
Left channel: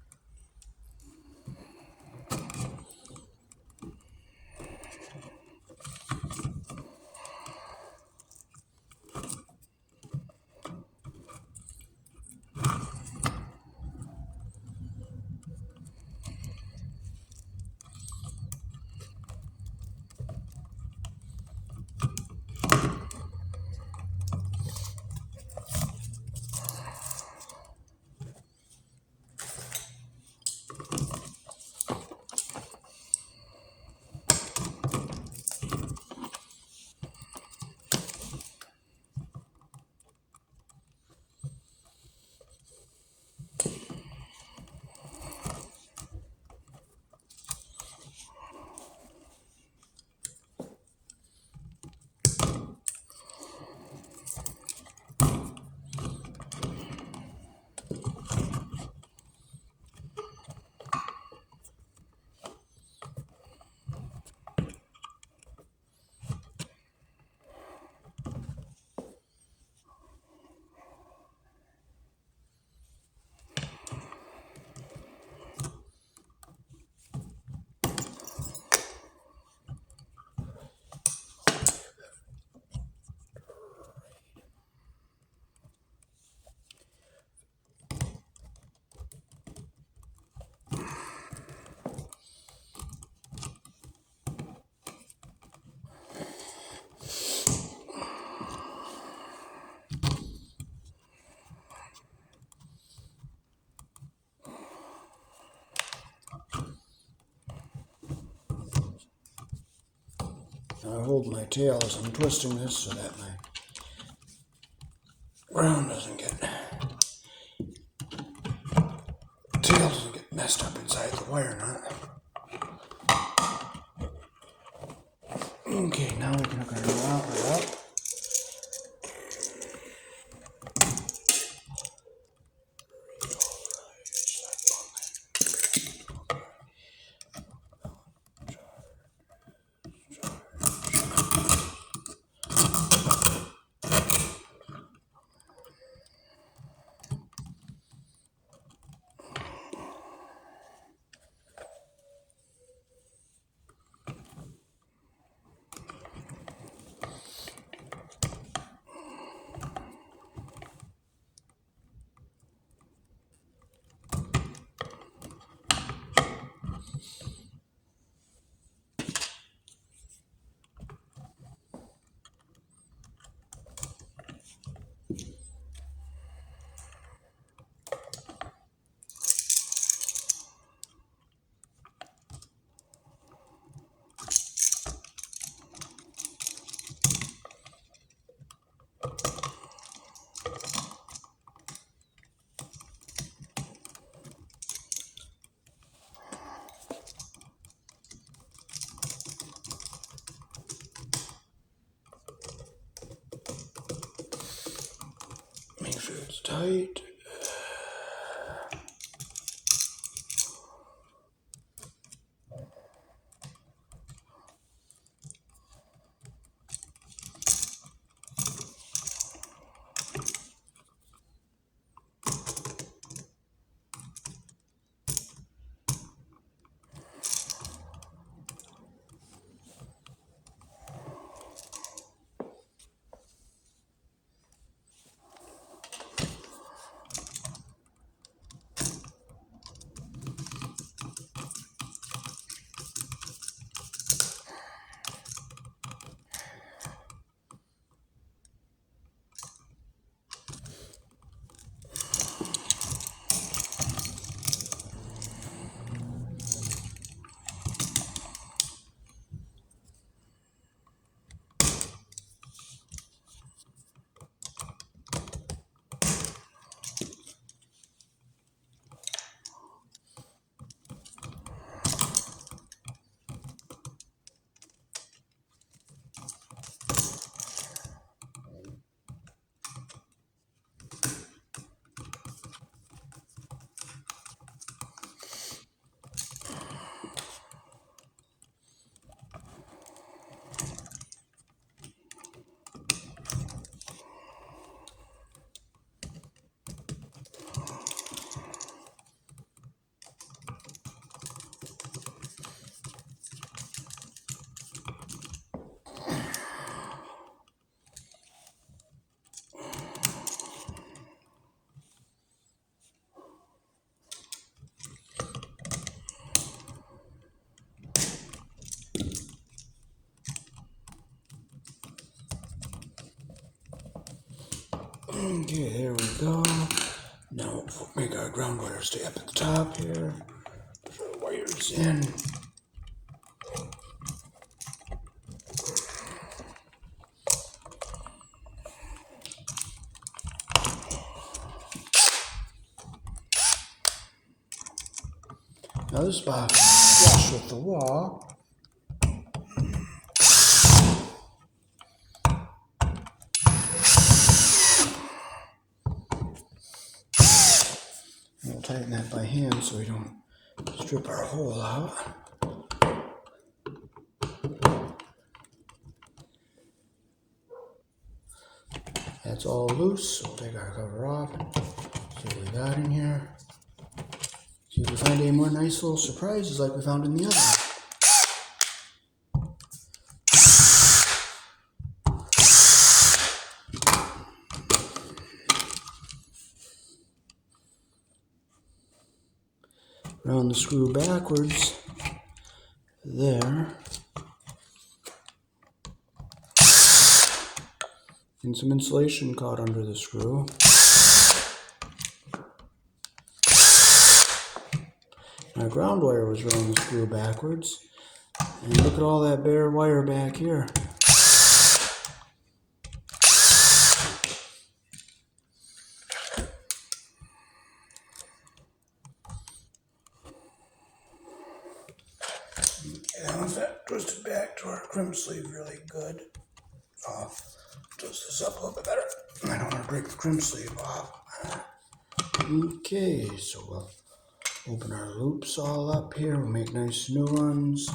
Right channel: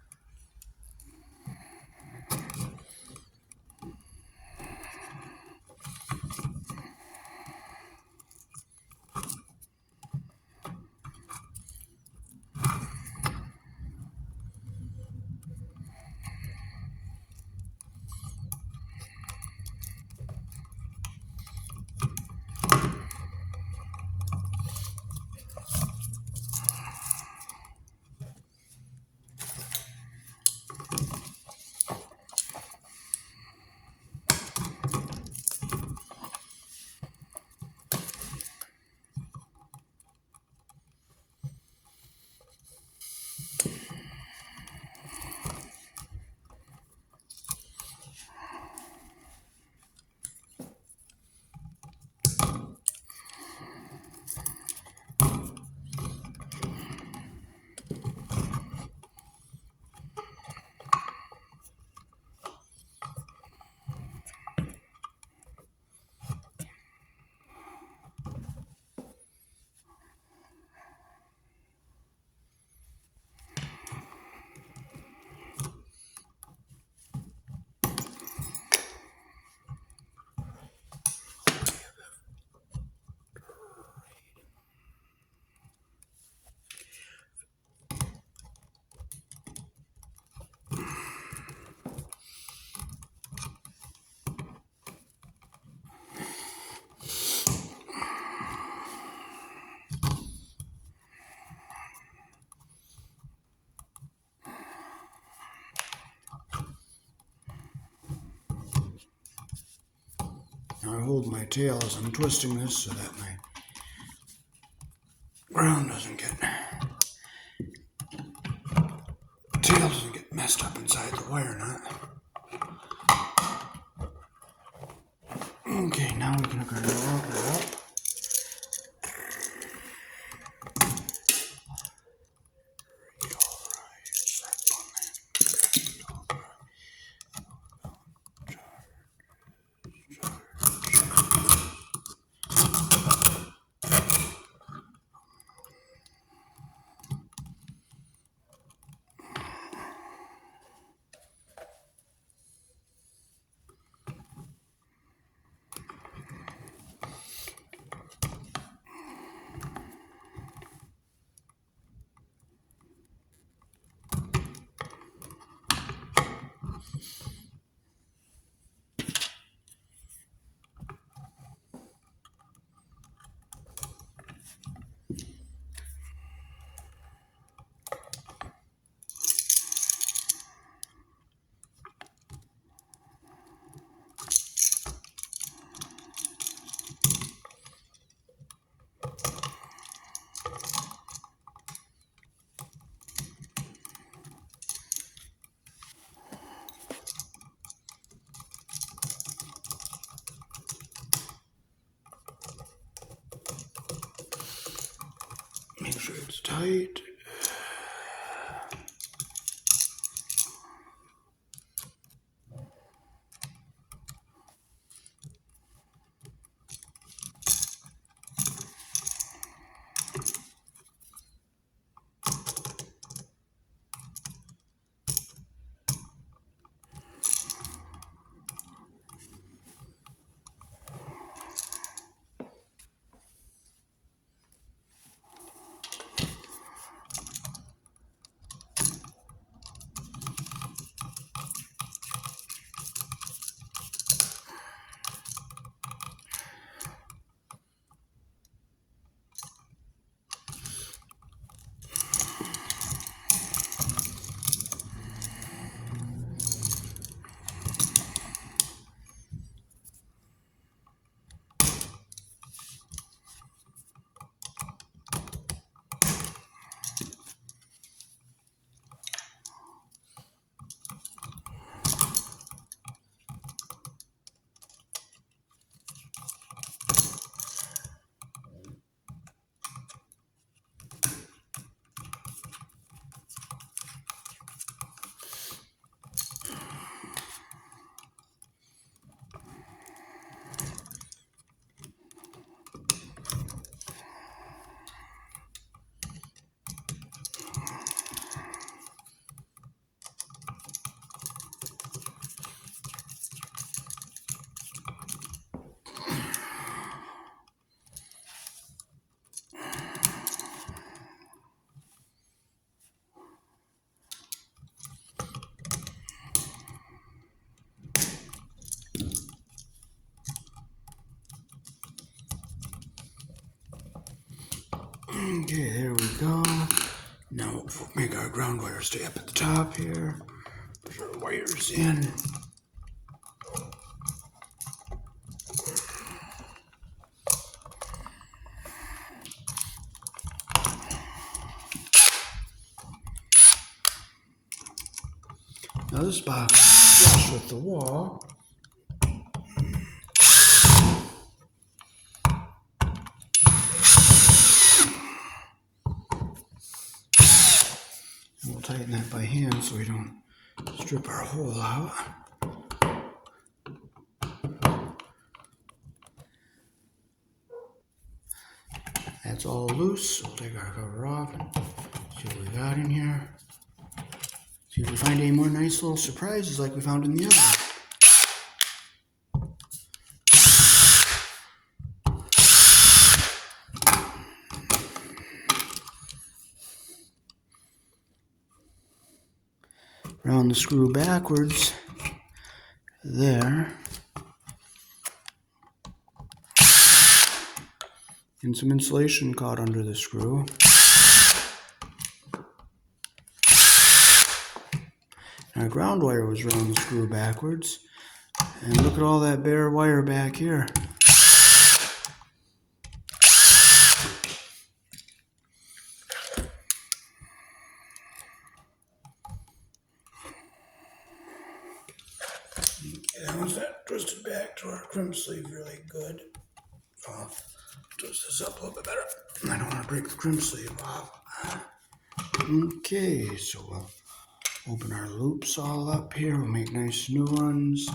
I hold my tail as I'm twisting this so that my ground doesn't get, tail doesn't get messed up inside the wire nut. Okay, now we can hook our new outlet up. stay up at the top here. Put our wires in. Now this box is flush with the wall. And we'll tighten that by hand so we don't strip our hole out. That's all loose, so we'll take our cover off and see what we got in here. See if we find any more nice little surprises like we found in the oven. Round the screw backwards. There. And some insulation caught under the screw. Our ground wire was around the screw backwards. And look at all that bare wire back here. That was that twisted back to our crimp sleeve really good. I'll twist this up a little bit better. I don't want to break the crimp sleeve off. Okay, so we'll open our loops all up here. We'll make nice new ones.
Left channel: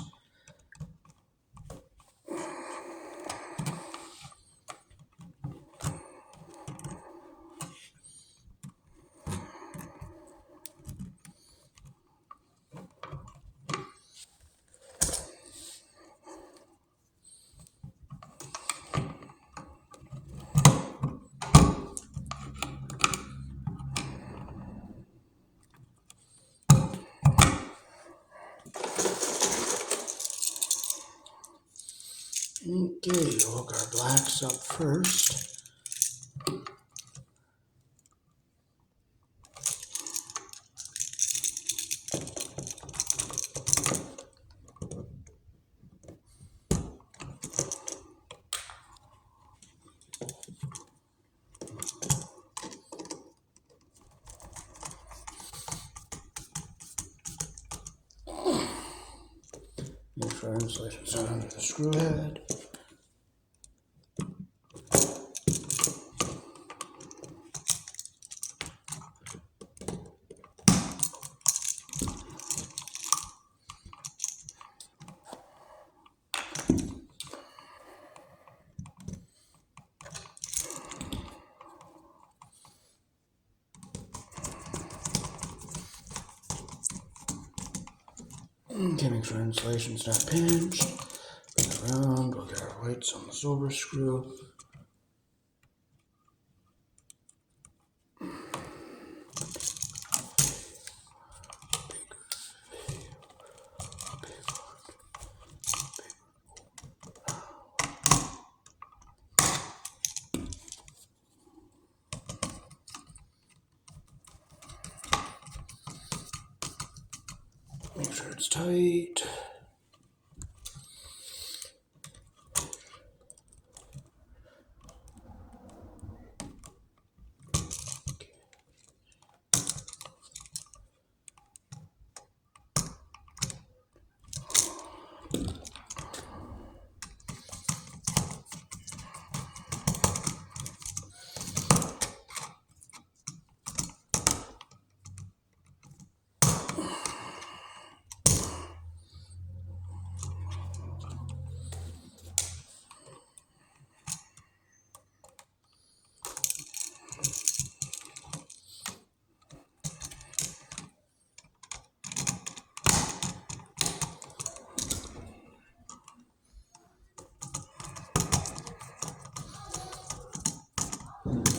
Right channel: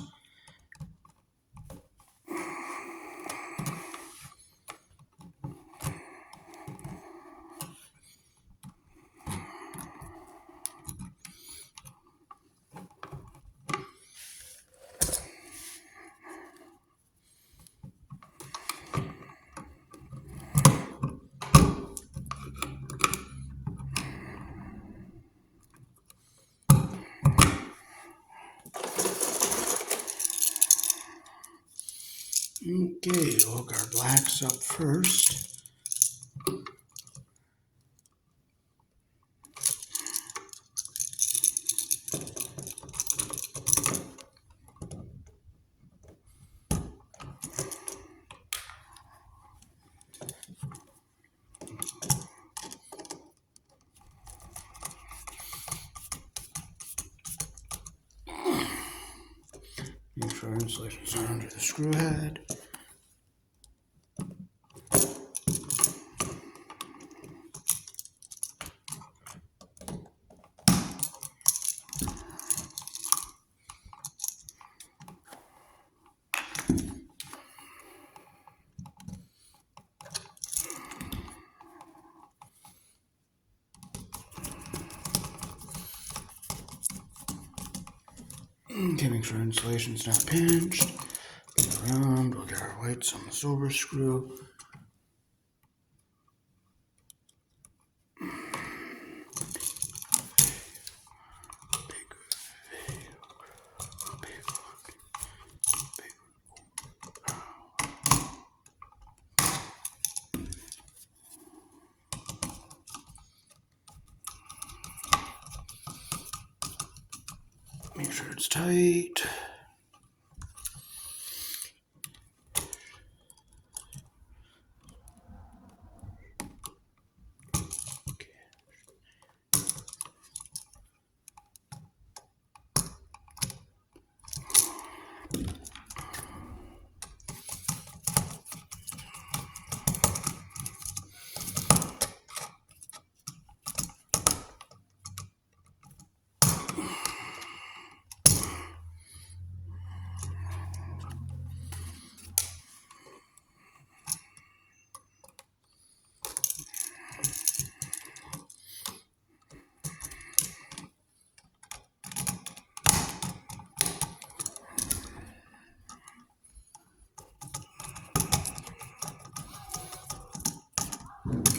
Okay, we'll hook our blacks up first. Make sure our insulations are under the screw head. Okay, make sure our insulation's not pinched. Go around, we'll get our whites on the silver screw. Make sure it's tight.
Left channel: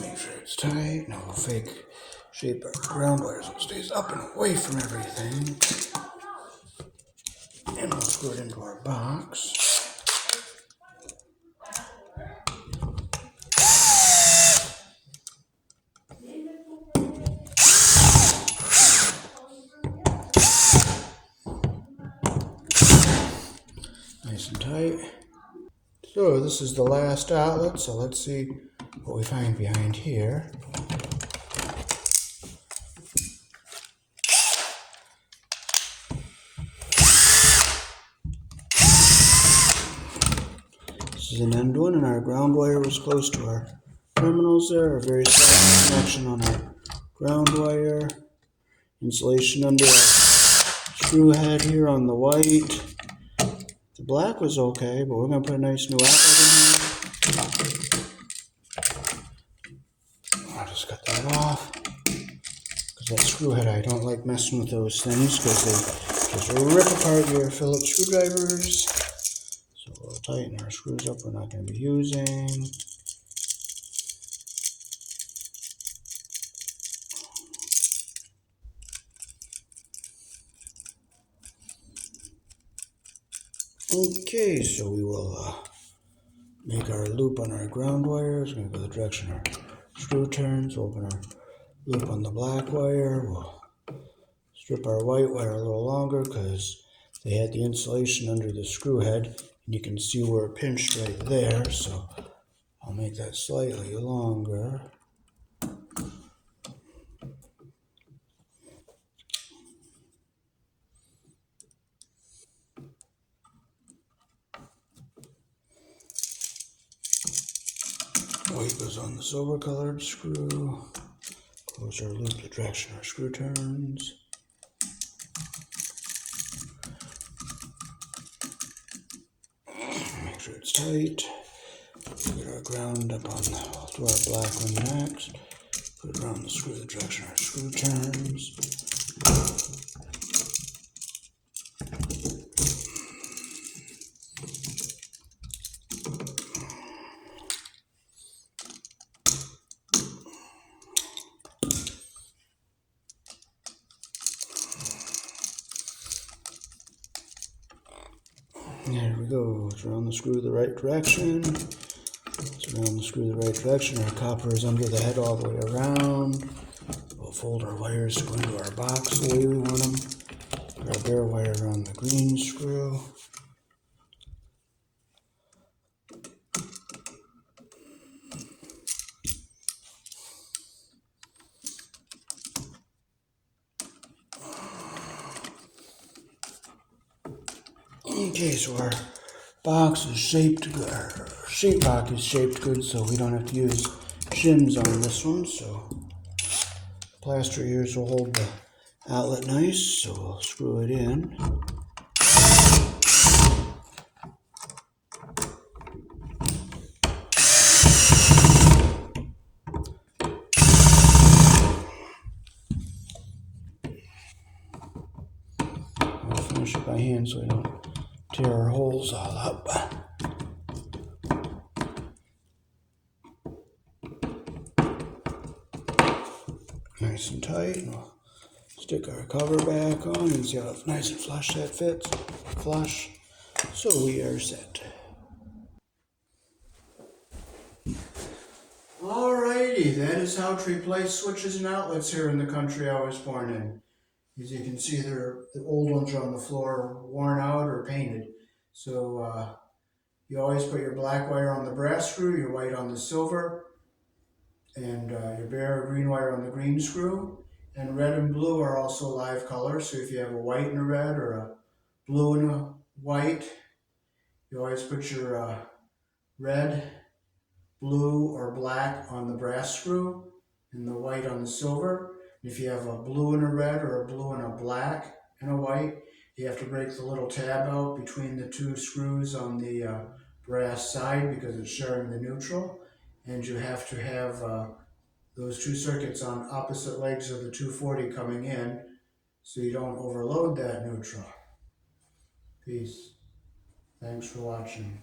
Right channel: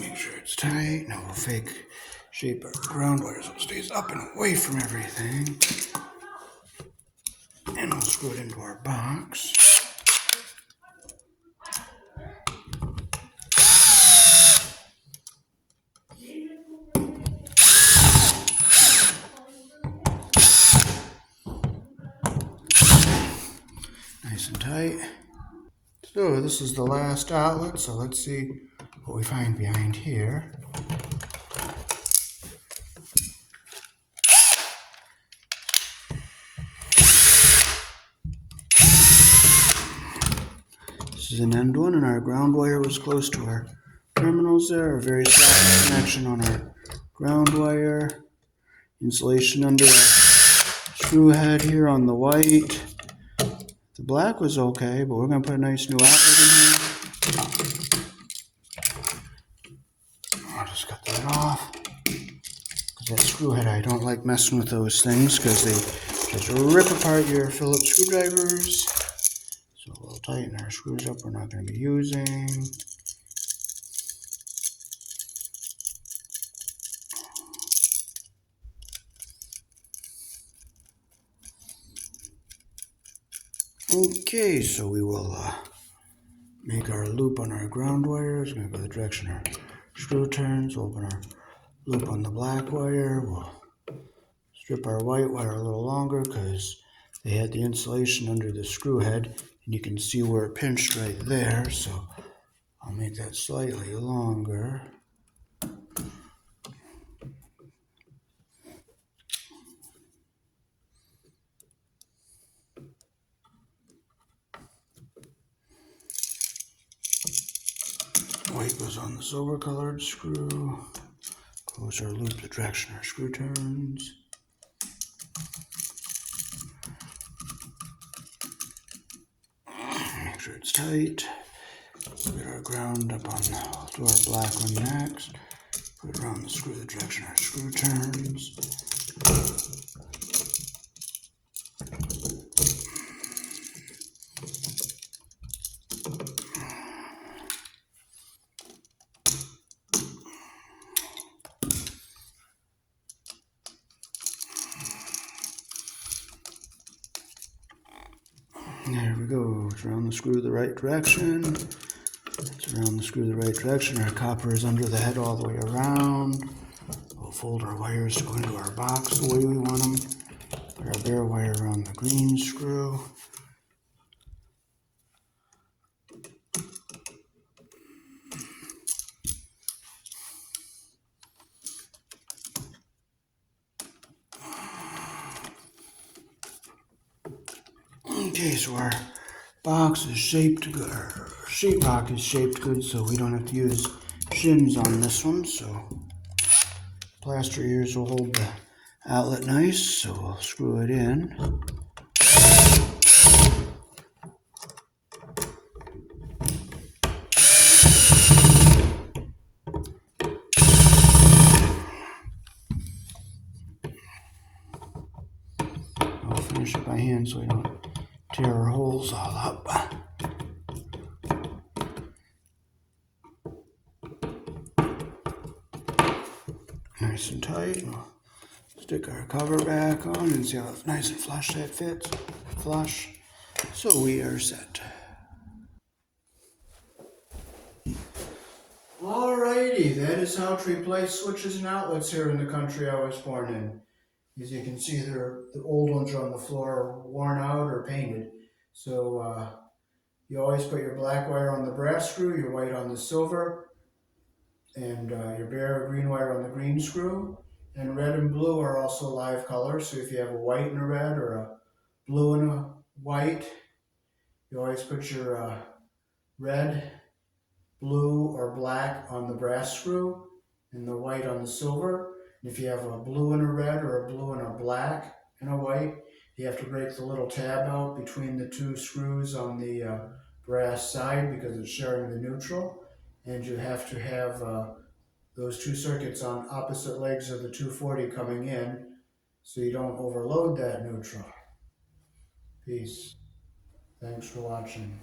Make sure it's tight. Now we'll fake shape our ground wire so it stays up and away from everything. And we'll screw it into our box. Nice and tight. So this is the last outlet, so let's see what we find behind here. This is an end one, and our ground wire was close to our terminals there. A very soft connection on our ground wire. Insulation under our screw head here on the white. The black was okay, but we're going to put a nice new outlet in here. I'll just cut that off. Because that screw head, I don't like messing with those things because they just rip apart your Phillips screwdrivers. So we'll tighten our screws up we're not going to be using. Okay, so we will make our loop on our ground wire. It's going to go the direction our screw turns. We'll open our loop on the black wire. We'll strip our white wire a little longer because they had the insulation under the screw head, and you can see where it pinched right there. So I'll make that slightly longer. White goes on the silver colored screw. Close our loop the direction our screw turns. Make sure it's tight. Get our ground up on do our black one next. Put it around the screw the direction our screw turns. There we go. It's around the screw the right direction. It's around the screw the right direction. Our copper is under the head all the way around. We'll fold our wires to go into our box the way we want them. Put our bare wire around the green screw. Okay, so our box is shaped good. Our sheetrock is shaped good, so we don't have to use shims on this one. So plaster ears will hold the outlet nice, so we'll screw it in. I'll finish it by hand so we don't tear our holes all up. Nice and tight. We'll stick our cover back on and see how it's nice and flush that fits. Flush. So we are set. Alrighty, that is how to replace switches and outlets here in the country I was born in. As you can see, the old ones are on the floor, worn out or painted. So you always put your black wire on the brass screw, your white on the silver, and your bare or green wire on the green screw. And red and blue are also live colors, so if you have a white and a red or a blue and a white, you always put your red, blue, or black on the brass screw and the white on the silver. And if you have a blue and a red or a blue and a black and a white, you have to break the little tab out between the two screws on the brass side because it's sharing the neutral. And you have to have those two circuits on opposite legs of the 240 coming in so you don't overload that neutral. Peace. Thanks for watching.